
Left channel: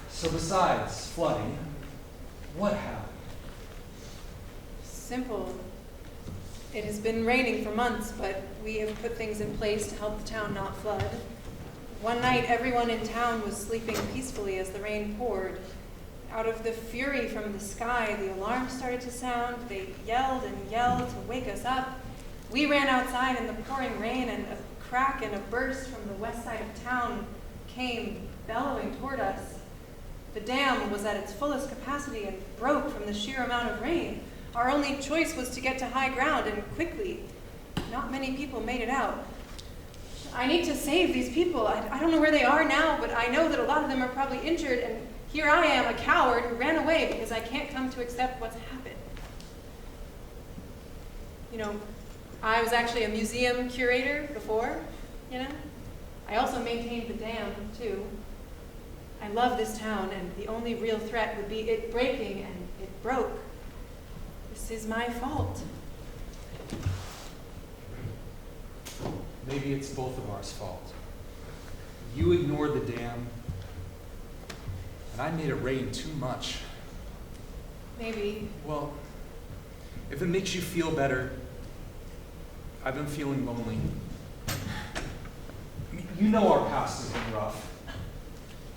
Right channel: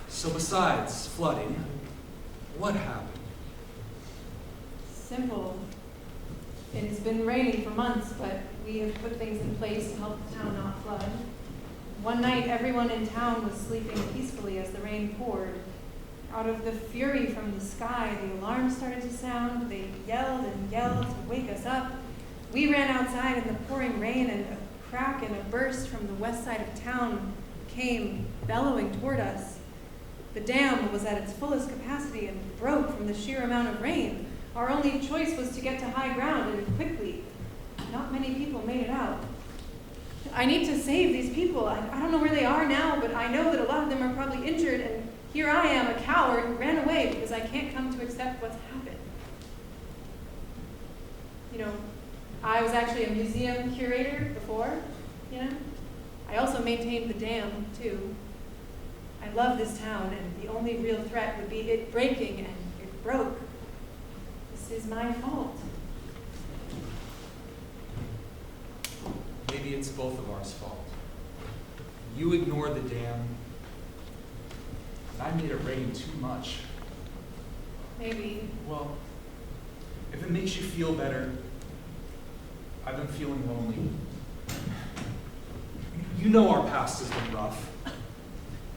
So besides flooding, what happened? Simple. It has been raining for months, but we have put things in place to help the town not flood. One night, everyone in town was sleeping peacefully as the rain poured. Out of the fury from the sky, the alarm started to sound. They yelled and yelled to wake us up. We ran outside in the pouring rain, and a crack and a burst from the west side of town came bellowing toward us. The dam was at its fullest capacity and broke from the sheer amount of rain. Our only choice was to get to high ground, and quickly. Not many people made it out. I need to save these people. I don't know where they are now, but I know that a lot of them are probably injured, and here I am, a coward who ran away because I can't come to accept what's happened. You know, I was actually a museum curator before, you know? I also maintained the dam, too. I love this town, and the only real threat would be it breaking, and it broke. This is my fault. Maybe it's both of ours' fault. You ignored the dam, and I made it rain too much. Maybe. Well, if it makes you feel better, I've been feeling lonely. You know our past has been rough,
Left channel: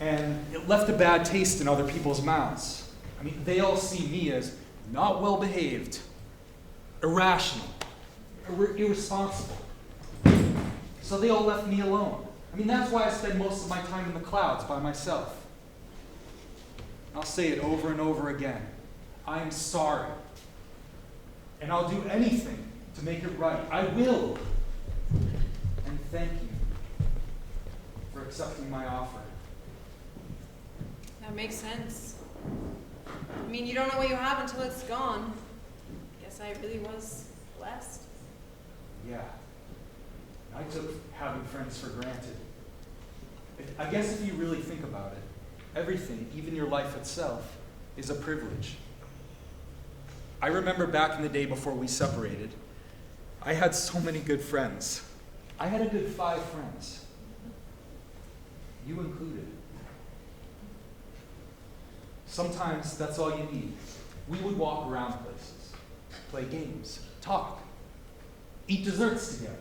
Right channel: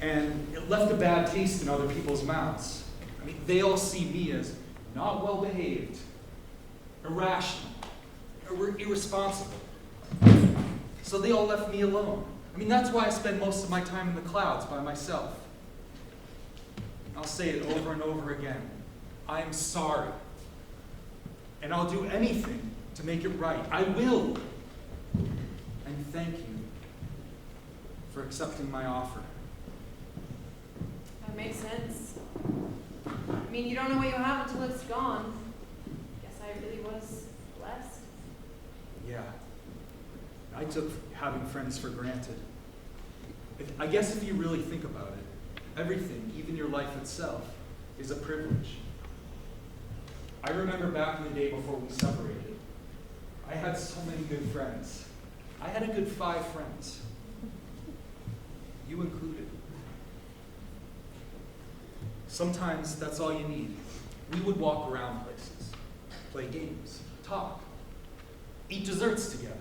and it left a bad taste in other people's mouths. I mean, they all see me as not well-behaved, irrational, irresponsible. So they all left me alone. I mean, that's why I spend most of my time in the clouds by myself. I'll say it over and over again. I am sorry. And I'll do anything to make it right. I will. And thank you for accepting my offer. That makes sense. I mean, you don't know what you have until it's gone. Guess I really was blessed. Yeah. I took having friends for granted. I guess if you really think about it, everything, even your life itself, is a privilege. I remember back in the day before we separated, I had so many good friends. I had a good 5 friends. You included. Sometimes that's all you need. We would walk around places, play games, talk, eat desserts together.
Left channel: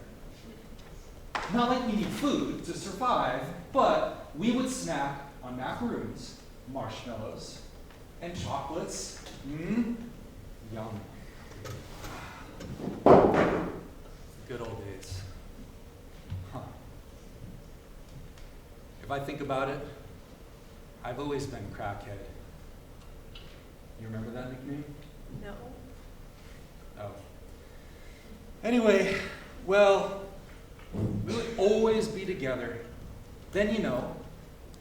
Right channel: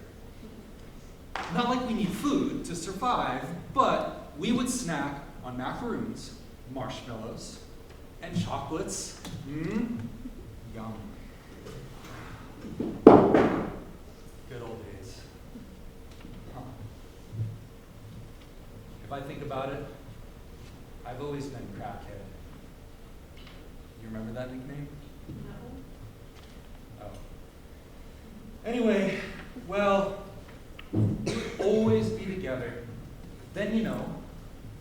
Not like we need food to survive, but we would snack on macaroons, marshmallows, and chocolates. Yum. Good old days. Huh. If I think about it, I've always been crackhead. You remember that nickname? No. Oh. Anyway, well, we'll always be together. Then, you know,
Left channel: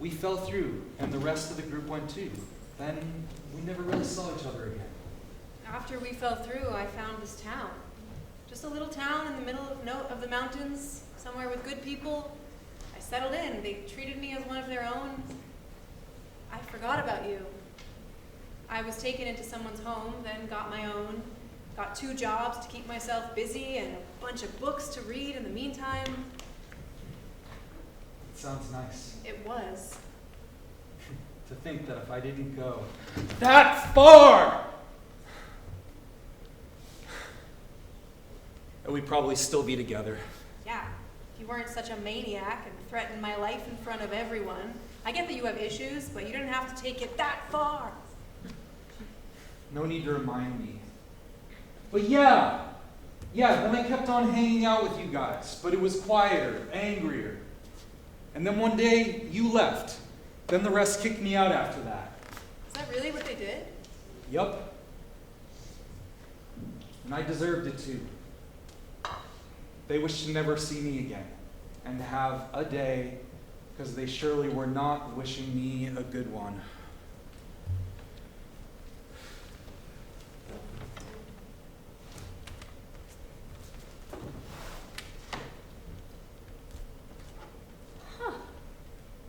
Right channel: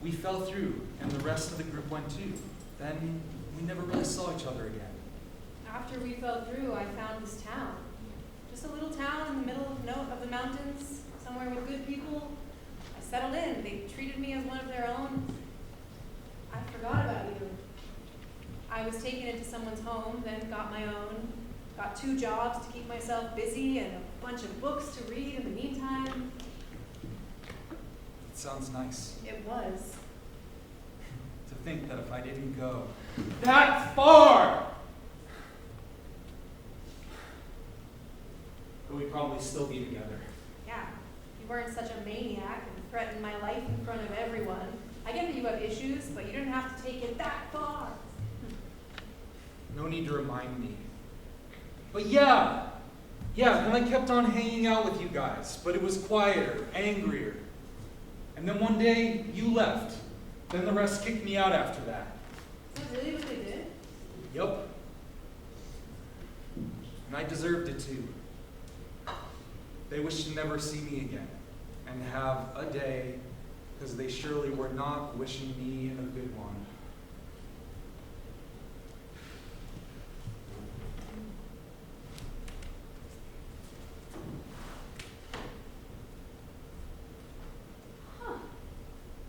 we fell through, and the rest of the group went too. Then we never really saw each other again. After we fell through, I found this town. Just a little town in the middle of the mountains, somewhere with good people. I settled in. They treated me as one of their own. I forgot about you. I was taken into someone's home, then got my own. Got 2 jobs to keep myself busy and a bunch of books to read in the meantime. It sounds nice. It was. To think that if I didn't go that far, we'd probably still be together. Yeah, if you weren't such a maniac and threatened my life in front of everyone. I get that you have issues, but you didn't have to take it that far. No need to remind me. But yeah, then I kept on hanging out with you guys, but it was quieter, angrier. And then one day, you left. Then the rest kicked me out after that. Is that really what they did? Yup. And I deserved it too. They wished to never see me again and have a day, because they surely were not wishing me a good one.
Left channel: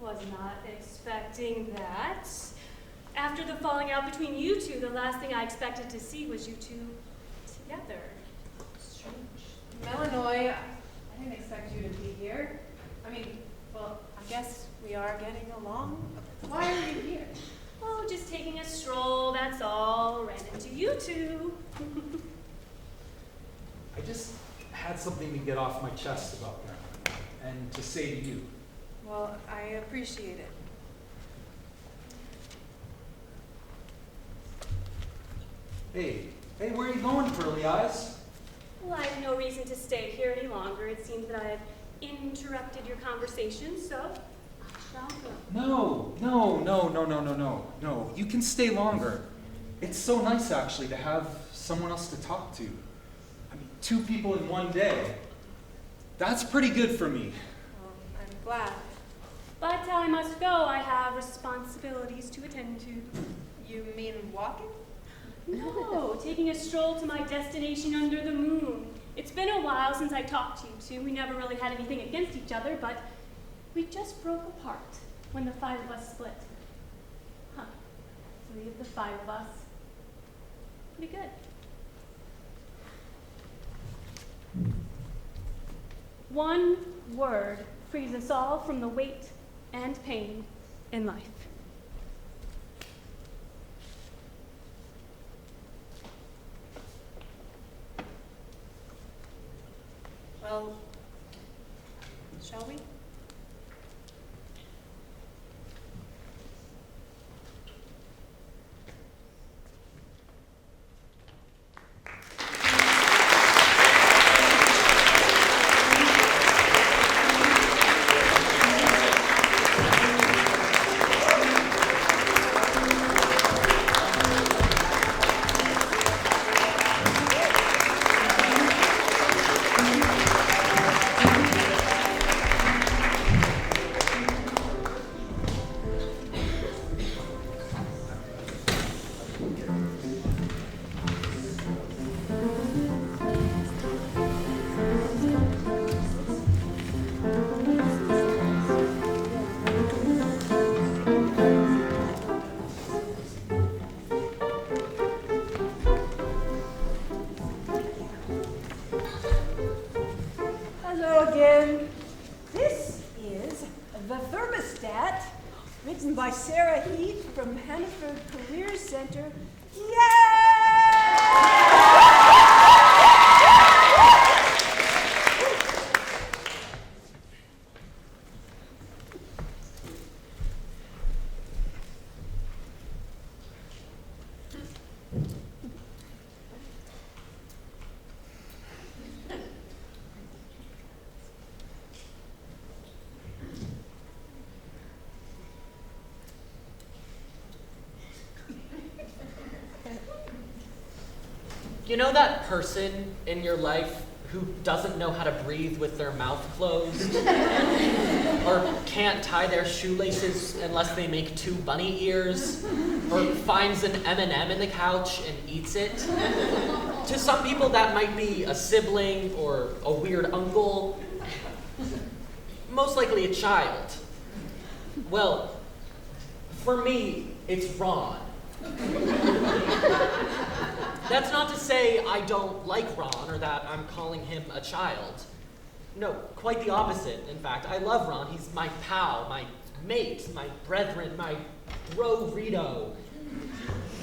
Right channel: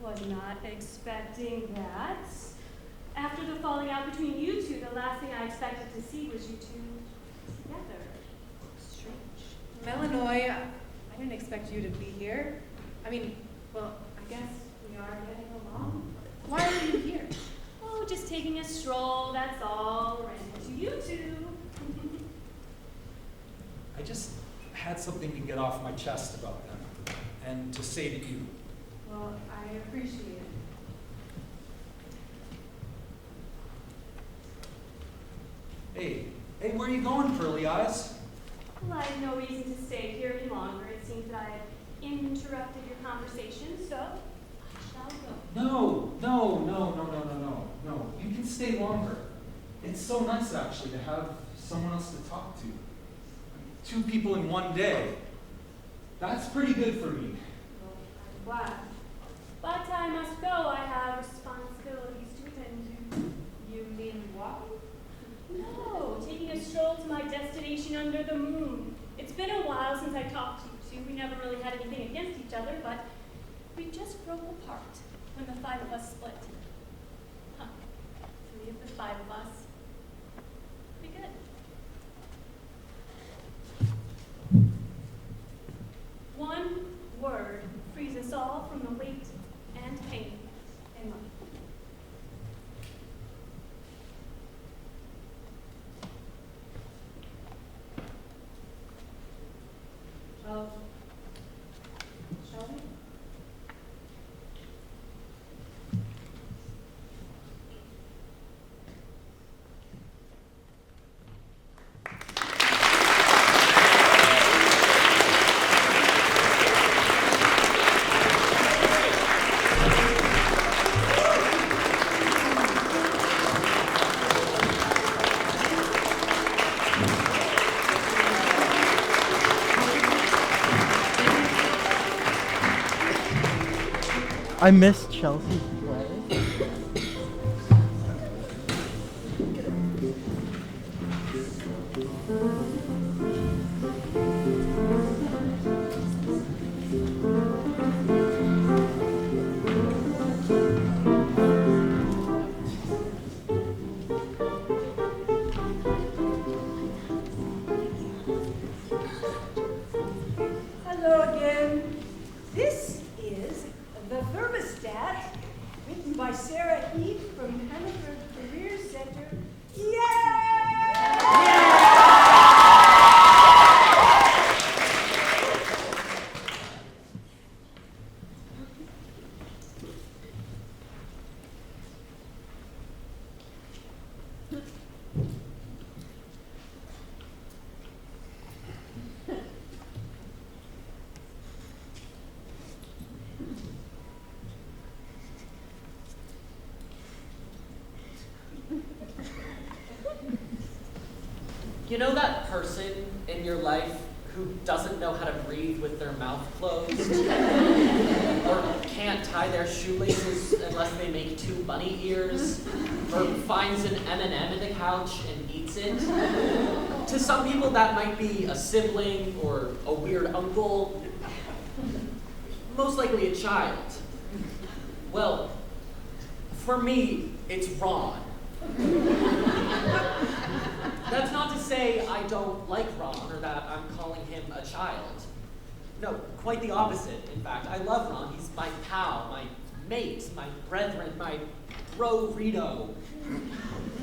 Was not expecting that. After the falling out between you two, the last thing I expected to see was you two together. Strange. Melanoy, I didn't expect you to be here. I mean, well, I guess we are getting along. Why are you here? Oh, just taking a stroll, that's all. Ran into you two. I just had something to get off my chest about them and to say to you. Well, I appreciate it. Hey, where are you going, Curly Eyes? Well, I have no reason to stay here any longer. It seems that I have interrupted your conversation, so I shall go. No. You can stay longer. It's so nice, actually, to have someone else to talk to. I mean, 2 people in one day. That's pretty good for me. Well, I'm glad. But I must go. I have responsibilities to attend to. You mean walking? No, taking a stroll to my destination under the moon. It's been a while since I talked to you two. We never really had anything against each other, but we just broke apart when the 5 of us split. 3 of the 5 of us. Pretty good. One word frees us all from the weight and pain in life. Well, shall we? I miss Chelsea. Hello again. This is the thermostat, written by Sarah Heath from Hannaford Career Center. You know that person in your life who doesn't know how to breathe with their mouth closed? Or can't tie their shoelaces unless they make 2 bunny ears? Or finds an M&M in the couch and eats it? To some people that might be a sibling or a weird uncle. Most likely a child. Well, for me, it's Ron. That's not to say I don't like Ron or that I'm calling him a child. No, quite the opposite, in fact. I love Ron. He's my pal, my mate, my brethren, my bro-rito.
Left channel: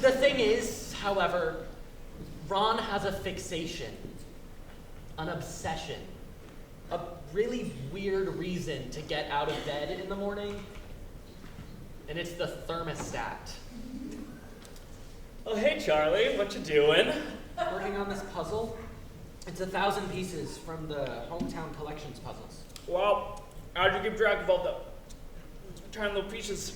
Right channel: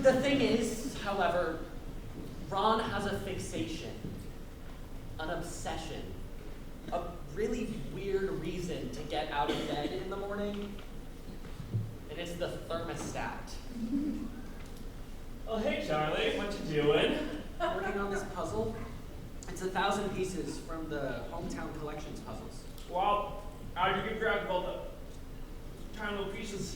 The thing is, however, Ron has a fixation, an obsession, a really weird reason to get out of bed in the morning, and it's the thermostat. Oh, hey, Charlie, what you doing? Working on this puzzle. It's 1,000 pieces from the Hometown Collections puzzles. Well, how'd you keep track of all the tiny little pieces?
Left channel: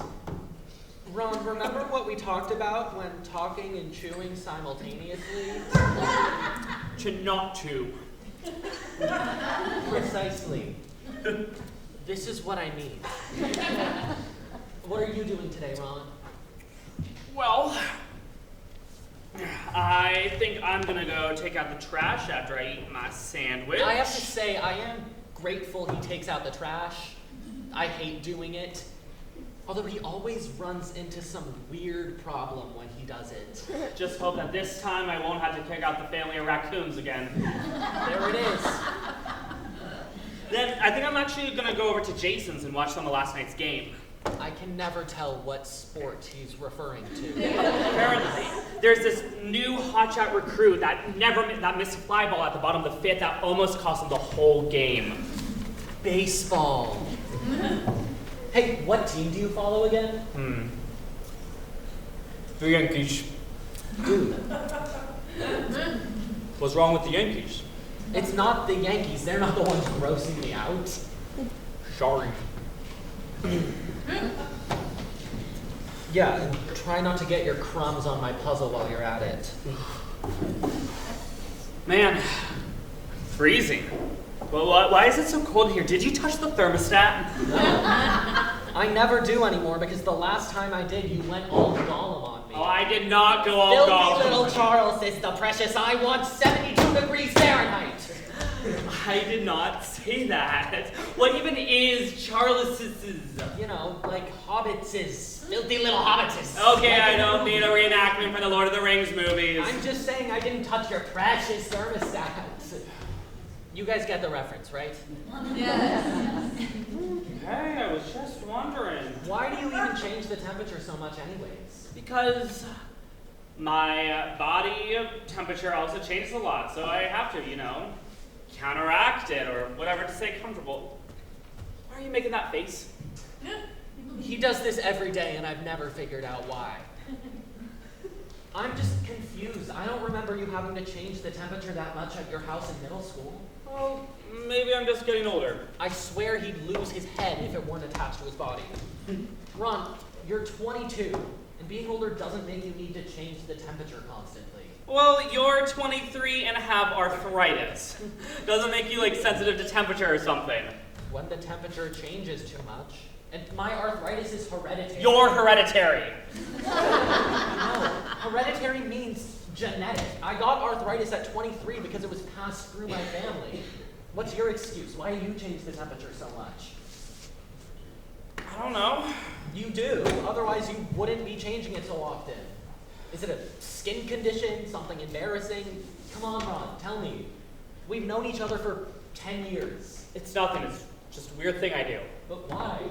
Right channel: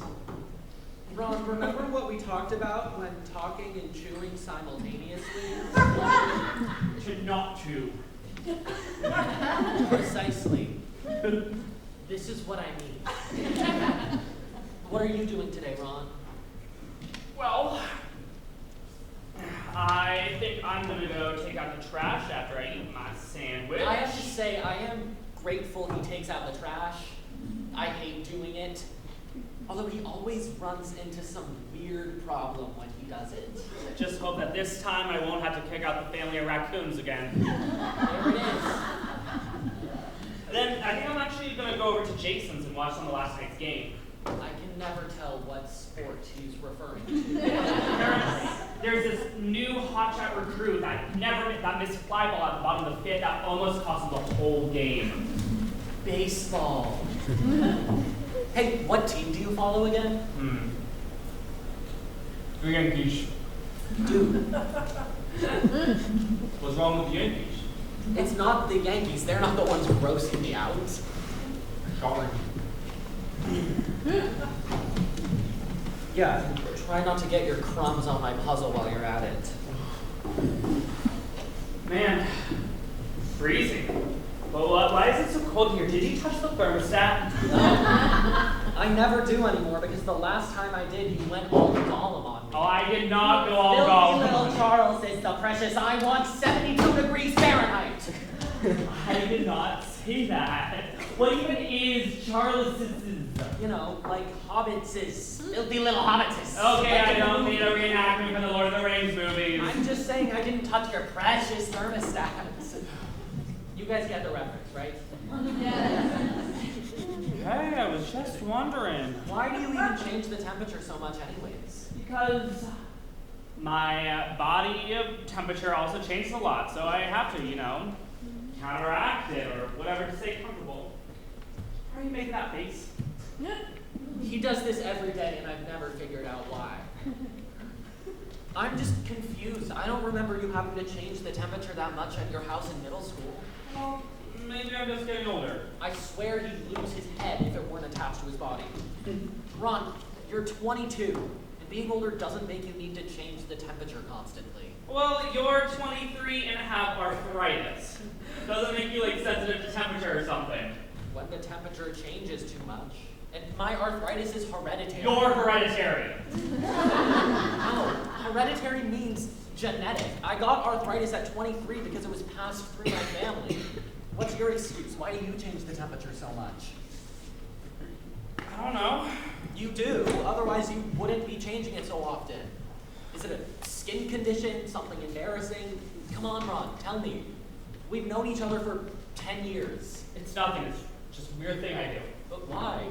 Ron, remember what we talked about when talking and chewing simultaneously? To not chew. Precisely. This is what I need. What are you doing today, Ron? Well, I think I'm gonna go take out the trash after I eat my sandwich. I have to say, I am grateful he takes out the trash. I hate doing it. Although he always runs into some weird problem when he does it. Just hope that this time I won't have to kick out the family of raccoons again. There it is. Then I think I'm actually gonna go over to Jason's and watch some of last night's game. I can never tell what sport he's referring to. Apparently, there's this new hotshot recruit that missed a fly ball at the bottom of the fifth that almost cost him the whole game. Baseball. Hey, what team do you follow again? The Yankees. Dude. What's wrong with the Yankees? It's not the Yankees. They're not the ones grossing me out. Sorry. Yeah, try not to get your crumbs on my puzzle while you're at it. Man, freezing. Well, why is it so cold here? Did you touch the thermostat? I never do anymore because the last time I did, you went all Gollum on me. Oh, I did not go all Filthy Gollum. little Charles is the precious. I want 72 degrees Fahrenheit. I did not say that. What even is Charles's? You know, like hobbitses. Filthy little hobbitses. Okay, I don't need a reenactment for the Lord of the Rings movies. I'm just saying I didn't touch your precious thermostat. You guys get the reference, right? Yes. Hey, I was just wondering. Why do you even change the temperature so much anyways? Because my body temperature also changes a lot, so I have to, counteract it or whatever to stay comfortable. Why are you making that face? He does this every day and I've never figured out why. I'm just confused. I don't remember you having to change the temperature that much at your house in middle school. Well, maybe I'm just getting older. I swear he'd lose his head if it weren't attached to his body. Ron, you're 22, and being older doesn't make you need to change the temperature constantly. Well, you're 23 and have arthritis. Doesn't make you, sensitive to temperature or something. When the temperature changes too much, and my arthritis is hereditary. You're hereditary. No, hereditary means genetic. I got arthritis at 23 because it was passed through my family. What's your excuse? Why do you change the temperature so much? I don't know. You do. Otherwise, you wouldn't be changing it so often. Is it a skin condition? Something embarrassing? Come on, Ron. Tell me. We've known each other for 10 years. It's nothing. It's just a weird thing I do. But why?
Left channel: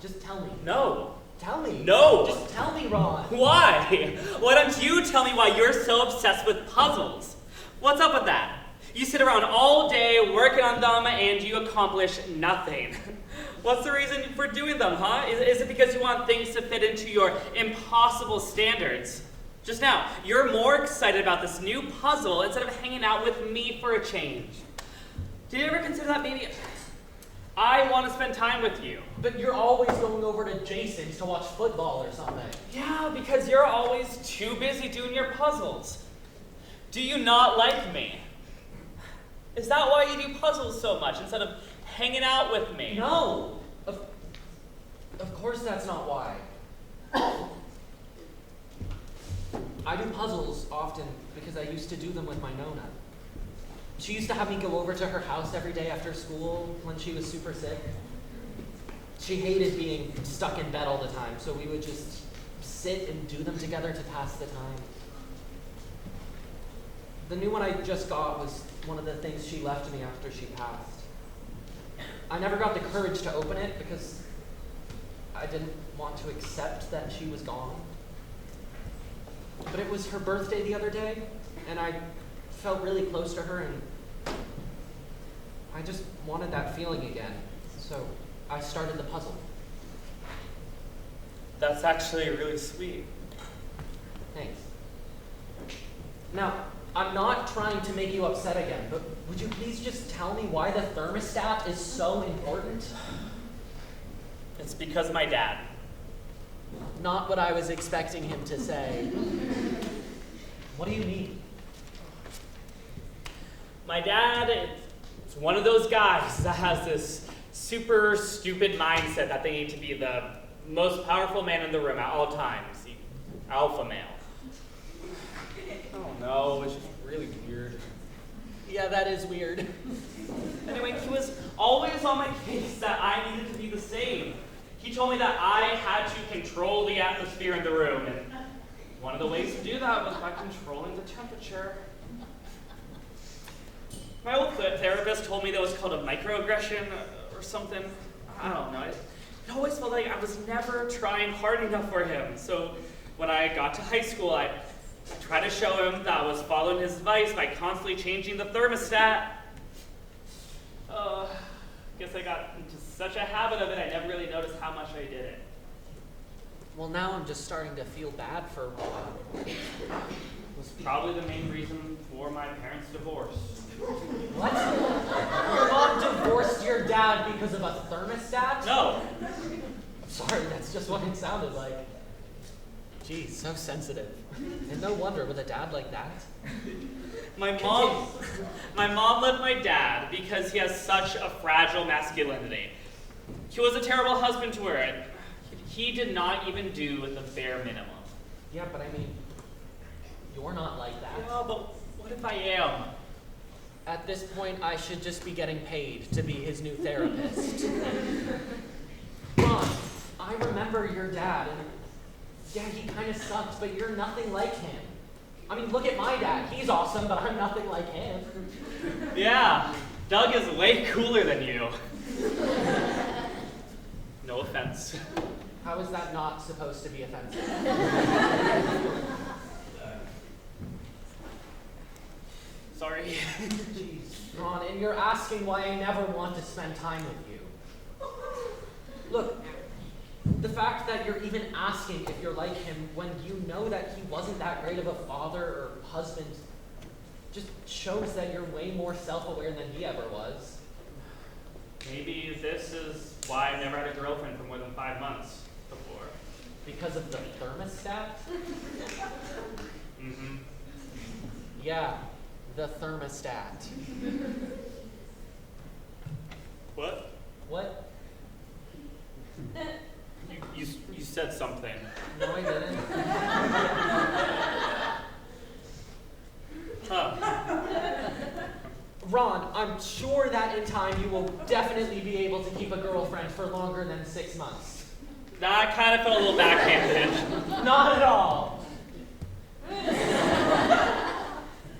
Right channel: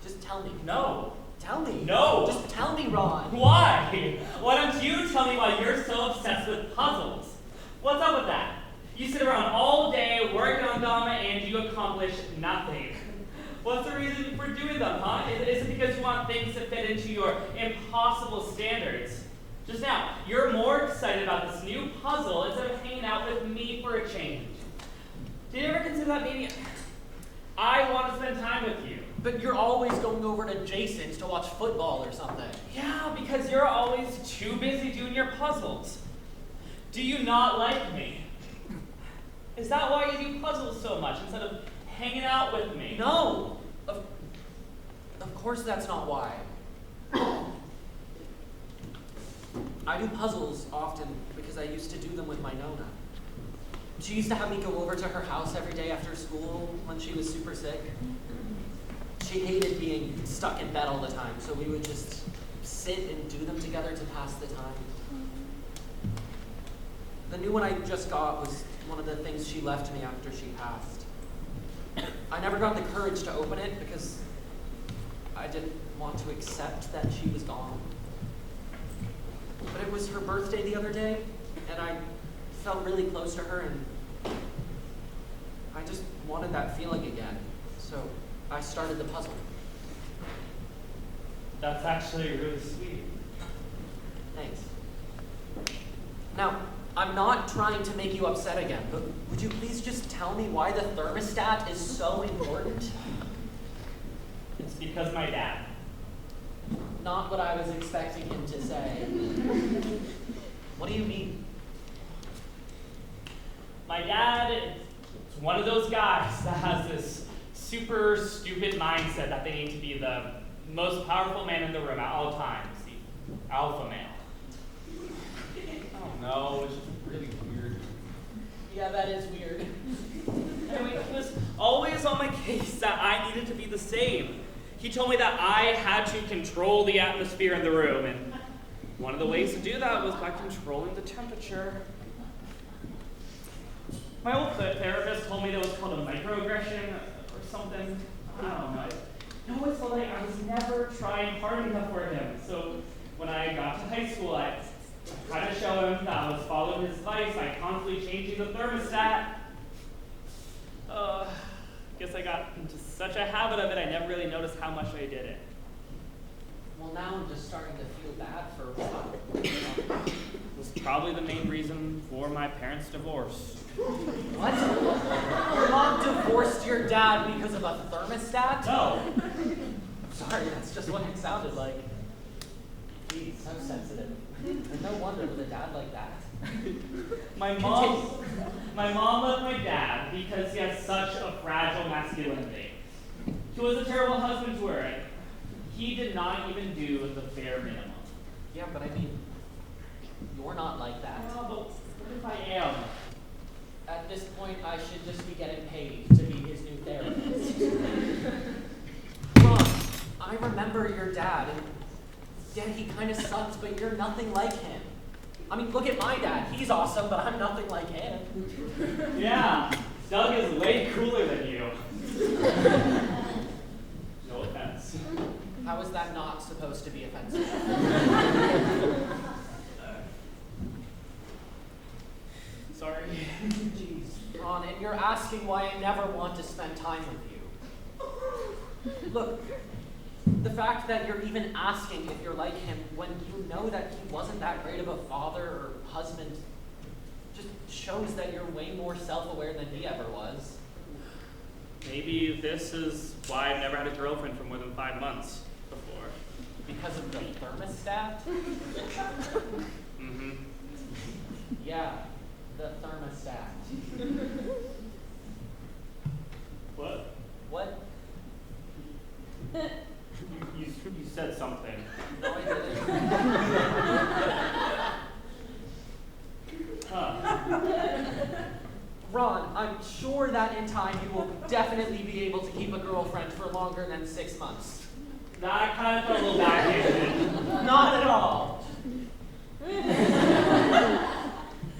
Just tell me. No. Tell me. No. Just tell me, Ron. Why? Why don't you tell me why you're so obsessed with puzzles? What's up with that? You sit around all day working on them and you accomplish nothing. What's the reason for doing them, huh? Is it because you want things to fit into your impossible standards? Just now, you're more excited about this new puzzle instead of hanging out with me for a change. Did you ever consider that maybe I want to spend time with you? But you're always going over to Jason's to watch football or something. Yeah, because you're always too busy doing your puzzles. Do you not like me? Is that why you do puzzles so much instead of hanging out with me? No! Of course that's not why. I do puzzles often because I used to do them with my Nona. She used to have me go over to her house every day after school when she was super sick. She hated being stuck in bed all the time, so we would just sit and do them together to pass the time. The new one I just got was one of the things she left me after she passed. I never got the courage to open it because I didn't want to accept that she was gone. But it was her birthday the other day, and I felt really close to her, and I just wanted that feeling again. So I started the puzzle. That's actually really sweet. Thanks. Now, I'm not trying to make you upset again, but would you please just tell me why the thermostat is so important? It's because my dad. Not what I was expecting him to say. What do you mean? My dad is one of those guys that has this super stupid mindset that they need to be the most powerful man in the room at all times. The alpha male. I don't know, it's just really weird. Yeah, that is weird. Anyway, he was always on my case that I needed to be the same. He told me that I had to control the atmosphere in the room, and one of the ways to do that was by controlling the temperature. My old therapist told me that was called a microaggression or something. I don't know. I always felt like I was never trying hard enough for him. So when I got to high school, I tried to show him that I was following his advice by constantly changing the thermostat. Guess I got into such a habit of it, I never really noticed how much I did it. Well, now I'm just starting to feel bad for It was probably the main reason for my parents' divorce. What? Your mom divorced your dad because of a thermostat? No. Sorry, that's just what it sounded like. Geez, so sensitive. And no wonder with a dad like that. My mom left my dad because he has such a fragile masculinity. He was a terrible husband to her, and he did not even do the bare minimum. Yeah, but I mean, you're not like that. Well, but what if I am? At this point, I should just be getting paid to be his new therapist. Ron, I remember your dad, and yeah, he kind of sucked, but you're nothing like him. I mean, look at my dad. He's awesome, but I'm nothing like him. Yeah, Doug is way cooler than you. No offense. How is that not supposed to be offensive? Sorry. Jeez, Ron, and you're asking why I never want to spend time with you. Look, the fact that you're even asking if you're like him when you know that he wasn't that great of a father or husband just shows that you're way more self-aware than he ever was. Maybe this is why I've never had a girlfriend for more than 5 months before. Because of the thermostat? Mm-hmm. Yeah, the thermostat. What? What? You said something. No, I didn't. Ron, I'm sure that in time you will definitely be able to keep a girlfriend for longer than 6 months. That kind of felt a little backhanded. Not at all.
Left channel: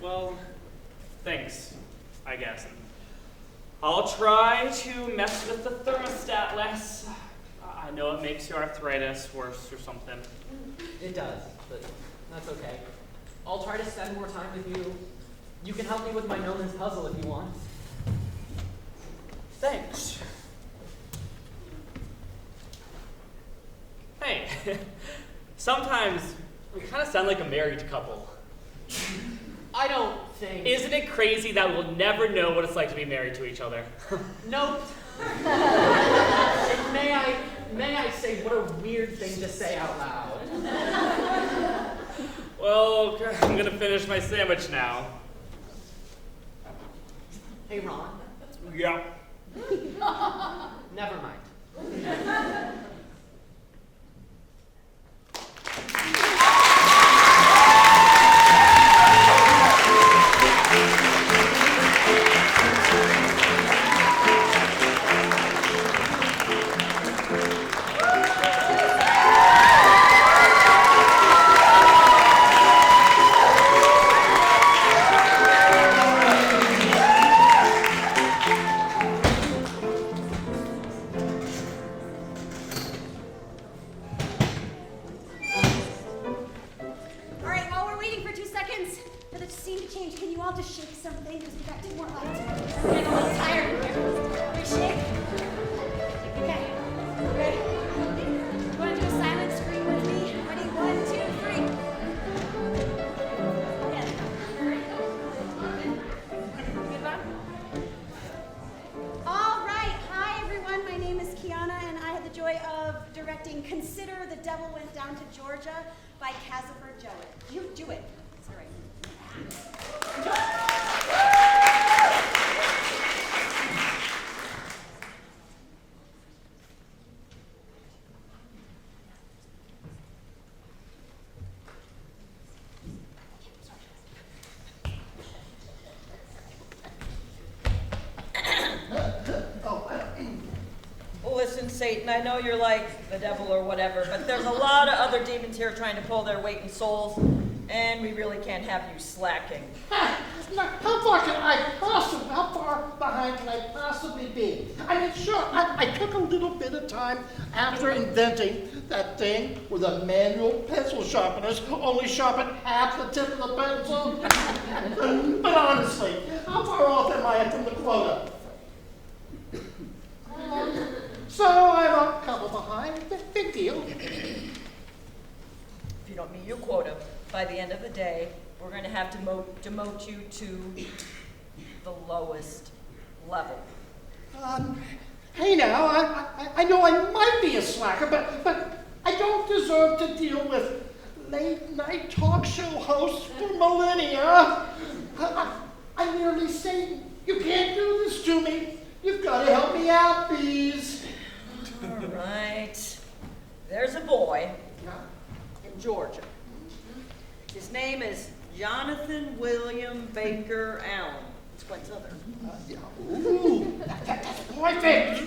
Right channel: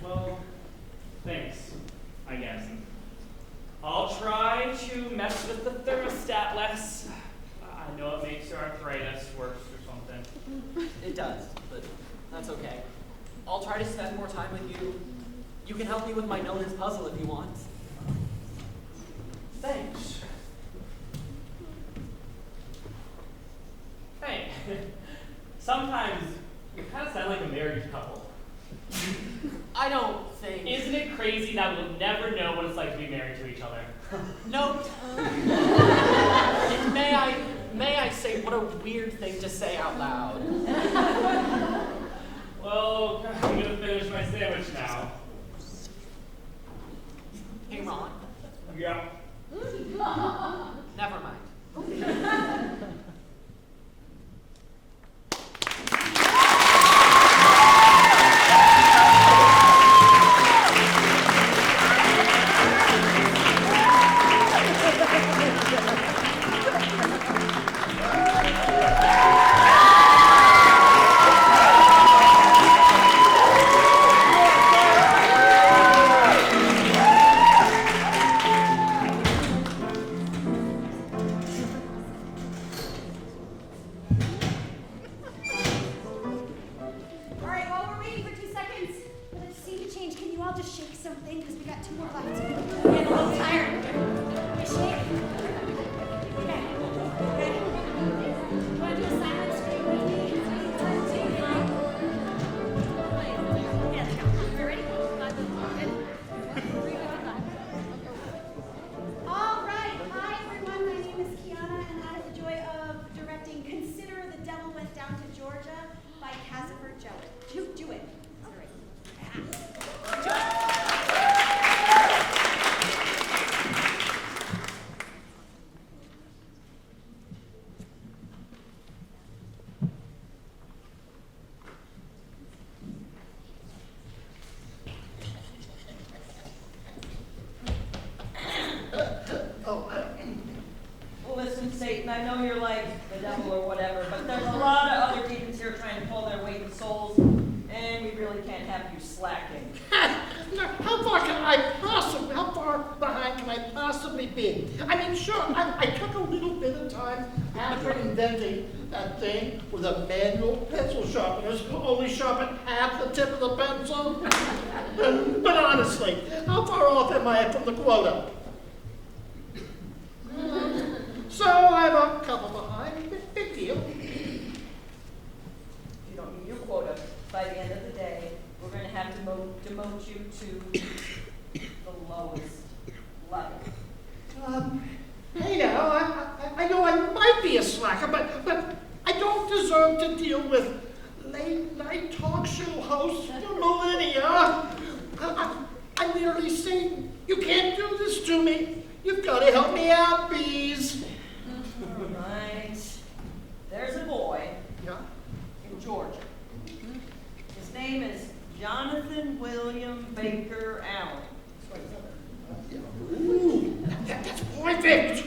Well, thanks, I guess. I'll try to mess with the thermostat less. I know it makes your arthritis worse or something. It does, but that's okay. I'll try to spend more time with you. You can help me with my Nolan's puzzle if you want. Thanks. Hey, sometimes we kind of sound like a married couple. I don't think... Isn't it crazy that we'll never know what it's like to be married to each other? Nope. May I say what a weird thing to say out loud. Well, I'm gonna finish my sandwich now. Hey, Ron. Yeah. Never mind. should change. Can you all just shake something? Because we got 2 more lines. I'm getting a little tired here. You shake? Okay. Ready? You want to do a silent scream with me? Ready? 1, 2, 3. Yeah. You ready? All right. Hi, everyone. My name is Kiana, and I had the joy of directing Consider the Devil Went Down to Georgia by Cassifer Jewett. Jewett. Listen, Satan, I know you're like the devil or whatever, but there's a lot of other demons here trying to pull their weight in souls, and we really can't have you slacking. How far behind can I possibly be? I mean, sure, I took a little bit of time after inventing that thing where the manual pencil sharpeners only sharpen half the tip of the pencil. But honestly, how far off am I from the quota? So I'm a couple behind. Big deal. If you don't meet your quota, by the end of the day, we're going to have to demote you to the lowest level. Hey now, I know I might be a slacker, but I don't deserve to deal with late-night talk show hosts for millennia. I'm literally saying, you can't do this to me. You've got to help me out, bees. All right. There's a boy in Georgia. His name is Jonathan William Baker Allen. It's quite southern. Ooh, that's perfect.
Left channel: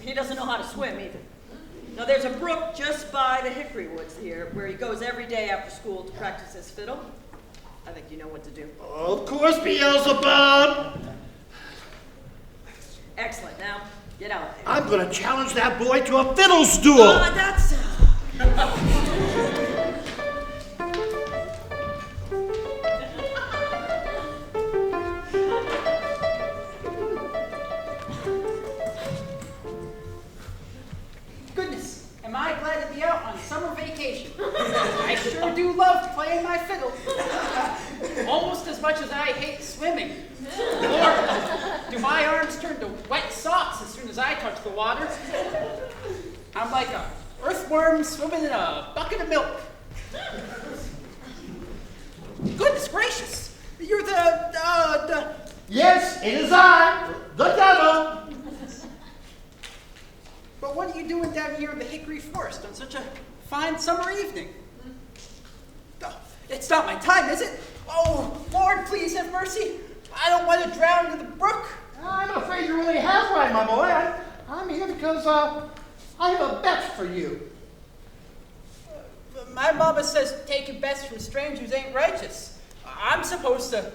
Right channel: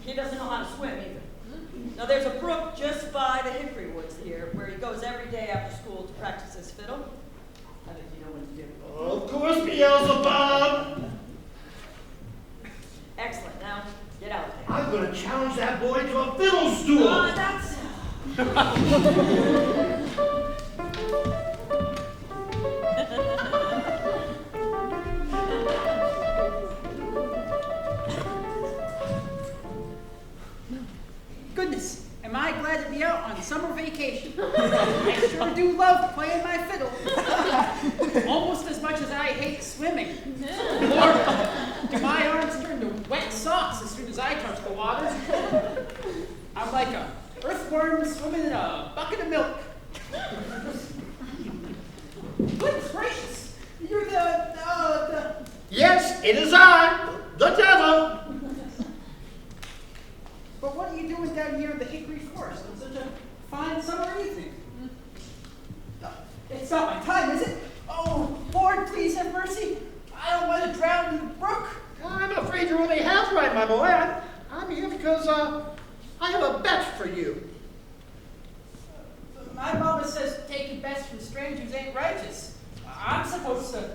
He doesn't know how to swim either. Now there's a brook just by the hickory woods here where he goes every day after school to practice his fiddle. I think you know what to do. Of course, Beelzebub. Excellent. Now, get out there. I'm going to challenge that boy to a fiddle duel. That's... Goodness, am I glad to be out on summer vacation. I sure do love playing my fiddle. Almost as much as I hate swimming. Lord, do my arms turn to wet socks as soon as I touch the water? I'm like a earthworm swimming in a bucket of milk. Goodness gracious, you're the... Yes, it is I, the devil. But what are you doing down here in the hickory forest on such a fine summer evening? It's not my time, is it? Oh, Lord, please have mercy. I don't want to drown in the brook. I'm afraid you're only half right, my boy. I'm here because I have a bet for you. My mama says taking bets from strangers ain't righteous. I'm supposed to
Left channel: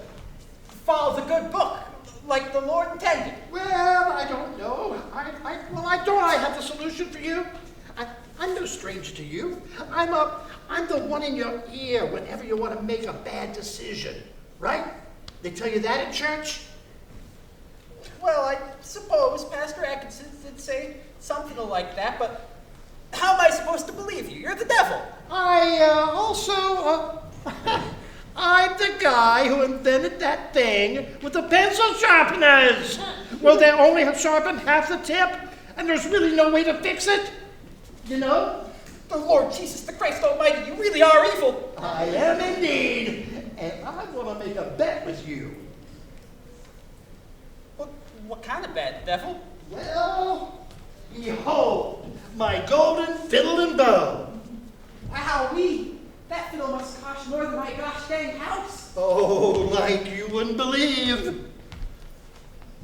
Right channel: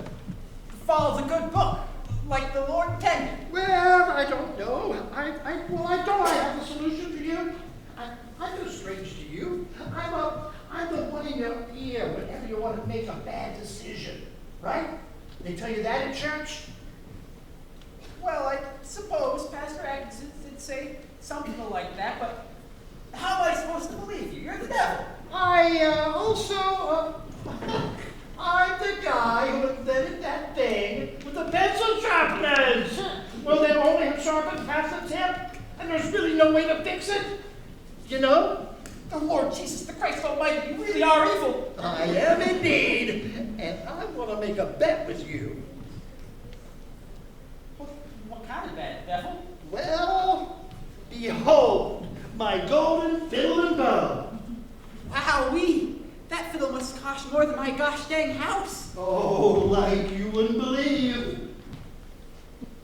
follow the good book, like the Lord intended. Well, I don't know. I have the solution for you. I'm no stranger to you. I'm the one in your ear whenever you want to make a bad decision, right? They tell you that in church? Well, I suppose Pastor Atkinson did say something like that, but how am I supposed to believe you? You're the devil. I'm the guy who invented that thing with the pencil sharpeners. Well, they only have sharpened half the tip, and there's really no way to fix it. You know? The Lord Jesus the Christ Almighty, you really are evil. I am indeed, and I want to make a bet with you. What kind of bet, devil? Well, behold, my golden fiddle and bow. Wowee! That fiddle must cost more than my gosh dang house. Oh, like you wouldn't believe.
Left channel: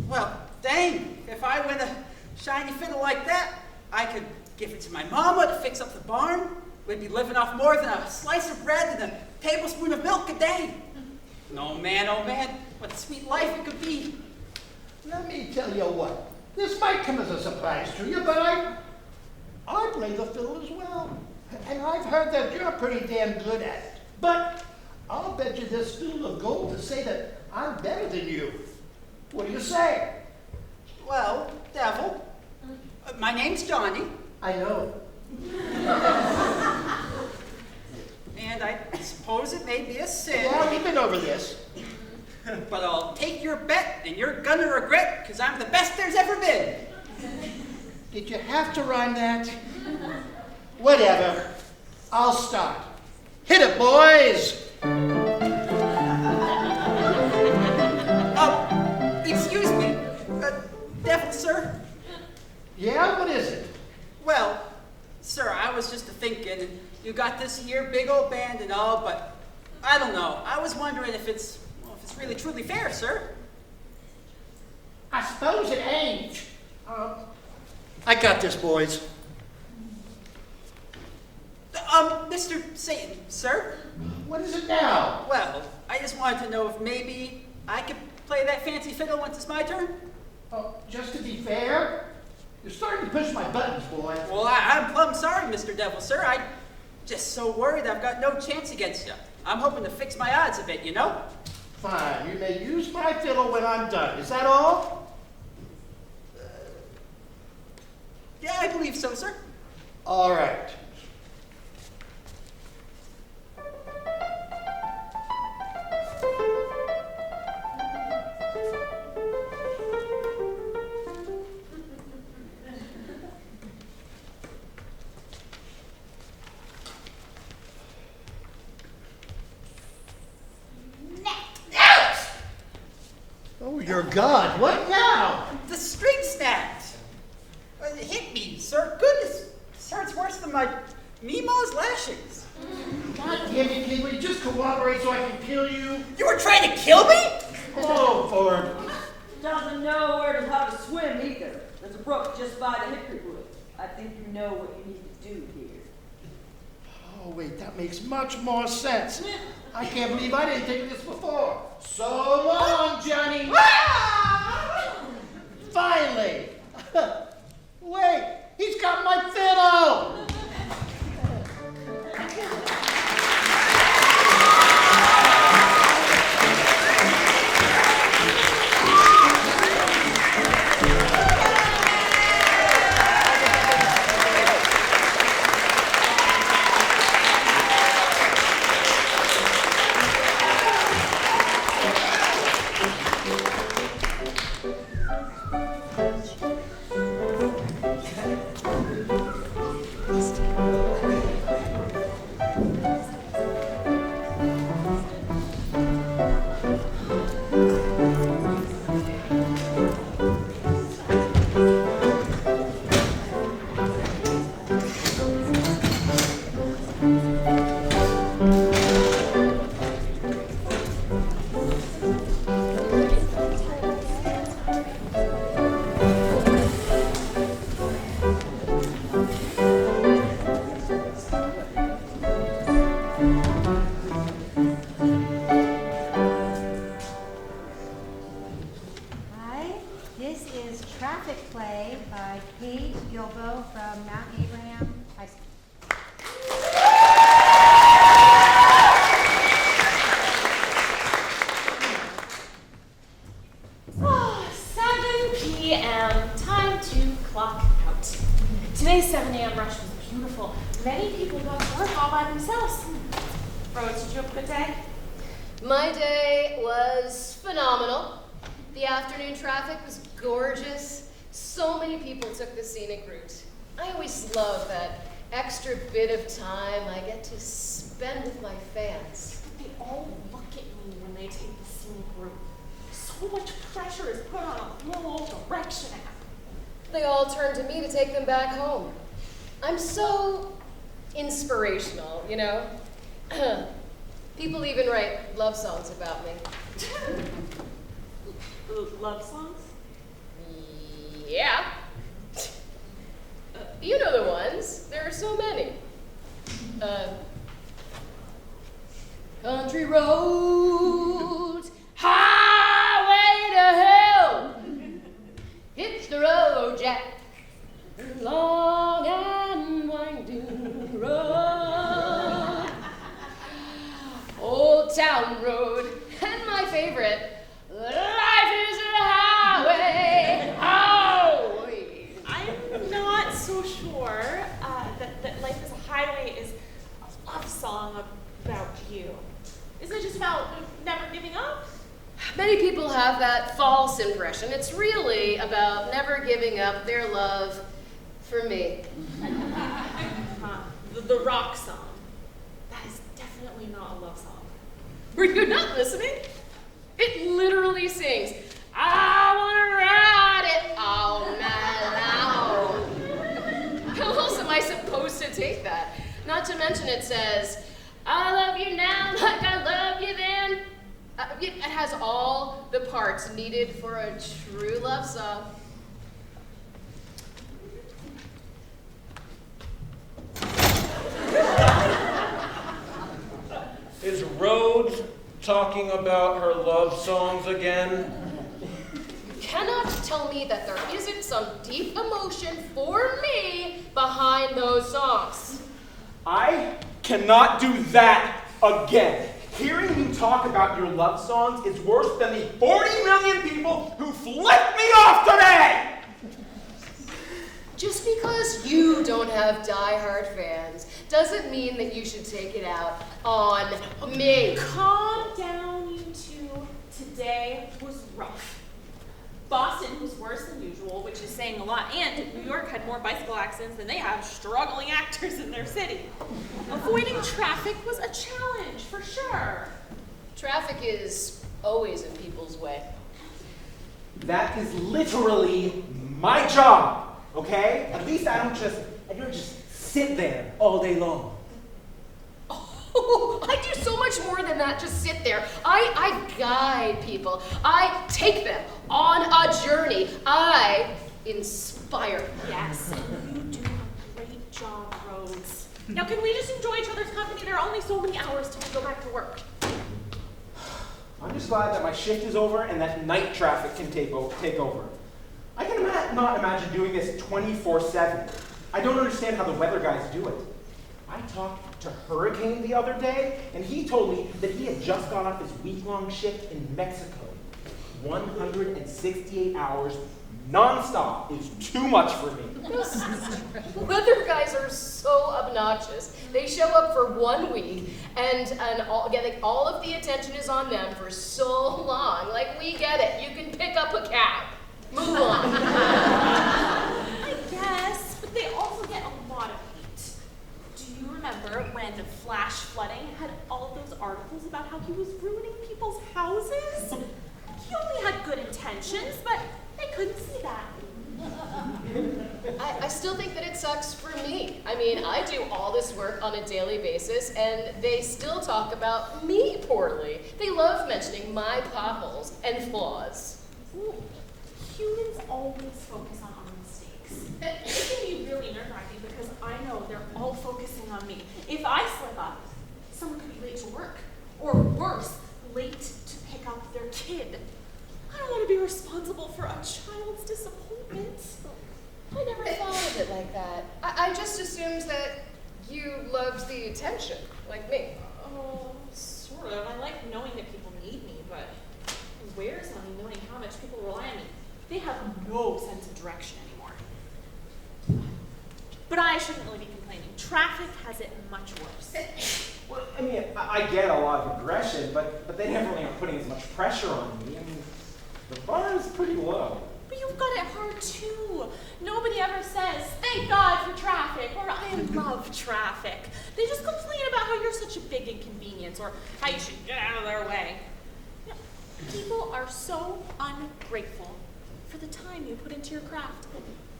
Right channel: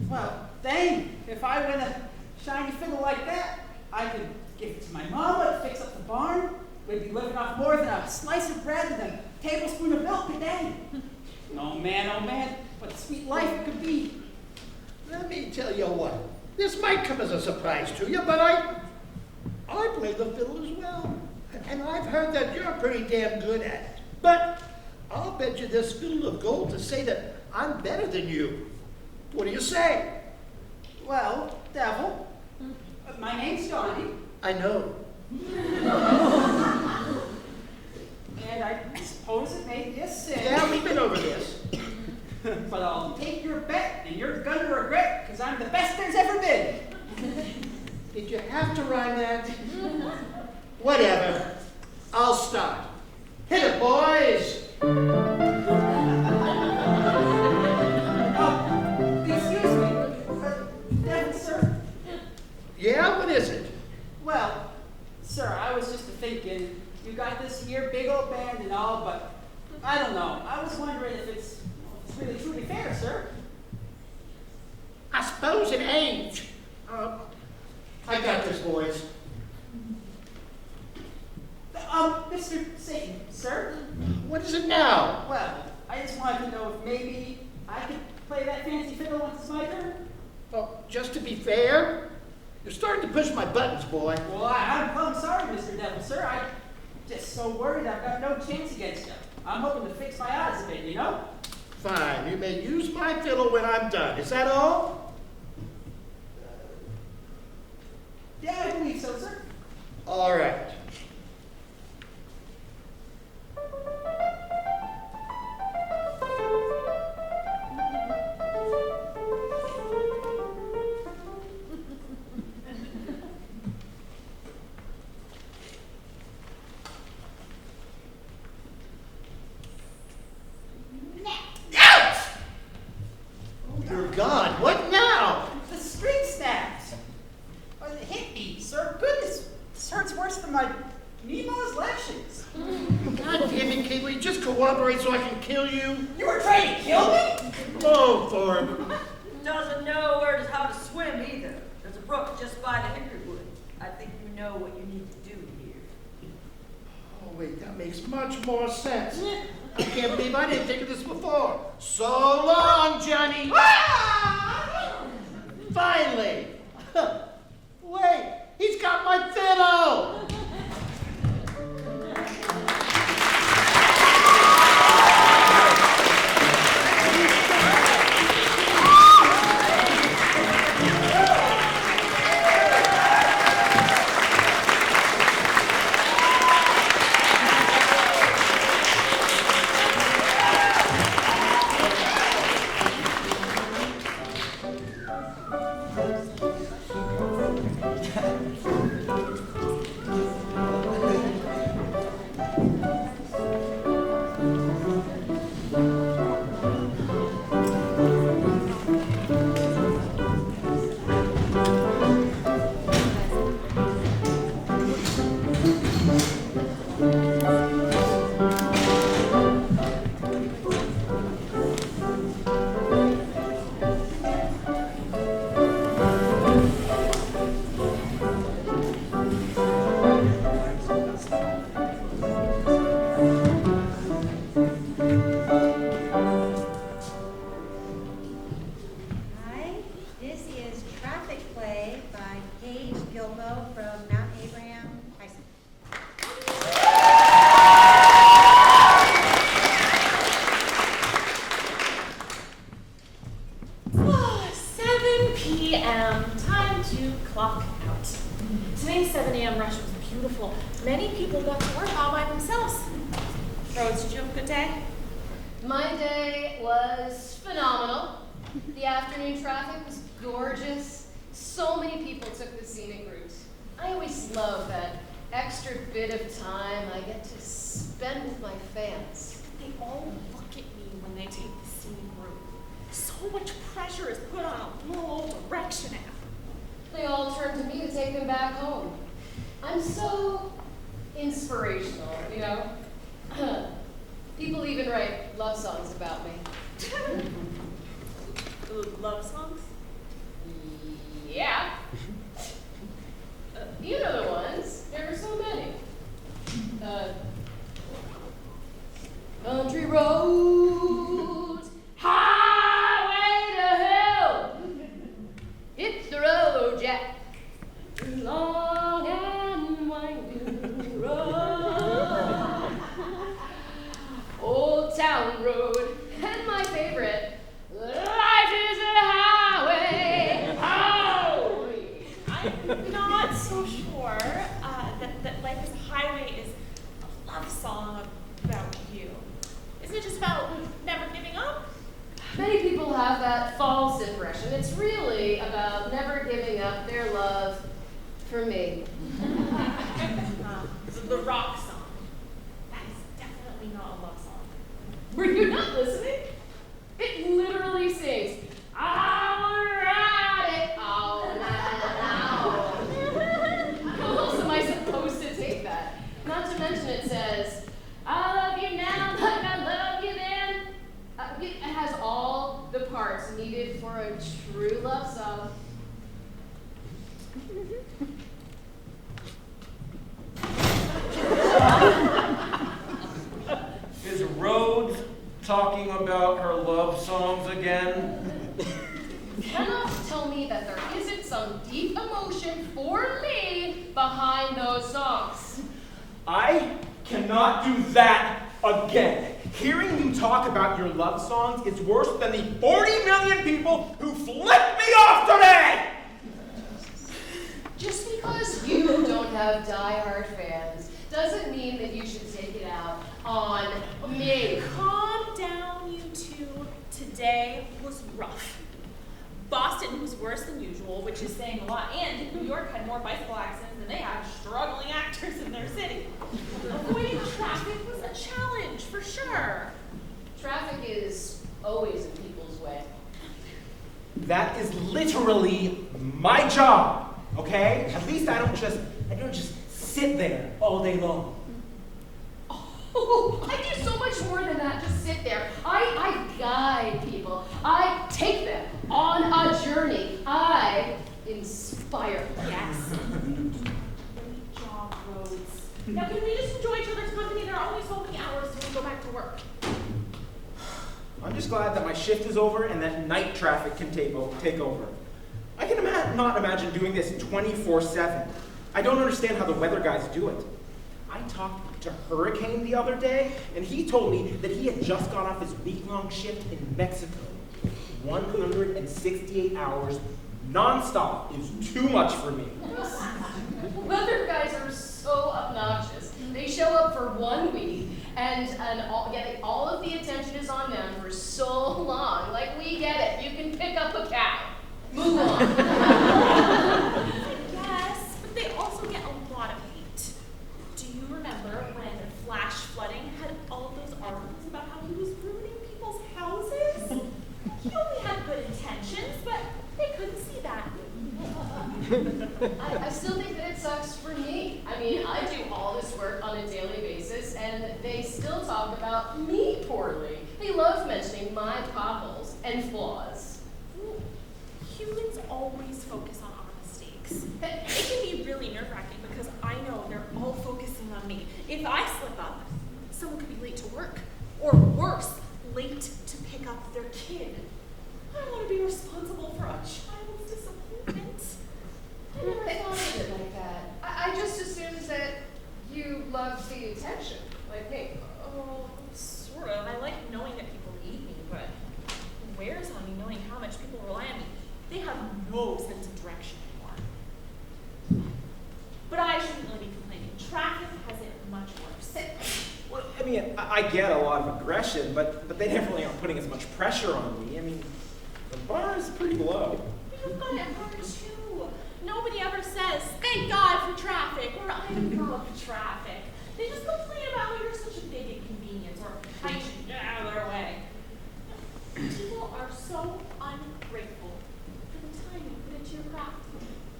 Well, dang, if I win a shiny fiddle like that, I could give it to my mama to fix up the barn. We'd be living off more than a slice of bread and a tablespoon of milk a day. No man, oh man, what a sweet life it could be. Let me tell you what, this might come as a surprise to you, but I play the fiddle as well. And I've heard that you're pretty damn good at it. But I'll bet you this fiddle of gold to say that I'm better than you. What do you say? Well, Devil, my name's Johnny. I know it. And I suppose it may be a sin. Yeah, we've been over this. But I'll take your bet, and you're gonna regret, because I'm the best there's ever been. Did you have to rhyme that? Whatever. I'll start. Hit it, boys! Excuse me, Devil, sir? Yeah, what is it? Well, sir, I was just thinking, you got this here big old band and all, but I don't know. I was wondering if it's really truly fair, sir. I suppose it ain't. I got this, boys. Mr. Satan, sir? What is it now? Well, I just wanted to know if maybe I could play that fancy fiddle once it's my turn. Just to be fair, you're starting to push my buttons, boy. Well, I'm plumb sorry, Mr. Devil, sir. I'm just so worried I've got no chance against you. I'm hoping to fix my odds a bit, you know? Fine, you may use my fiddle when I'm done. Is that all? Yeah, I believe so, sir. All right. Oh, you're gone. What now? The string snapped. It hit me, sir. Goodness, this hurts worse than my Meemaw's lashings. God damn it, Kiwi, just cooperate so I can kill you. You were trying to kill me? Oh, Thorn. Doesn't know where to how to swim either. There's a brook just by the hickory wood. I think you know what you need to do here. Oh, wait, that makes much more sense. I can't believe I didn't think of this before. So long, Johnny. Finally. Wait, he's got my fiddle. My day was phenomenal. The afternoon traffic was gorgeous. So many people took the scenic route. I always love that extra bit of time I get to spend with my fans. They all look at me when they take the scenic route. So much pressure is put on a little direction app. They all turn to me to take them back home. I'm so inspirational, you know? People even write love songs about me. Love songs? Yeah. You know the ones. There are so many. Country roads, highway to hell. Hit the road, Jack. Long and winding road. Old town my favorite. Life is a highway. Highway. I'm not so sure that Life is a Highway is a love song about you. Isn't it just about never giving up? Many people have that false impression. It's really about never giving up their love for me. The rock song. That is definitely not a love song. Were you not listening? It literally sings, I wanna ride it all night long. How else am I supposed to take that? Not to mention it says, I love you now like I love you then. It has all the parts needed for a true love song. Is Rhodes talking about her love songs again? You cannot tell me that there isn't some deep emotion for me behind those songs. I cannot do that again. Hearing you talk about your love songs is worse than the 40 million people who flipped me off today! Just because you don't have die-hard fans doesn't mean that you should take it out on me. Calm down, you two. Today was rough. Boston was worse than usual, which is saying a lot, and New York had more bicycle accidents than they have struggling actors in their city. Avoiding traffic was a challenge, for sure. Traffic is always in people's way. That is literally my job, okay? At least I don't just sit there all day long. Oh, I do so much more than that, just sit there. I guide people. I take them on a journey. I inspire. Yes, you do a great job, Rhodes. Now, can we just enjoy each other's company? There are only so many hours till we go back to work. I'm just glad that my shift is over and that night traffic can take over. I can not imagine doing this 24/7. I don't understand how the weather guys do it. I talked to Hurricane the other day, and he told me that he had just got off his week-long shift in Mexico. 168 hours non-stop is too much for me. Weather guys are so obnoxious. They show up for 1 week, and all of the attention is on them for so long. Like, we get it. You can pick up a cab. Move on. Yes, but they also get a lot of hate. Do you remember when the flash flooding had all of those articles about how he was ruining people's houses? He only had good intentions, but they couldn't see that. I still think that it sucks for me. I mean, I do all this work on a daily basis, and they still talk about me poorly. They love mentioning my potholes and flaws. Humans always focus on our mistakes. It can be really nerve-wracking because I know they're all focusing on me. If I slip up, someone could be late to work, or worse, late to pick up their kid. I don't want to be responsible for a child's disappointment. I never thought of it like that. I just assumed that you loved the attention, like me. Oh, sort of. I like knowing that people need me, but where's honey knowing how much people rely on me? They have no sense of direction anymore. But I shouldn't really be complaining. Traffic has it much worse. Well, I mean, I get a lot of aggression, but they definitely aren't putting as much pressure on me. I mean, the bar is pretty low. But you've got it hard too. Nobody ever says, thank God for traffic, or I love traffic. They just complain about how you're such a big inconvenience, or how you should get out of their way. People are so ungrateful for the time you put into your craft.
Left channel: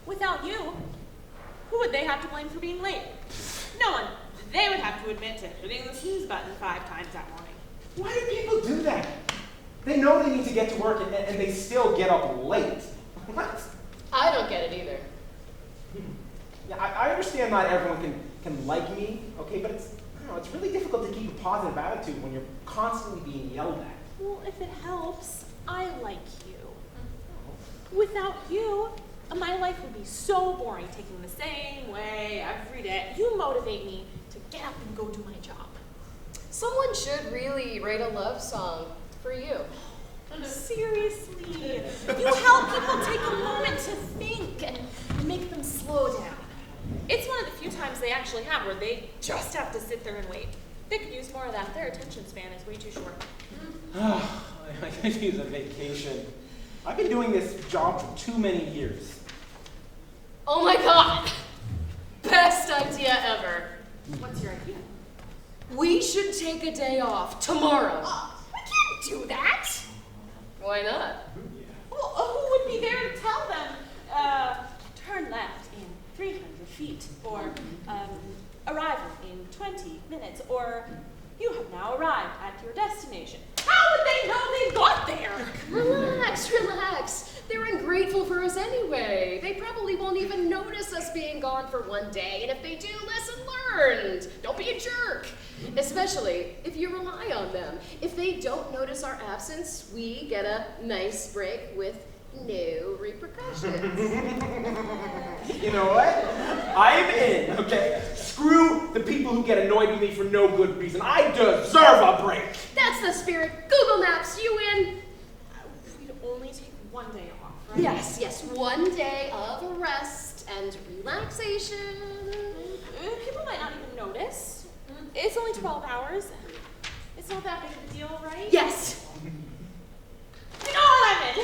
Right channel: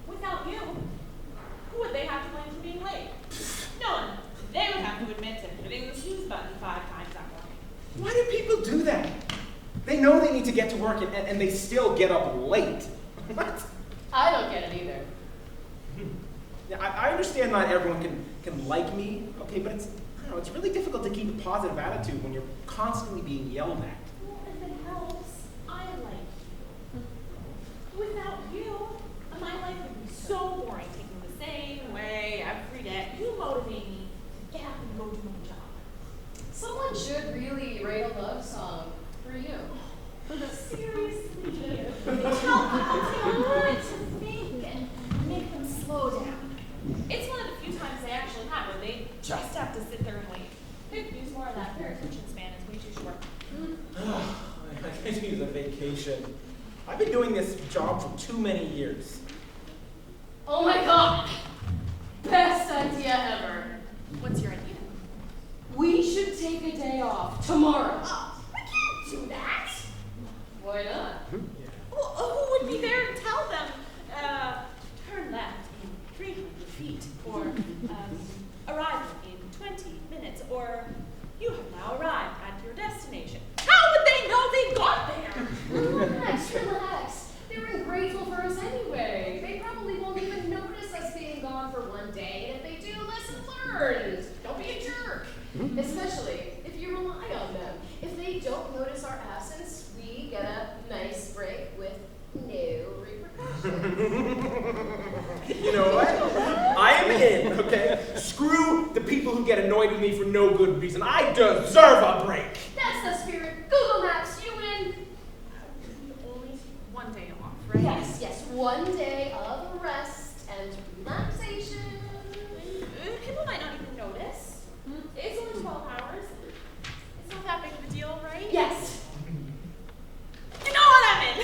Without you, who would they have to blame for being late? No one. They would have to admit to hitting the snooze button 5 times that morning. Why do people do that? They know they need to get to work and they still get up late. What? I don't get it either. Yeah, I understand not everyone can like me, okay, but it's really difficult to keep a positive attitude when you're constantly being yelled at. Well, if it helps, I like you. Without you, my life would be so boring, taking the same way every day. You motivate me to get up and go do my job. Someone should really write a love song for you. seriously. You help people take a moment to think and make them slow down. It's one of the few times they actually have where they just have to sit there and wait. They could use more of that. Their attention span is way too short. I could use a vacation. I've been doing this job for too many years. Oh my god! Best idea ever. What's your idea? We should take a day off tomorrow. We can't do that. Why not? Well, who would be there to tell them, turn left in 300 feet, or arrival in 20 minutes, or you have now arrived at your destination? How would they know they got there? Relax, relax. They're ungrateful for us anyway. They probably won't even notice us being gone for one day, and if they do, lesson learned. Don't be a jerk. Especially if you rely on them. If they don't notice our absence, we get a nice break with no repercussions. You know what? I am in, okay? Screw the people who get annoyed with me for no good reason. I deserve a break. That's the spirit. Google Maps, you in? We'd only take one day off, right? Yes, yes. 1 day of rest and relaxation. People might not even notice. It's only 12 hours. It's not that big of a deal, right? Yes. You know what I meant.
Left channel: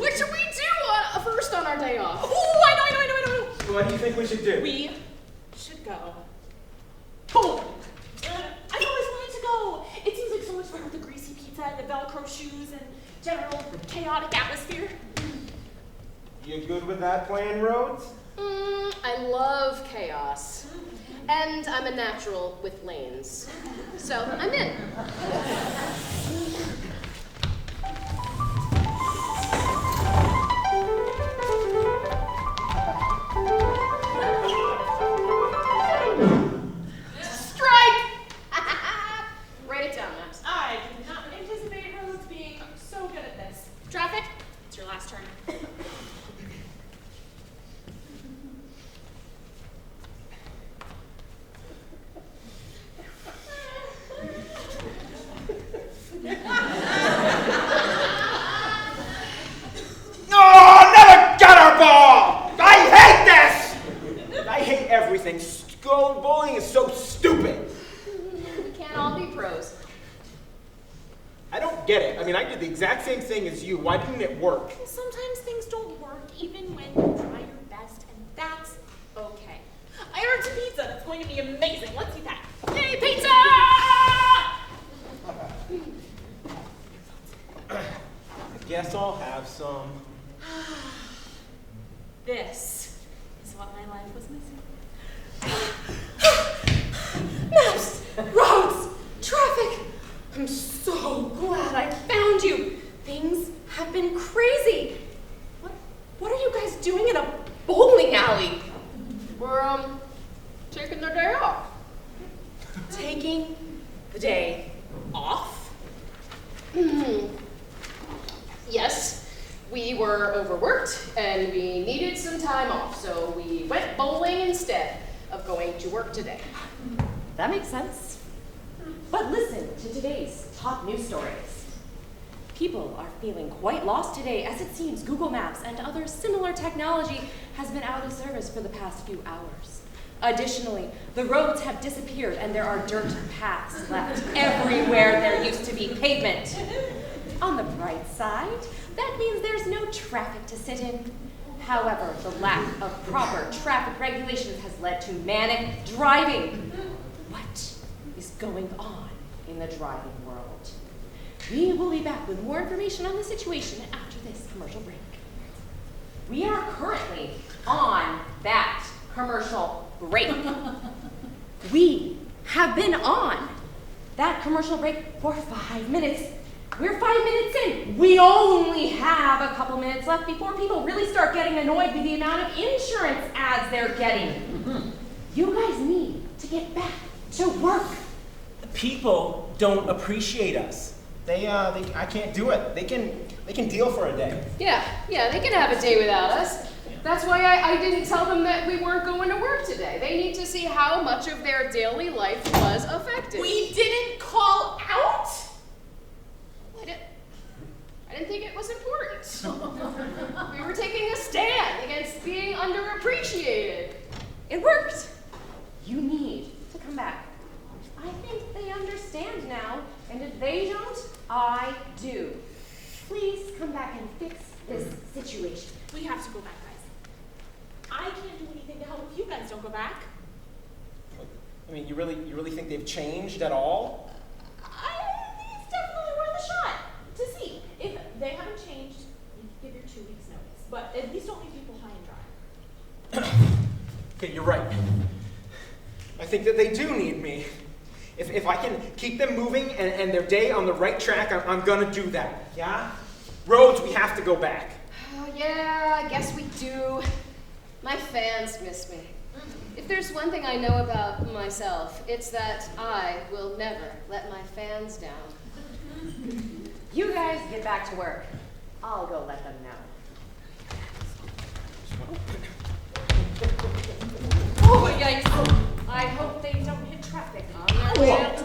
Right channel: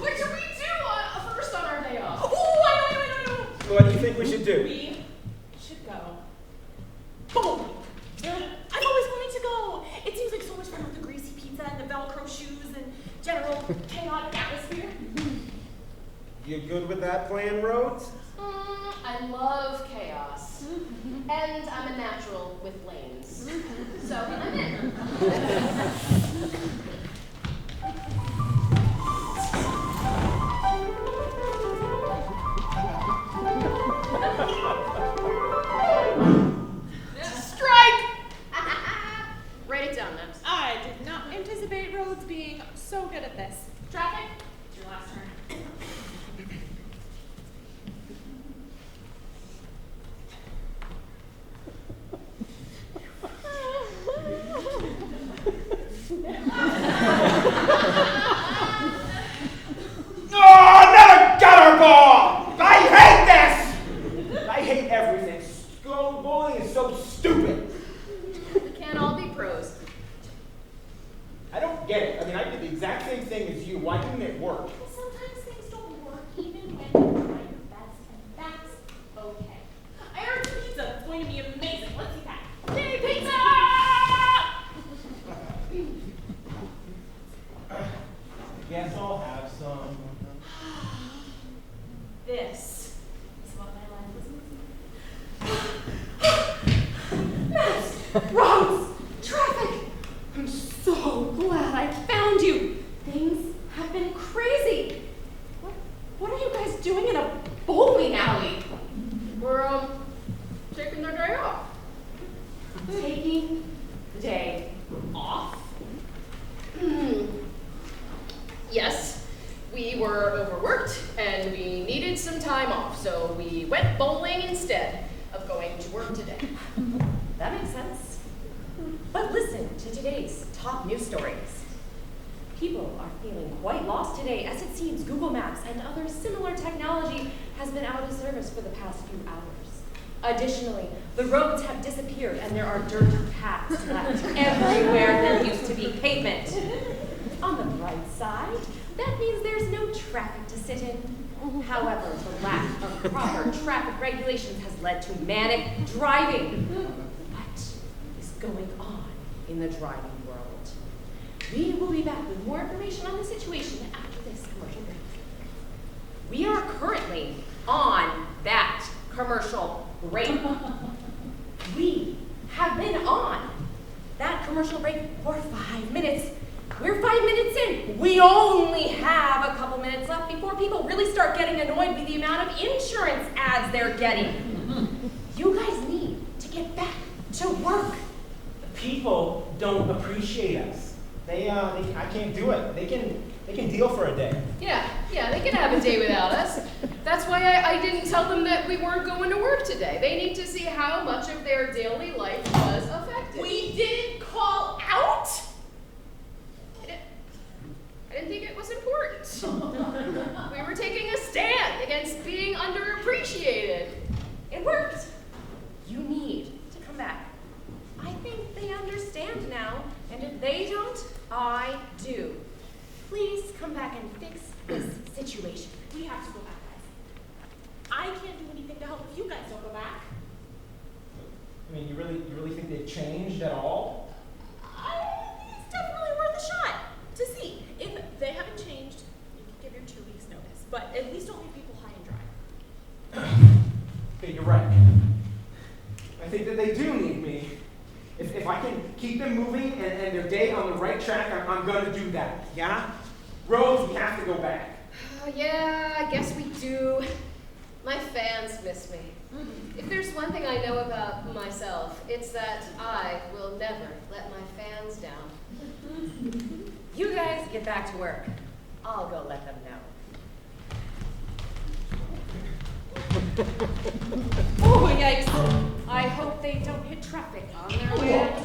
What should we do first on our day off? Oh, I know. What do you think we should do? We should go bowling. I've always wanted to go. It seems like so much fun with the greasy pizza and the Velcro shoes and general chaotic atmosphere. You good with that plan, Rhodes? I love chaos. And I'm a natural with lanes. So I'm in. Strike! Write it down, Max. I did not anticipate Rhodes being so good at this. Traffic, it's your last turn. Oh, another gutter ball! I hate this! I hate everything. Bowling is so stupid. We can't all be pros. I don't get it. I mean, I did the exact same thing as you. Why didn't it work? Well, sometimes things don't work even when you try your best, and that's okay. I ordered some pizza. It's going to be amazing. Let's eat that. Yay, pizza! I guess I'll have some. This is what my life was missing. Maps! Roads! Traffic! I'm so glad I found you. Things have been crazy. What are you guys doing in a bowling alley? We're, taking their day off. Taking the day off? Yes, we were overworked and we needed some time off, so we went bowling instead of going to work today. That makes sense. But listen to today's top news stories. People are feeling quite lost today, as it seems Google Maps and other similar technology has been out of service for the past few hours. Additionally, the roads have disappeared and there are dirt paths left everywhere there used to be pavement. On the bright side, that means there's no traffic to sit in. However, the lack of proper traffic regulations has led to manic driving. What is going on in the driving world? We will be back with more information on the situation after this commercial break. We are currently on that commercial break. We have been on that commercial break for 5 minutes. We're 5 minutes in. We only have a couple minutes left before people really start getting annoyed with the amount of insurance ads they're getting. You guys need to get back to work. The people don't appreciate us. I can't do it. They can deal for a day. Yeah, they can have a day without us. That's why I didn't tell them that we weren't going to work today. They need to see how much of their daily life was affected. We didn't call out? they don't, I do. Please come back and fix this situation. We have to go back, guys. I can't do anything to help if you guys don't go back. I mean, you really think they've changed at all? It's definitely worth a shot to see. If they haven't changed, you can give your 2 weeks notice. But at least don't leave people high and dry. Okay, you're right. I think that they do need me. If I can keep them moving and their day on the right track, I'm gonna do that, yeah? Rhodes, we have to go back. Yeah, I guess we do. My fans miss me. If there's one thing I know about myself, it's that I will never let my fans down. You guys get back to work. I'll go let them know. Oh, yikes. I hope they don't hit traffic on their way up